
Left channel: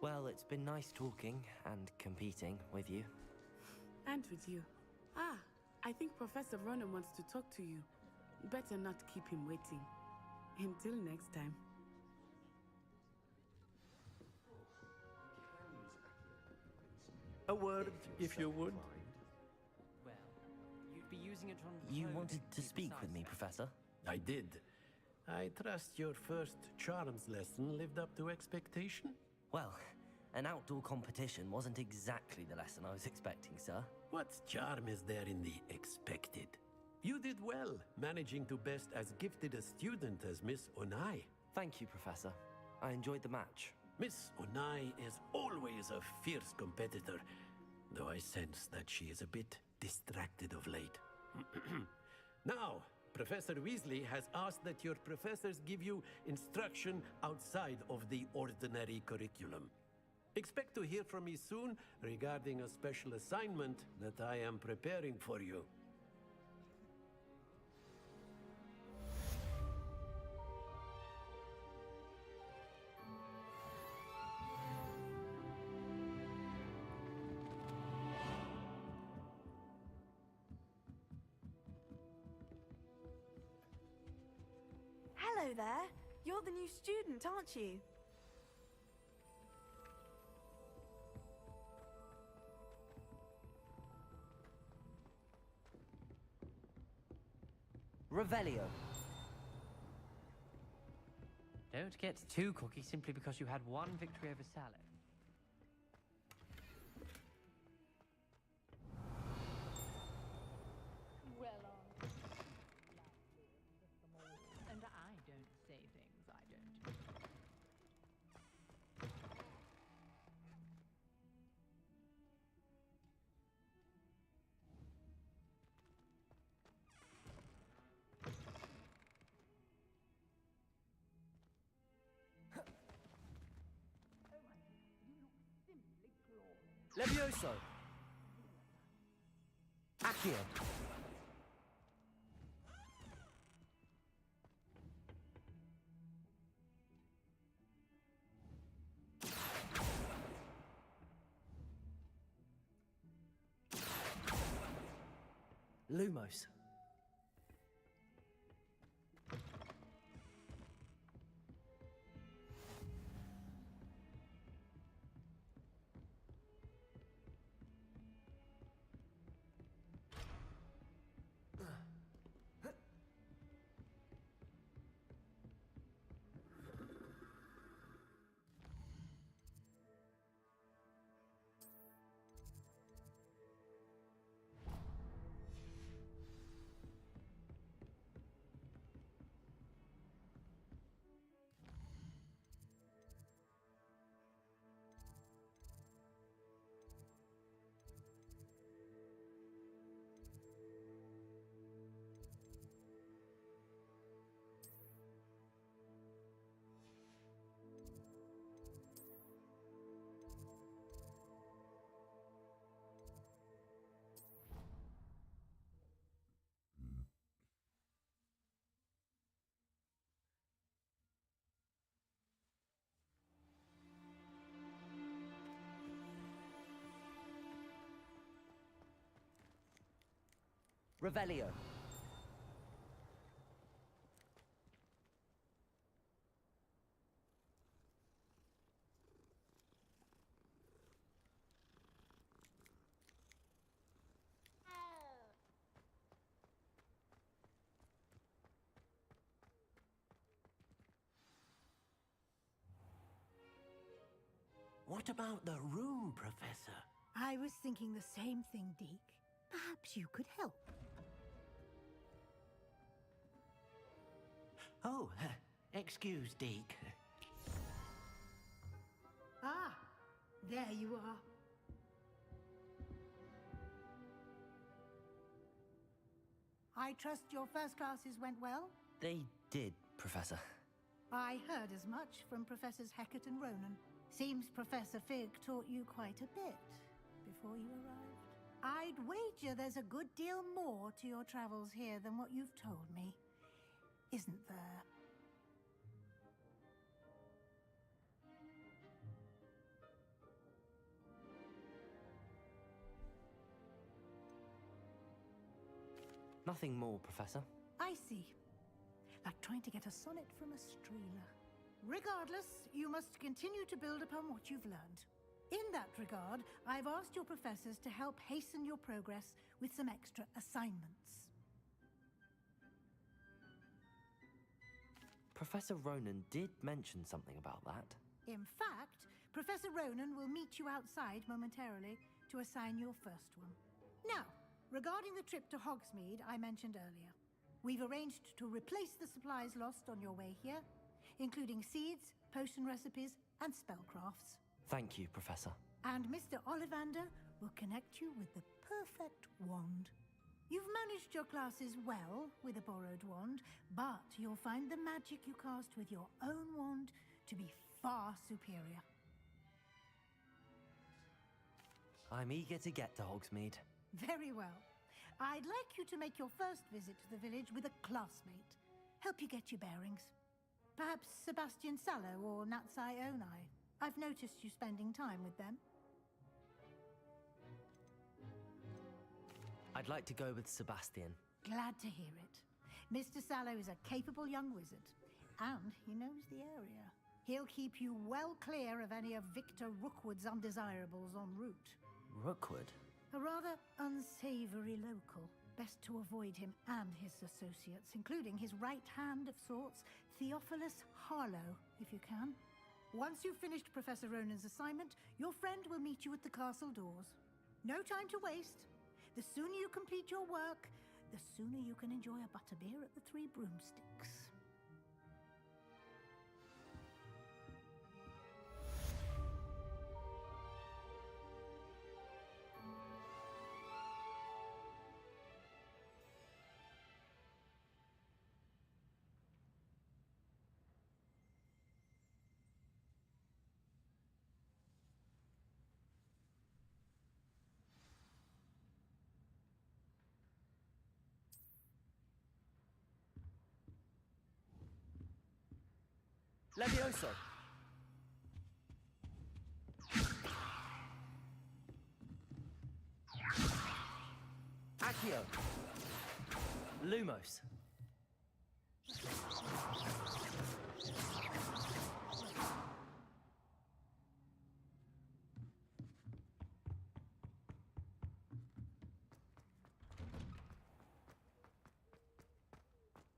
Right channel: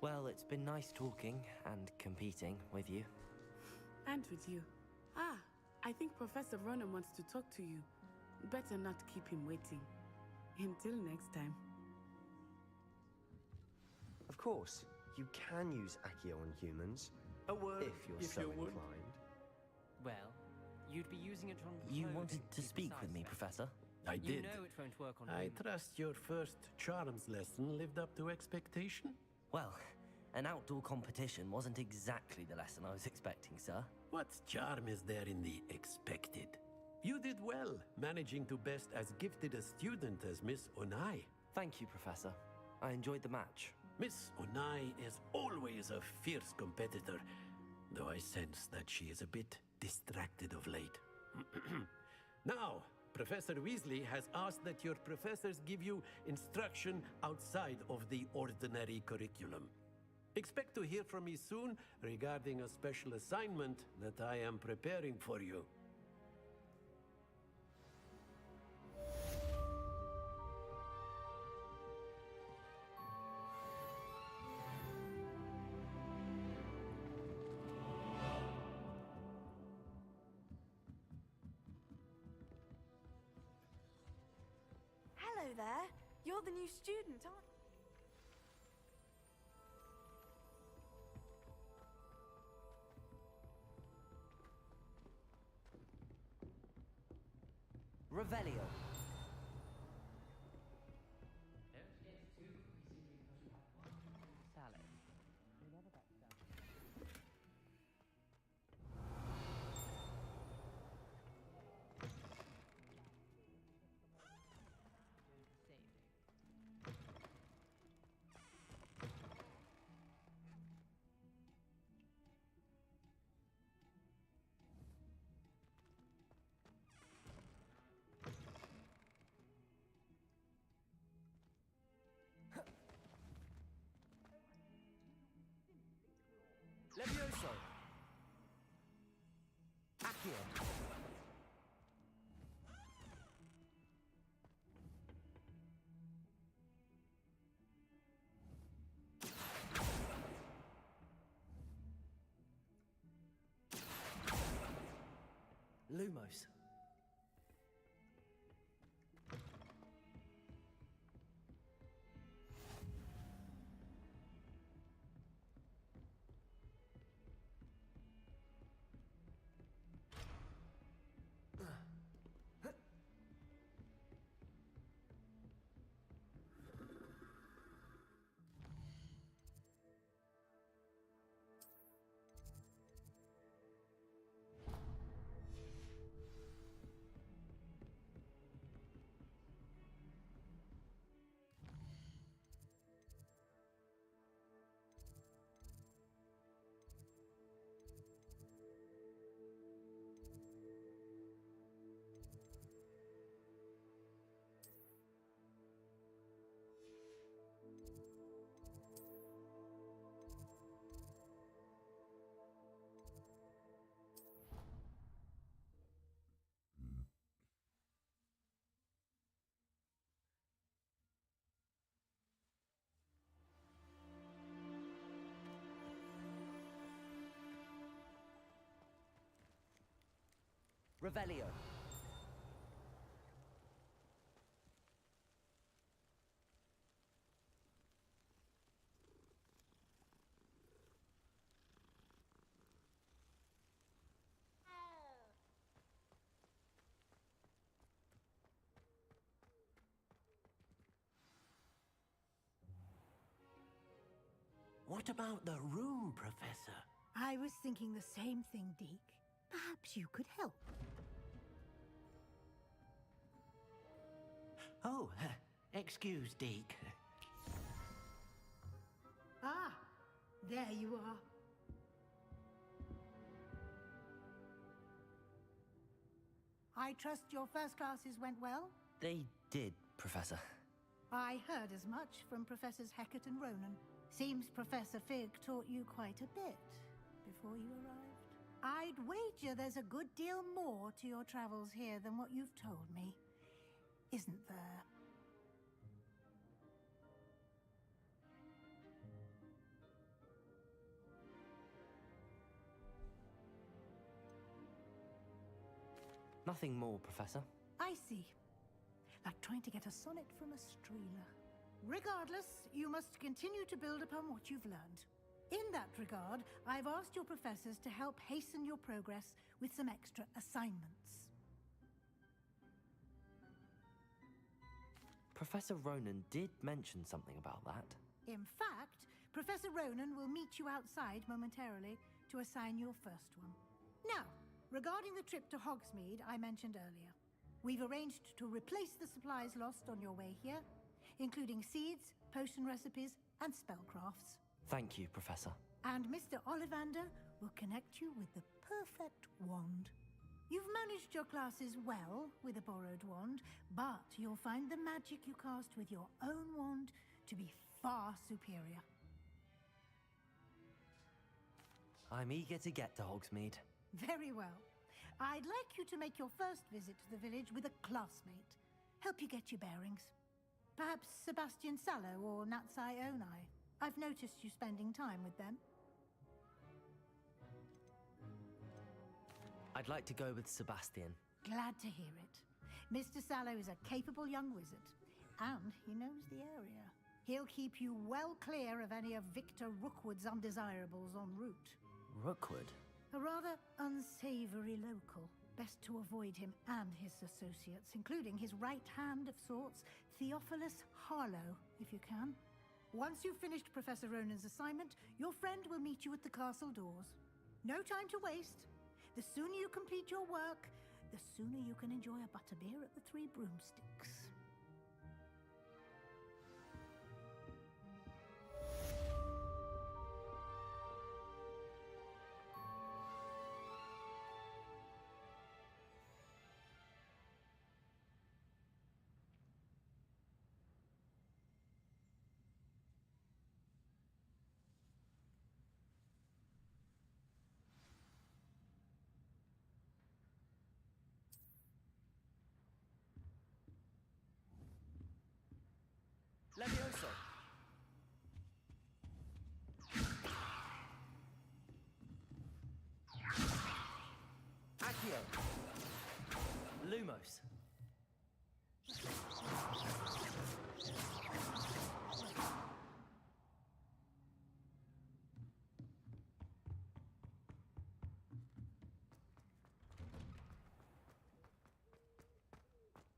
Well, it's been nice talking and competing with you. And with you. Ah, I think Professor Ronan wants to talk to you. Better not keep him waiting. Until next time. Of course, you can use Accio on humans. A word, if if you're you so would. inclined. Well, you'd be using it on You clothes wanted to be speak with me, precise. Professor? I You did. know it won't work on I trust your first charms lesson lived up to expectation? Well, an outdoor competition wasn't exactly the lesson I was expecting, sir. What charm is there in the expected? You did well, managing to best as gifted a student as Miss Onai. Thank you, Professor. I enjoyed the match. Miss Onai is always a fierce competitor, though I sense that she is a bit distracted of late. Now, Professor Weasley has asked that your professors give you instruction outside of the ordinary curriculum. Expect to hear from me soon regarding a special assignment that I am preparing for you. Hello there. You're the new student, aren't you? Revelio. Don't get too cocky simply because you had one victory over Salad. And I don't say things I don't. Levioso! Accio! Lumos. Revelio. What about the room, Professor? I was thinking the same thing, Deke. Perhaps you could help. Oh, excuse, Deke. Ah, there you are. I trust your first classes went well? They did, Professor. I heard as much from Professors Hecat and Ronan. Seems Professor Fig taught you quite a bit before you arrived. I'd wager there's a good deal more to your travels here than what you've told me. Isn't there? Nothing more, Professor. I see. Like trying to get a sonnet from a streeler. Regardless, you must continue to build upon what you've learned. In that regard, I've asked your professors to help hasten your progress with some extra assignments. Professor Ronan did mention something about that. In fact, Professor Ronan will meet you outside momentarily to assign your first one. Now, regarding the trip to Hogsmeade I mentioned earlier, we've arranged to replace the supplies lost on your way here, including seeds, potion recipes, and spellcrafts. Thank you, Professor. And Mr. Ollivander will connect you with the perfect wand. You've managed your classes well with a borrowed wand, but you'll find the magic you cast with your own wand to be far superior. I'm eager to get to Hogsmeade. Very well. I'd like you to make your first visit to the village with a classmate. Help you get your bearings. Perhaps Sebastian Sallow or Natsai Onai. I've noticed you spending time with them. I'd like to go with Sebastian. Glad to hear it. Mr. Sallow is a capable young wizard, and he knows the area. He'll keep you well clear of any of Victor Rookwood's undesirables en route. Rookwood? A rather unsavory local. Best to avoid him and his associates, including his right hand of sorts, Theophilus Harlow, if you can. Once you've finished Professor Ronan's assignment, your friend will meet you at the castle doors. No time to waste. The sooner you complete your work, the sooner you can enjoy a butterbeer at the Three Broomsticks. Levioso! Accio! Lumos!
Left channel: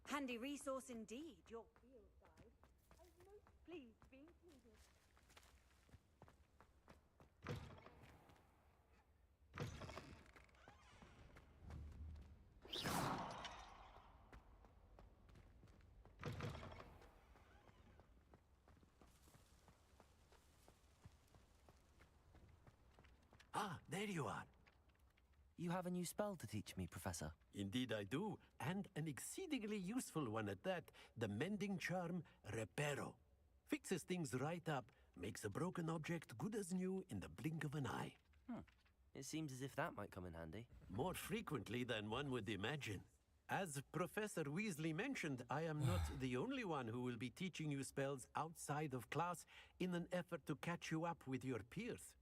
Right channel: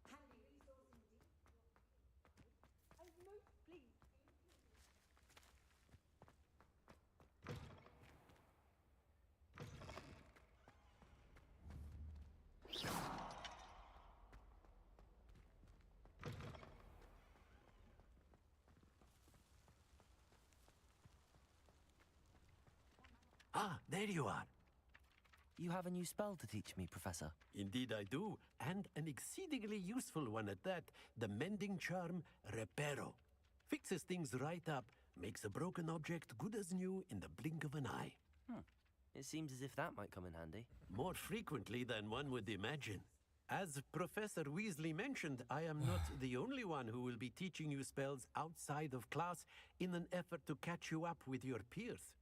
Handy resource indeed, your field guide. I'm most pleased to be included. Ah, there you are. You have a new spell to teach me, Professor. Indeed I do, and an exceedingly useful one at that. The mending charm, Reparo. Fixes things right up, makes a broken object good as new in the blink of an eye. It seems as if that might come in handy. More frequently than one would imagine. As Professor Weasley mentioned, I am not the only one who will be teaching you spells outside of class in an effort to catch you up with your peers.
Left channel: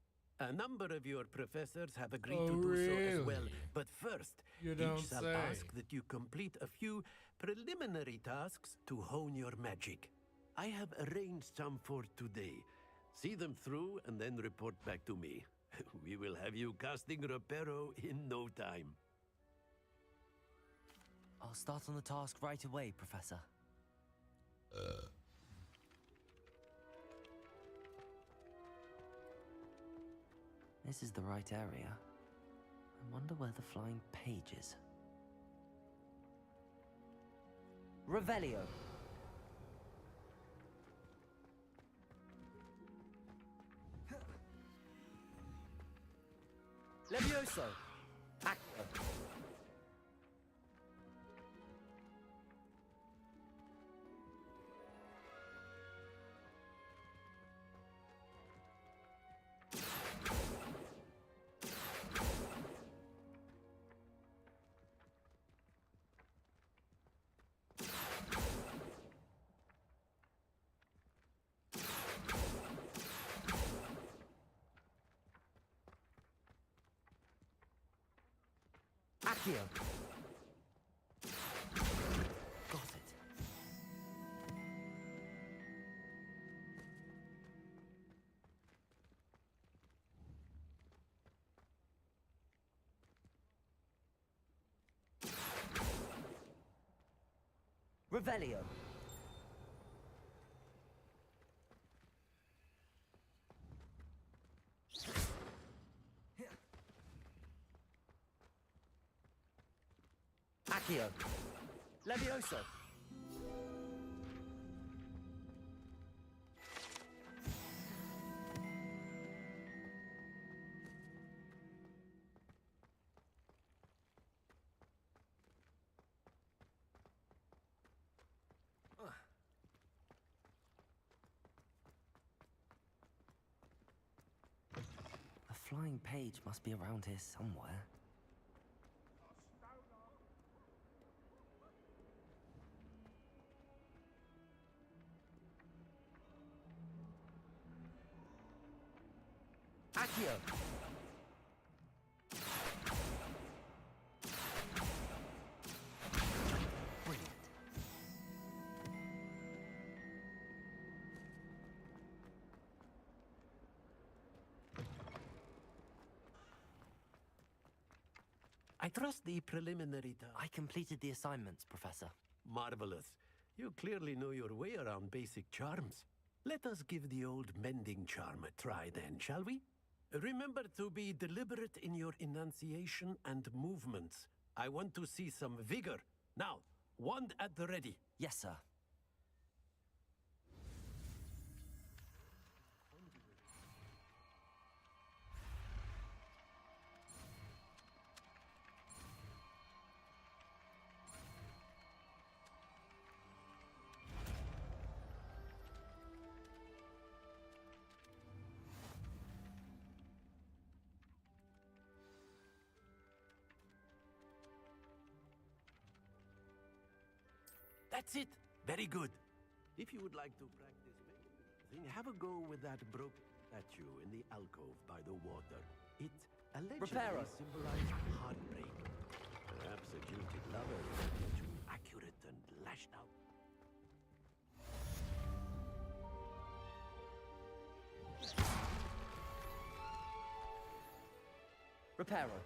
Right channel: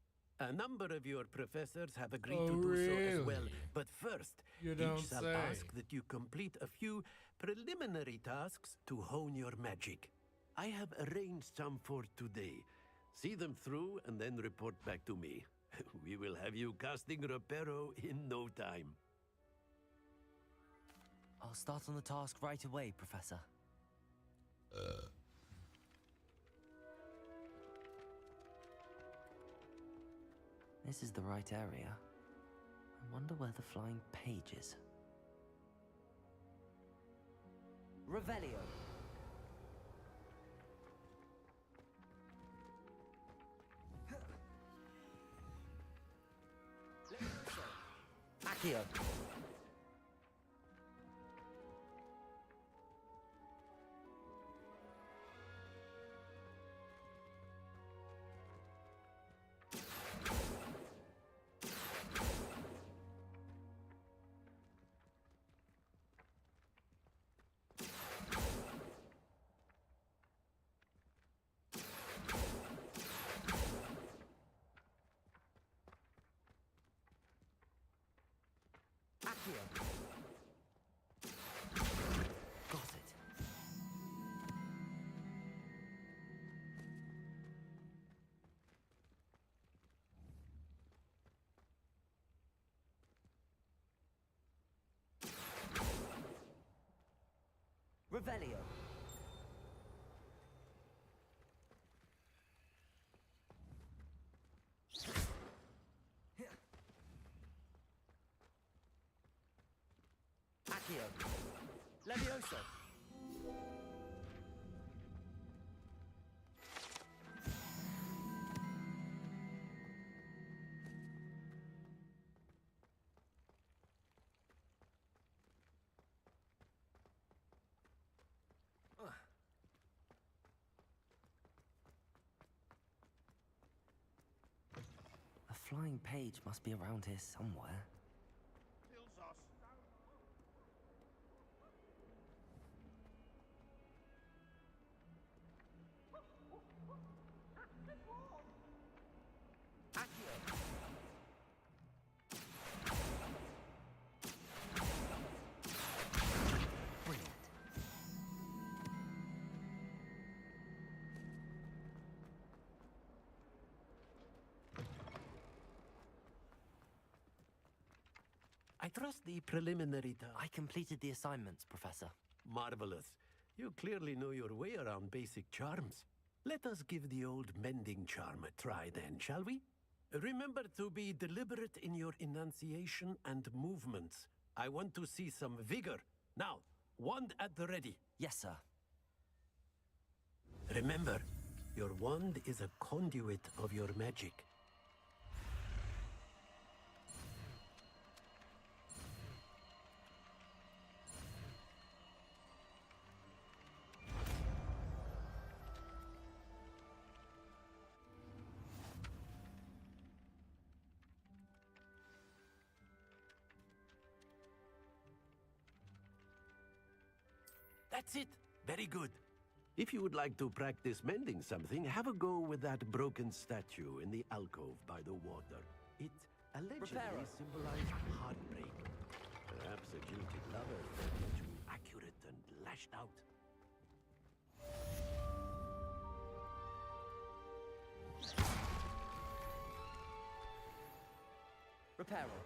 A number of your professors have agreed to do so as well, but first, You don't each shall say. ask that you complete a few preliminary tasks to hone your magic. I have arranged some for today. See them through and then report back to me. We will have you casting Reparo in no time. I'll start on the task right away, Professor. This is the right area. I wonder where the flying page is. Revelio. Levioso. Accio. Accio. Got it. Revelio. Accio. Levioso. A flying page must be around here somewhere. Accio. Brilliant. I trust the preliminary task. I completed the assignments, Professor. Marvelous. You clearly know your way around basic charms. Let us give the old mending charm a try then, shall we? Remember to be deliberate in your enunciation and movements. I want to see some vigor. Now, wand at the ready. Yes, sir. Remember, your wand is a conduit of your magic. That's it. Very good. If you would like to practice mending something, have a go with that broken statue in the alcove by the water. It allegedly Reparo. symbolized heartbreak. Perhaps a jilted lover too accurate and lashed out. Reparo.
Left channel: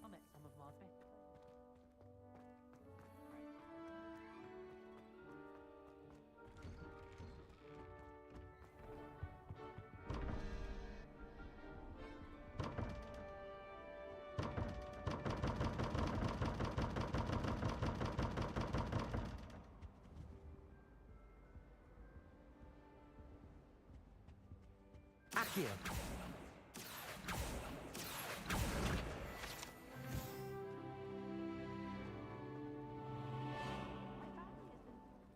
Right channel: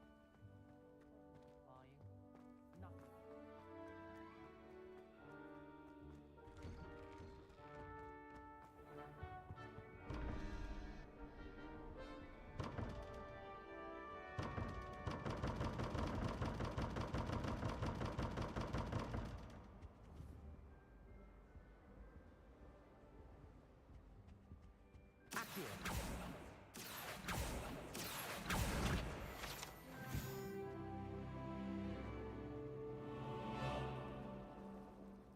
I met some of my best friends flying. Accio.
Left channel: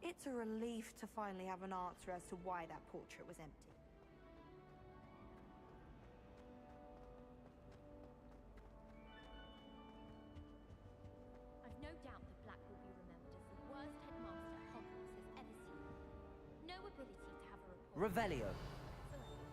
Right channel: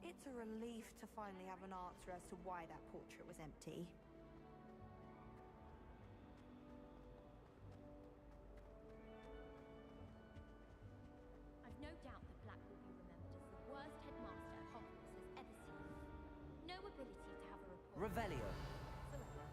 It's a relief to finally have an answer as to why that portrait was empty. I've no doubt that Black will be remembered as the worst headmaster Hogwarts has ever seen. No ability to have a report. Revelio. whatsoever.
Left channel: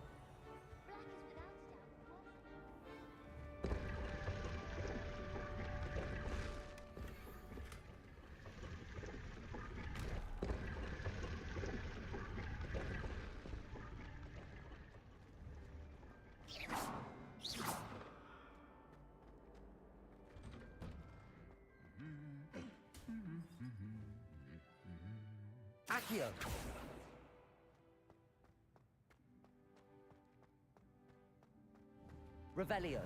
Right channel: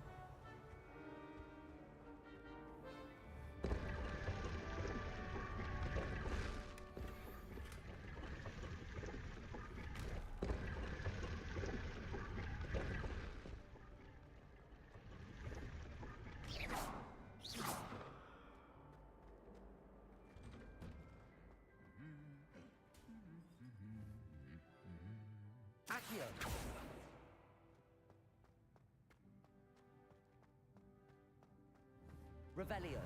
Accio. Revelio.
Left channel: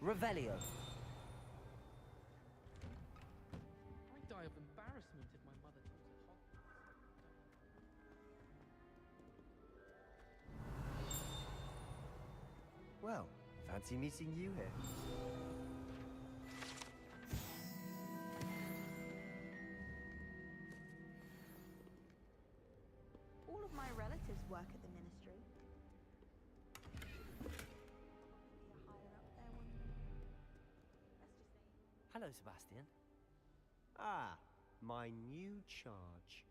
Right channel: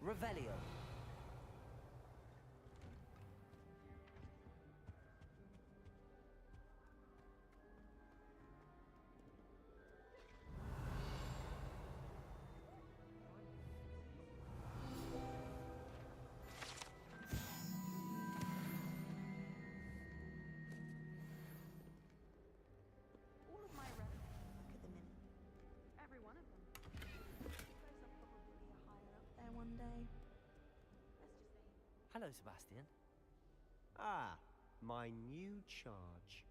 Revelio. I'd die of embarrassment if my mother taught at Hogwarts. Well, fancy meeting you here. All of my relatives work at the ministry. Every one of them. I'll probably be a higher up there one day. Let's just say. Hello, Sebastian. Ah, my new charge.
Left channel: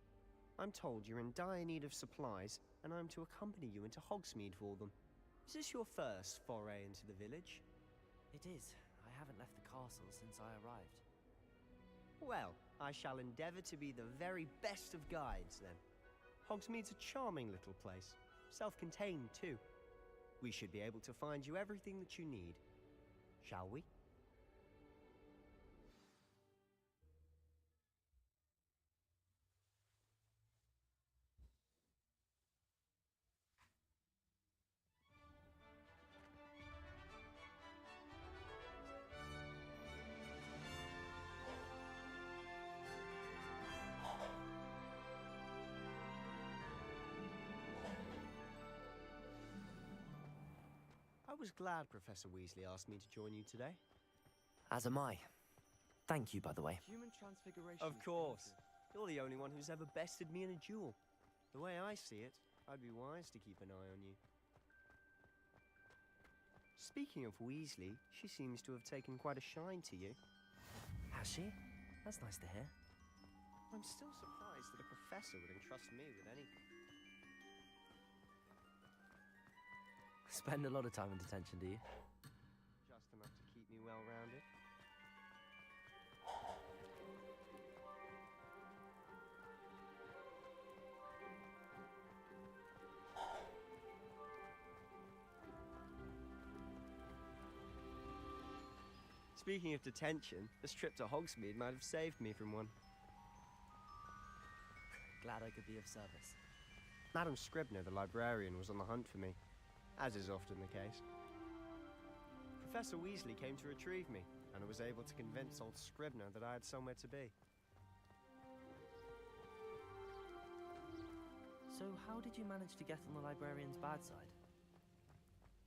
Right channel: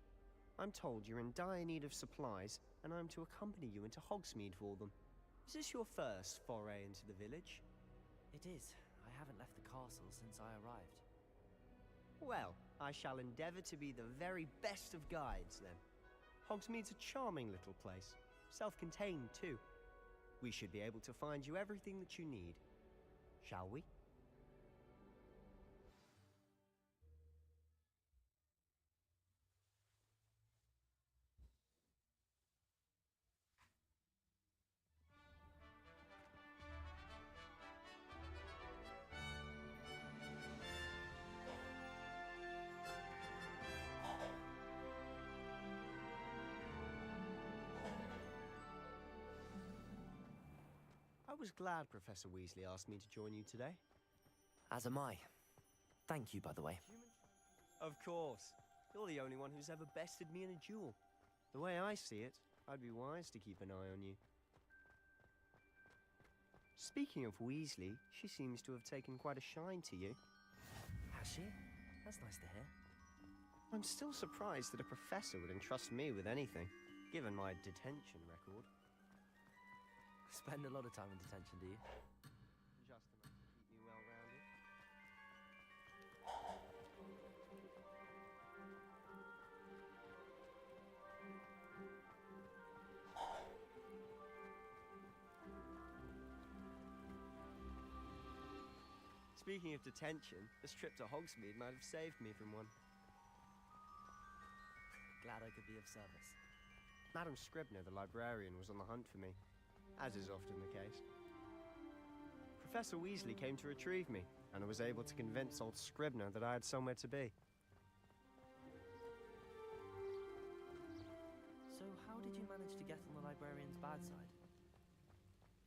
I'm told you're in dire need of supplies, and I'm to accompany you into Hogsmeade for them. Is this your first foray into the village? It is. I haven't left the castle since I arrived. Well, I shall endeavor to be the very best of guides, then. Hogsmeade's a charming little place. Self-contained, too. We should be able to find you everything that you need. Shall we? I was glad Professor Weasley asked me to join you today. As am I. Thank you, by the way. Human transfiguration. Of course. You're the only one who's ever bested me in a duel. The way I see it, I'd be wise to keep an eye on you. Speaking of Weasley, she seems to have taken quite a shine to you. Has she? That's nice to hear. I'm still surprised that a professor would entrust me with anything, given my detention record. Spend a lot of time in detention, do you? Just enough to keep me well-rounded. Speaking of detention, this trip to Hogsmeade might have saved me from one. Glad I could be of service. Madam Scribner, the librarian, was on the hunt for me, as is often the case. Professor Weasley came to retrieve me, and I was able to convince old Scribner that I had somewhere to be. So how did you manage to get on the librarian's bad side?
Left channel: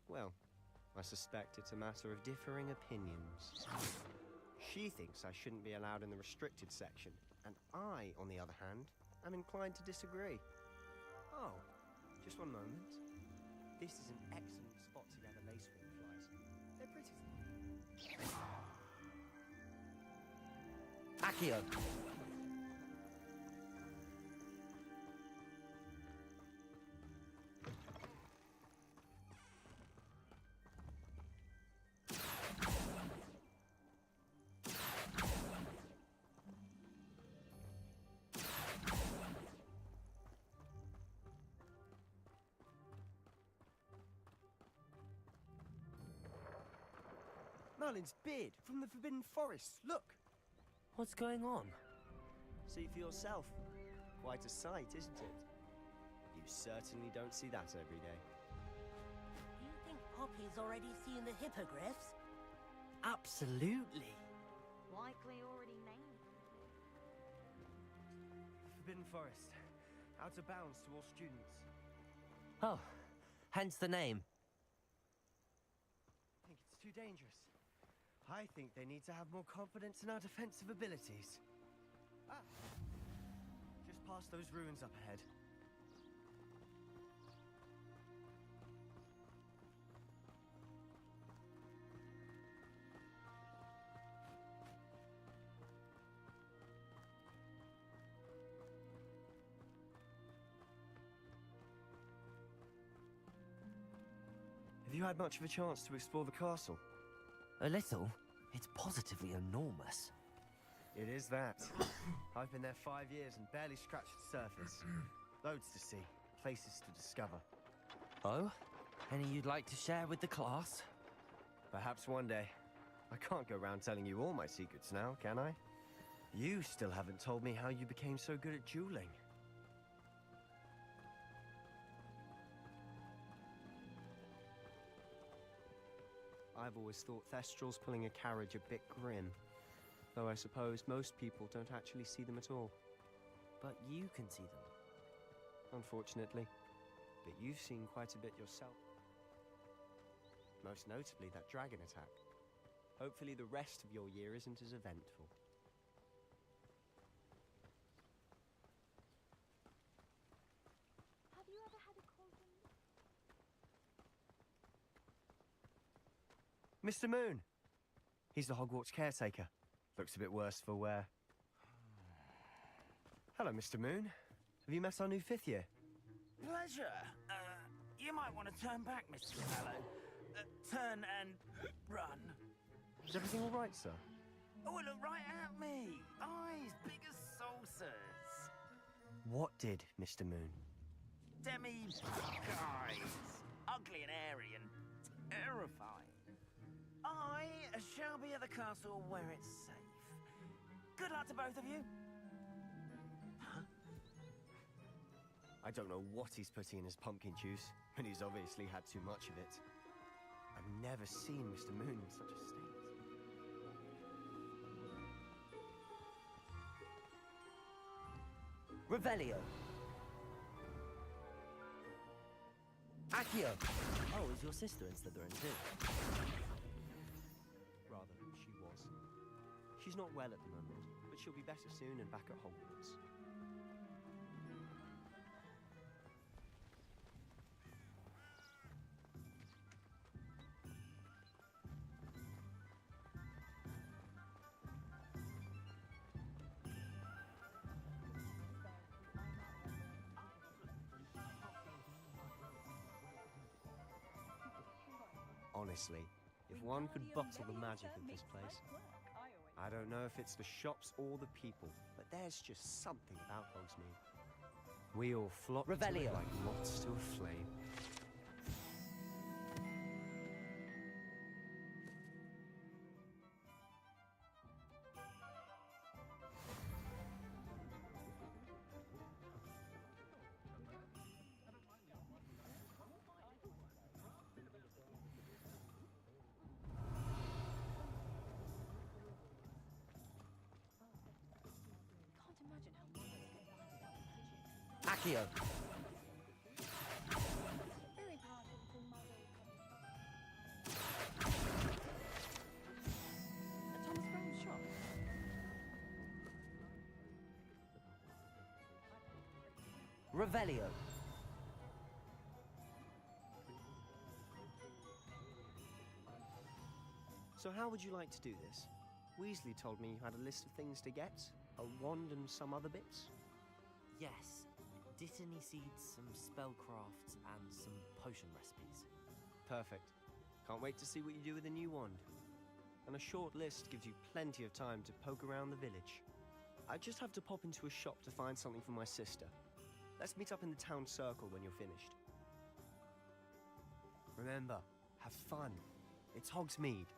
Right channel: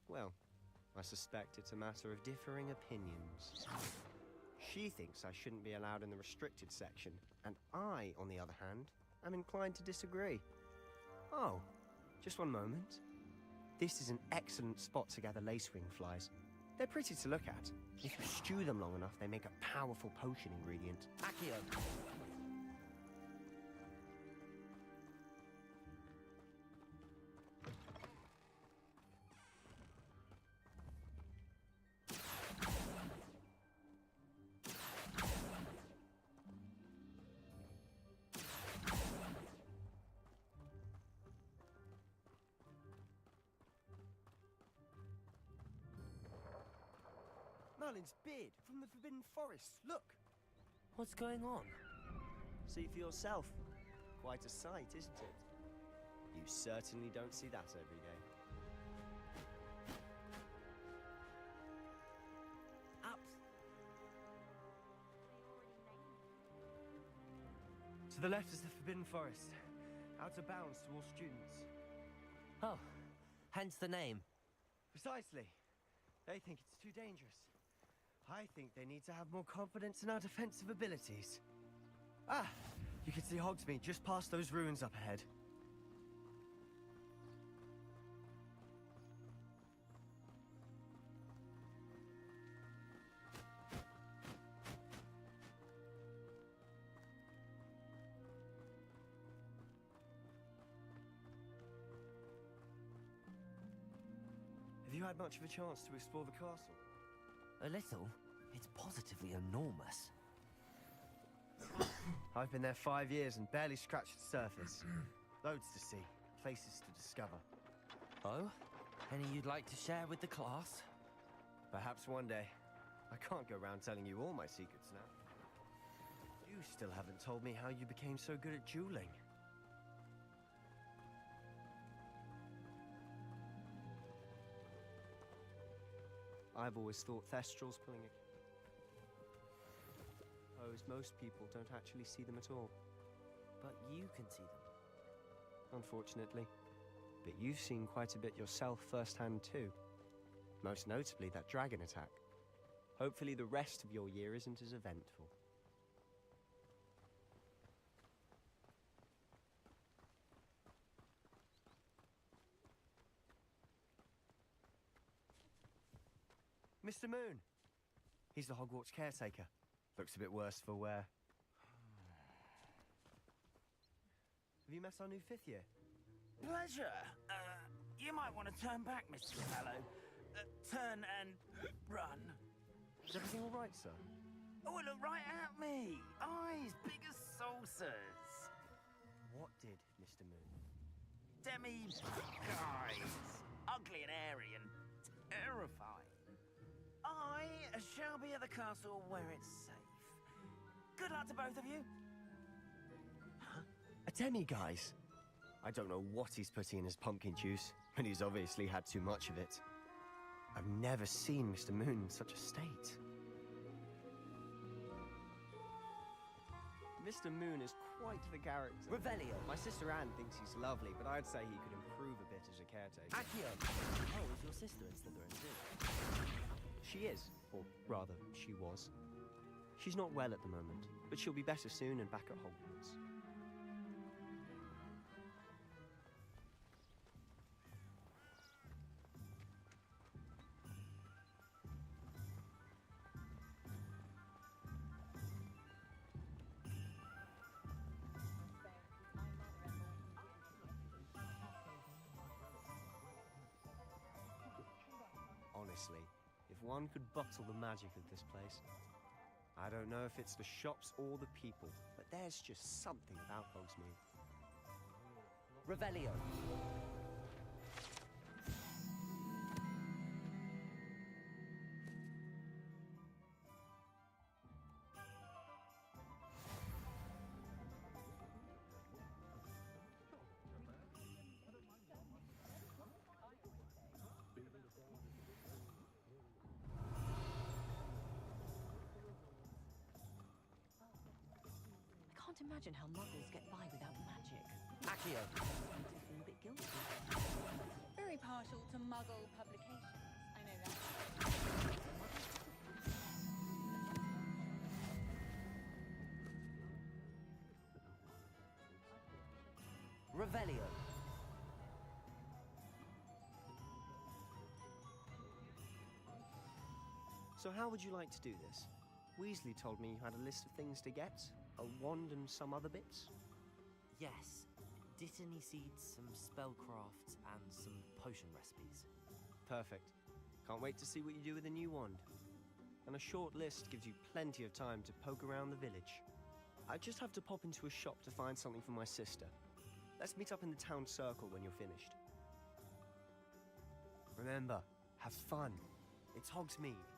Well, I suspect it's a matter of differing opinions. She thinks I shouldn't be allowed in the restricted section, and I, on the other hand, am inclined to disagree. Oh, just one moment. This is an excellent spot to gather lacewing flies. They're pretty to look at. If you stew them long enough, they make a powerful potion ingredient. Accio! Merlin's beard from the Forbidden Forest. Look! What's going on? See for yourself. Quite a sight, isn't it? You certainly don't see that every day. Poppy's already seen the hippogriffs. Absolutely. Likely already named. To the left is the Forbidden Forest. Out of bounds to all students. Oh, hence the name. Precisely. They think it's too dangerous. I think they need to have more confidence in our defensive abilities. Ah! You can see Hogsmeade just past those ruins up ahead. Have you had much of a chance to explore the castle? A little? It's positively enormous. It is that. I've been there 5 years and barely scratched the surface. Loads to see, places to discover. Oh? Any you'd like to share with the class? Perhaps one day. I can't go around telling you all my secrets now, can I? You still haven't told me how you became so good at dueling. I've always thought Thestrals pulling a carriage a bit grim. Though I suppose most people don't actually see them at all. But you can see them. Unfortunately. But you've seen quite a bit yourself firsthand too. Most notably that dragon attack. Hopefully the rest of your year isn't as eventful. Have you ever had a cauldron? Mr. Moon! He's the Hogwarts caretaker. Looks a bit worse for wear. Hello, Mr. Moon. Have you met our new 5th year? Pleasure. You might want to turn back, Mr. Fellow. Turn and run. Is everything all right, sir? Oh, look right at me. Eyes big as saucers. What did, Mr. Moon? Demi-guys. Ugly and airy and terrifying. I shall be at the castle where it's safe. Good luck to both of you. Huh? A demi-guise? I don't know what he's putting in his pumpkin juice, and he's obviously had too much of it. I've never seen Mr. Moon in such a state. Mr. Moon is quite the character. Revelio. My sister Anne thinks he's lovely, but I'd say he could improve a bit as a caretaker. Accio! Oh, is your sister in Slytherin too? She is. Or rather, she was. She's not well at the moment, but she'll be better soon and back at Hogwarts. Honestly, if one could bottle the magic of this place. I don't know if it's the shops or the people, but there's just something about Hogsmeade. We all flock Revelio. What's to a flame. imagine how muggles get by without magic. Accio. Very partial to muggle publications. I know that. A Thomas Brown shop. Revelio. So how would you like to do this? Weasley told me you had a list of things to get. A wand and some other bits. Yes. Dittany seeds, some spellcrafts, and some potion recipes. Perfect. Can't wait to see what you do with the new wand. And a short list gives you plenty of time to poke around the village. I just have to pop into a shop to find something for my sister. Let's meet up in the town circle when you're finished. Remember, have fun. It's Hogsmeade.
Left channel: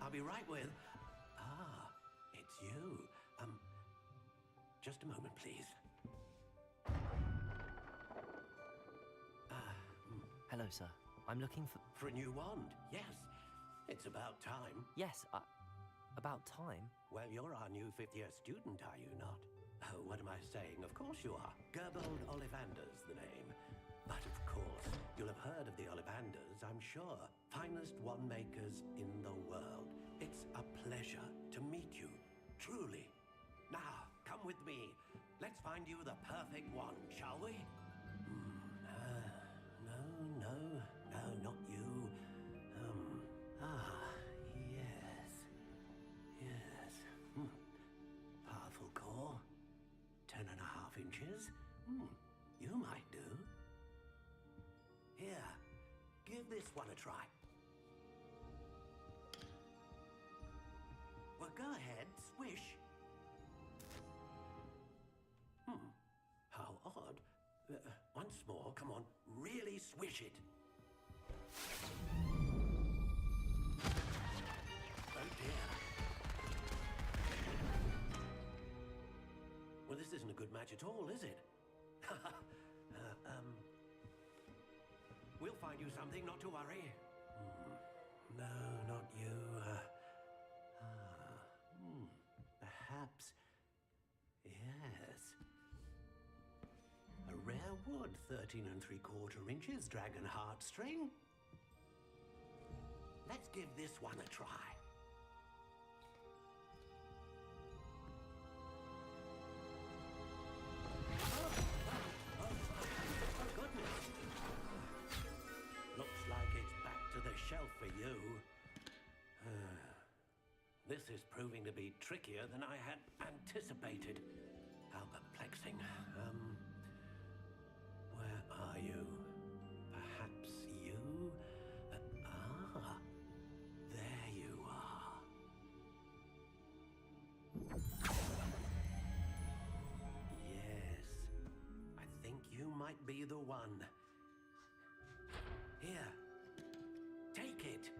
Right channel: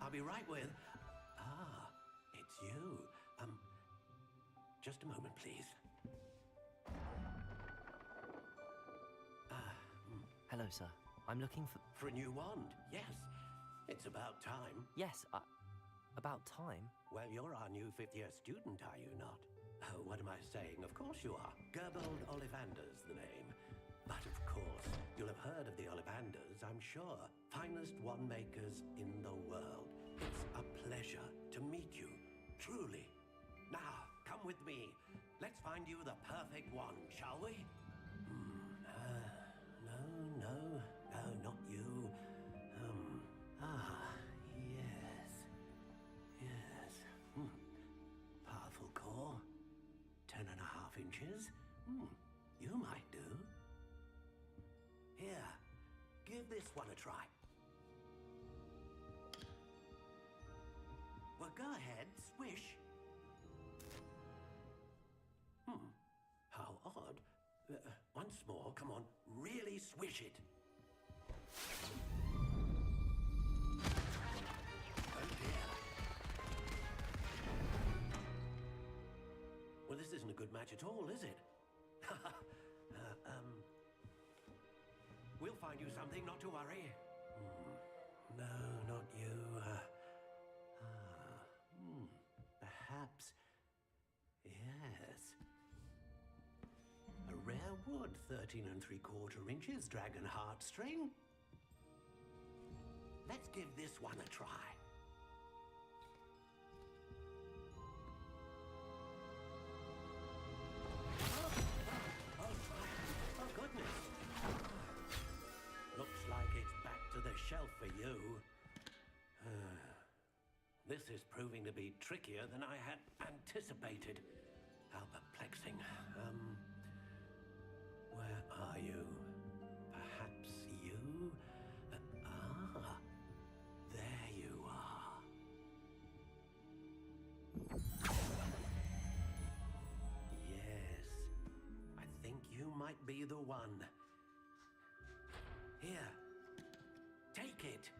I'll be right with... Ah, it's you. Just a moment, please. Hello, sir. I'm looking for... For a new wand, yes. It's about time. Yes, about time? Well, you're our new fifth-year student, are you not? Oh, what am I saying? Of course you are. Gerbold Ollivander's the name. But of course, you'll have heard of the Ollivanders, I'm sure. Finest wand makers in the world. It's a pleasure to meet you, truly. Now, come with me. Let's find you the perfect wand, shall we? No, not you. Yes. Powerful core. 10.5 inches. You might do. Here, give this one a try. Well, go ahead, swish. How odd. Once more, come on, really swish it. Oh dear. Well, this isn't a good match at all, is it? We'll find you something, not to worry. No, not you. Perhaps. Yes. A rare wood, 13 3/4 inches, dragon heartstring. Let's give this one a try. Oh, goodness. Looks like it's back to the shelf for you. This is proving to be trickier than I had anticipated. How perplexing. Where are you? Perhaps you? There you are. Yes, I think you might be the one. Here, take it.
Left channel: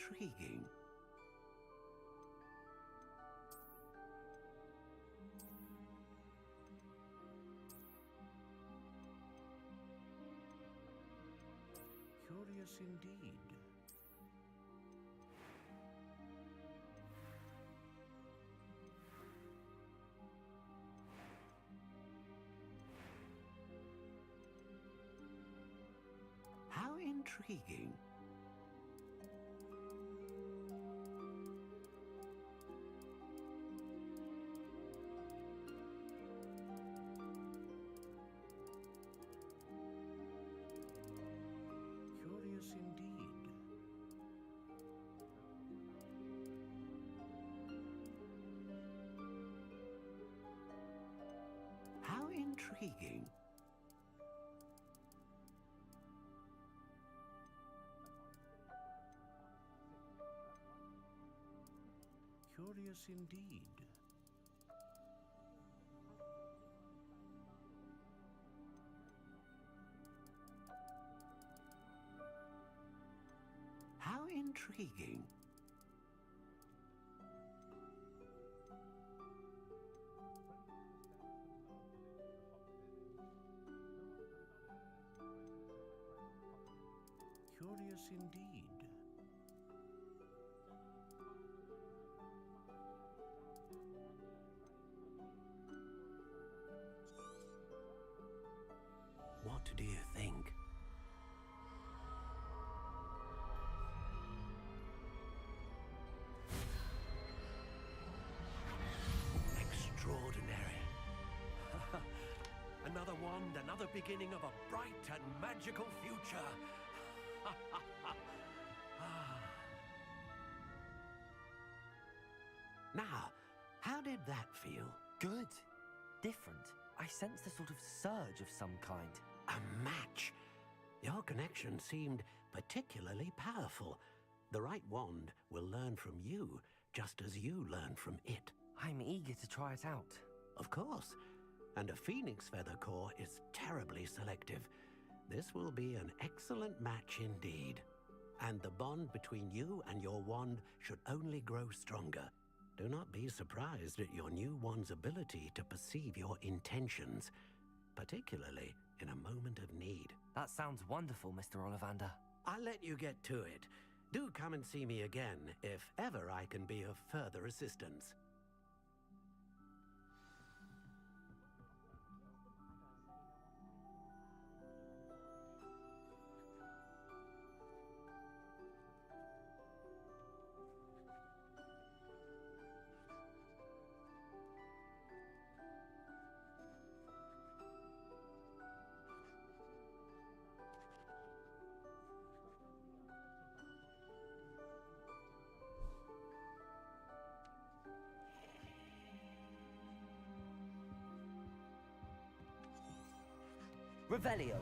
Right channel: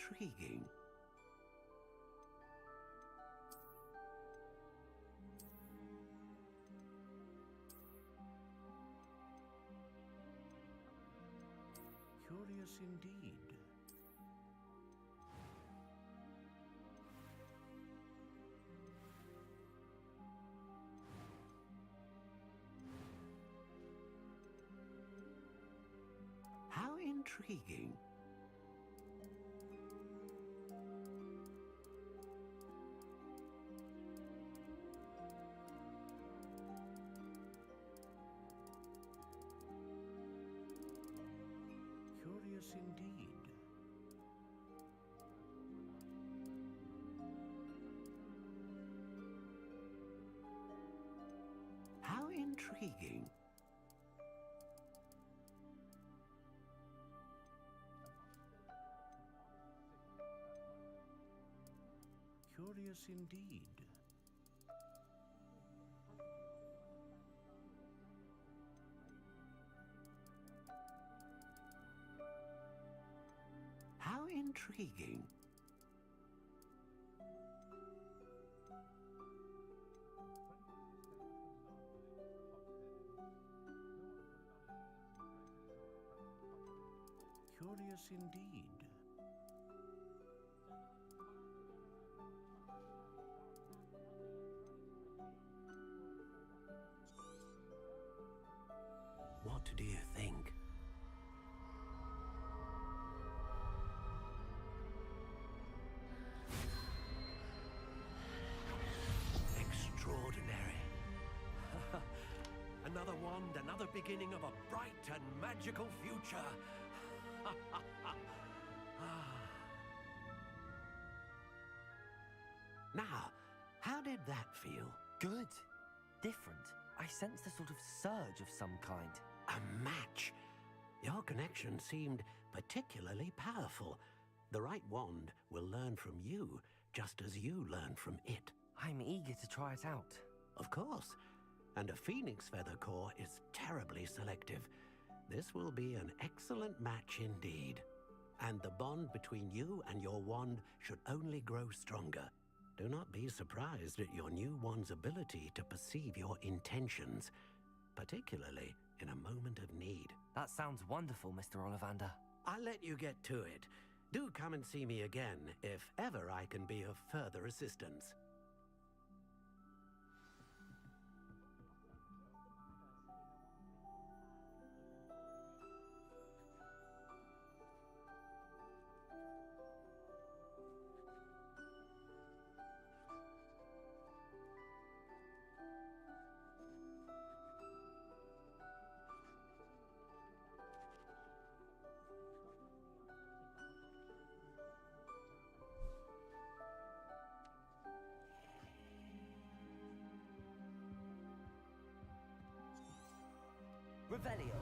intriguing. Curious indeed. How intriguing. Curious indeed. How intriguing. Curious indeed. How intriguing. Curious indeed. What do you think? Extraordinary. Another wand, another beginning of a bright and magical future. Now, how did that feel? Good. Different. I sensed a sort of surge of some kind. A match. Your connection seemed particularly powerful. The right wand will learn from you, just as you learn from it. I'm eager to try it out. Of course. And a phoenix feather core is terribly selective. This will be an excellent match indeed. And the bond between you and your wand should only grow stronger. Do not be surprised at your new wand's ability to perceive your intentions, particularly in a moment of need. That sounds wonderful, Mr. Ollivander. I'll let you get to it. Do come and see me again if ever I can be of further assistance. Revelio.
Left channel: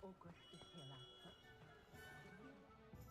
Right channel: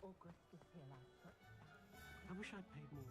I wish I'd paid more.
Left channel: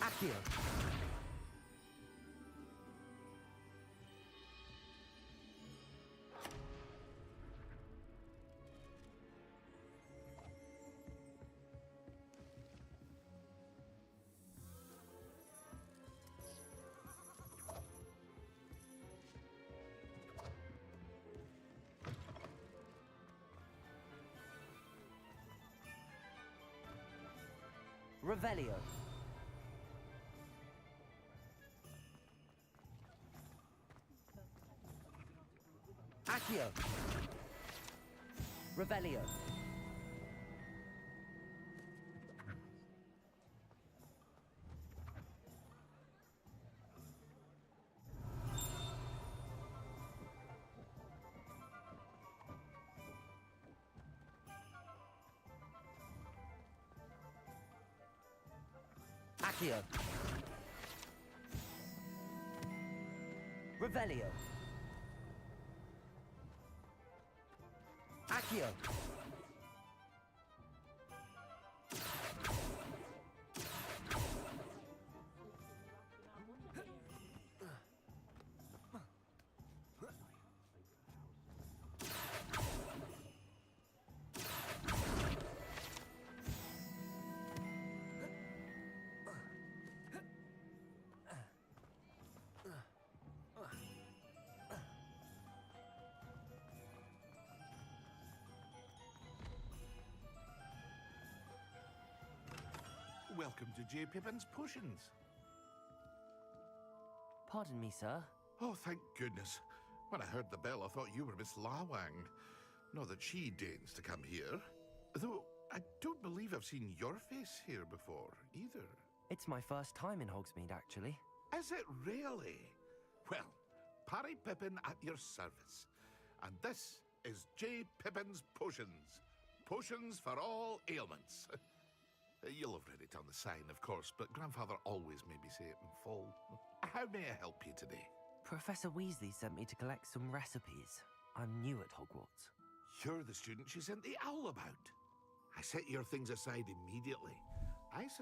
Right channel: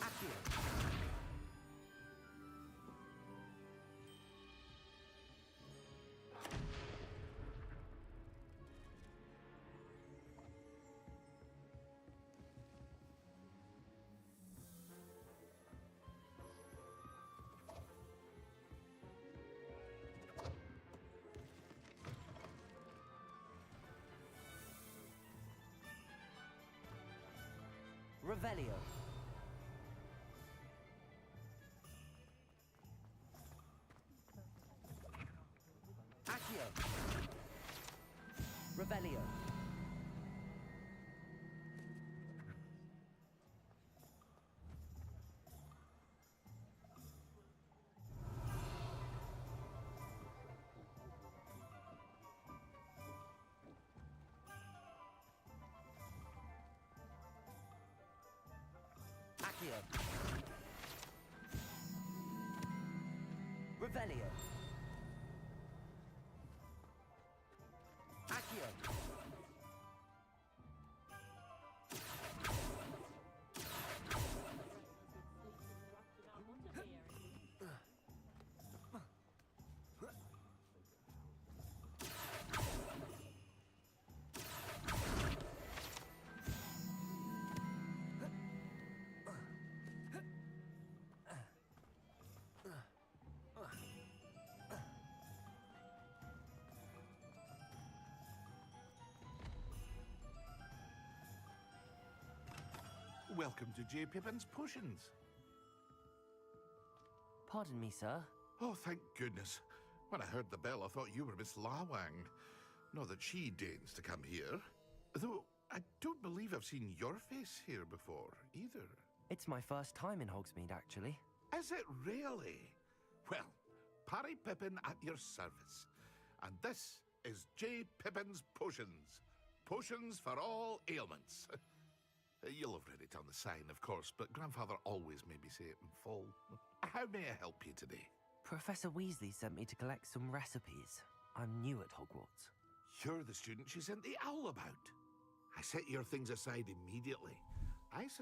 Accio. Revelio. Accio. Revelio. Accio. Revelio. Accio. Welcome to J. Pippin's Potions. Pardon me, sir. Oh, thank goodness. When I heard the bell, I thought you were Miss Lawang. Not that she deigns to come here. Though, I don't believe I've seen your face here before, either. It's my first time in Hogsmeade, actually. Is it really? Well, Parry Pippin at your service. And this is J. Pippin's Potions. Potions for all ailments. You'll have read it on the sign, of course, but Grandfather always made me say it in full. How may I help you today? Professor Weasley sent me to collect some recipes. I'm new at Hogwarts. You're the student she sent the owl about. I set your things aside immediately. I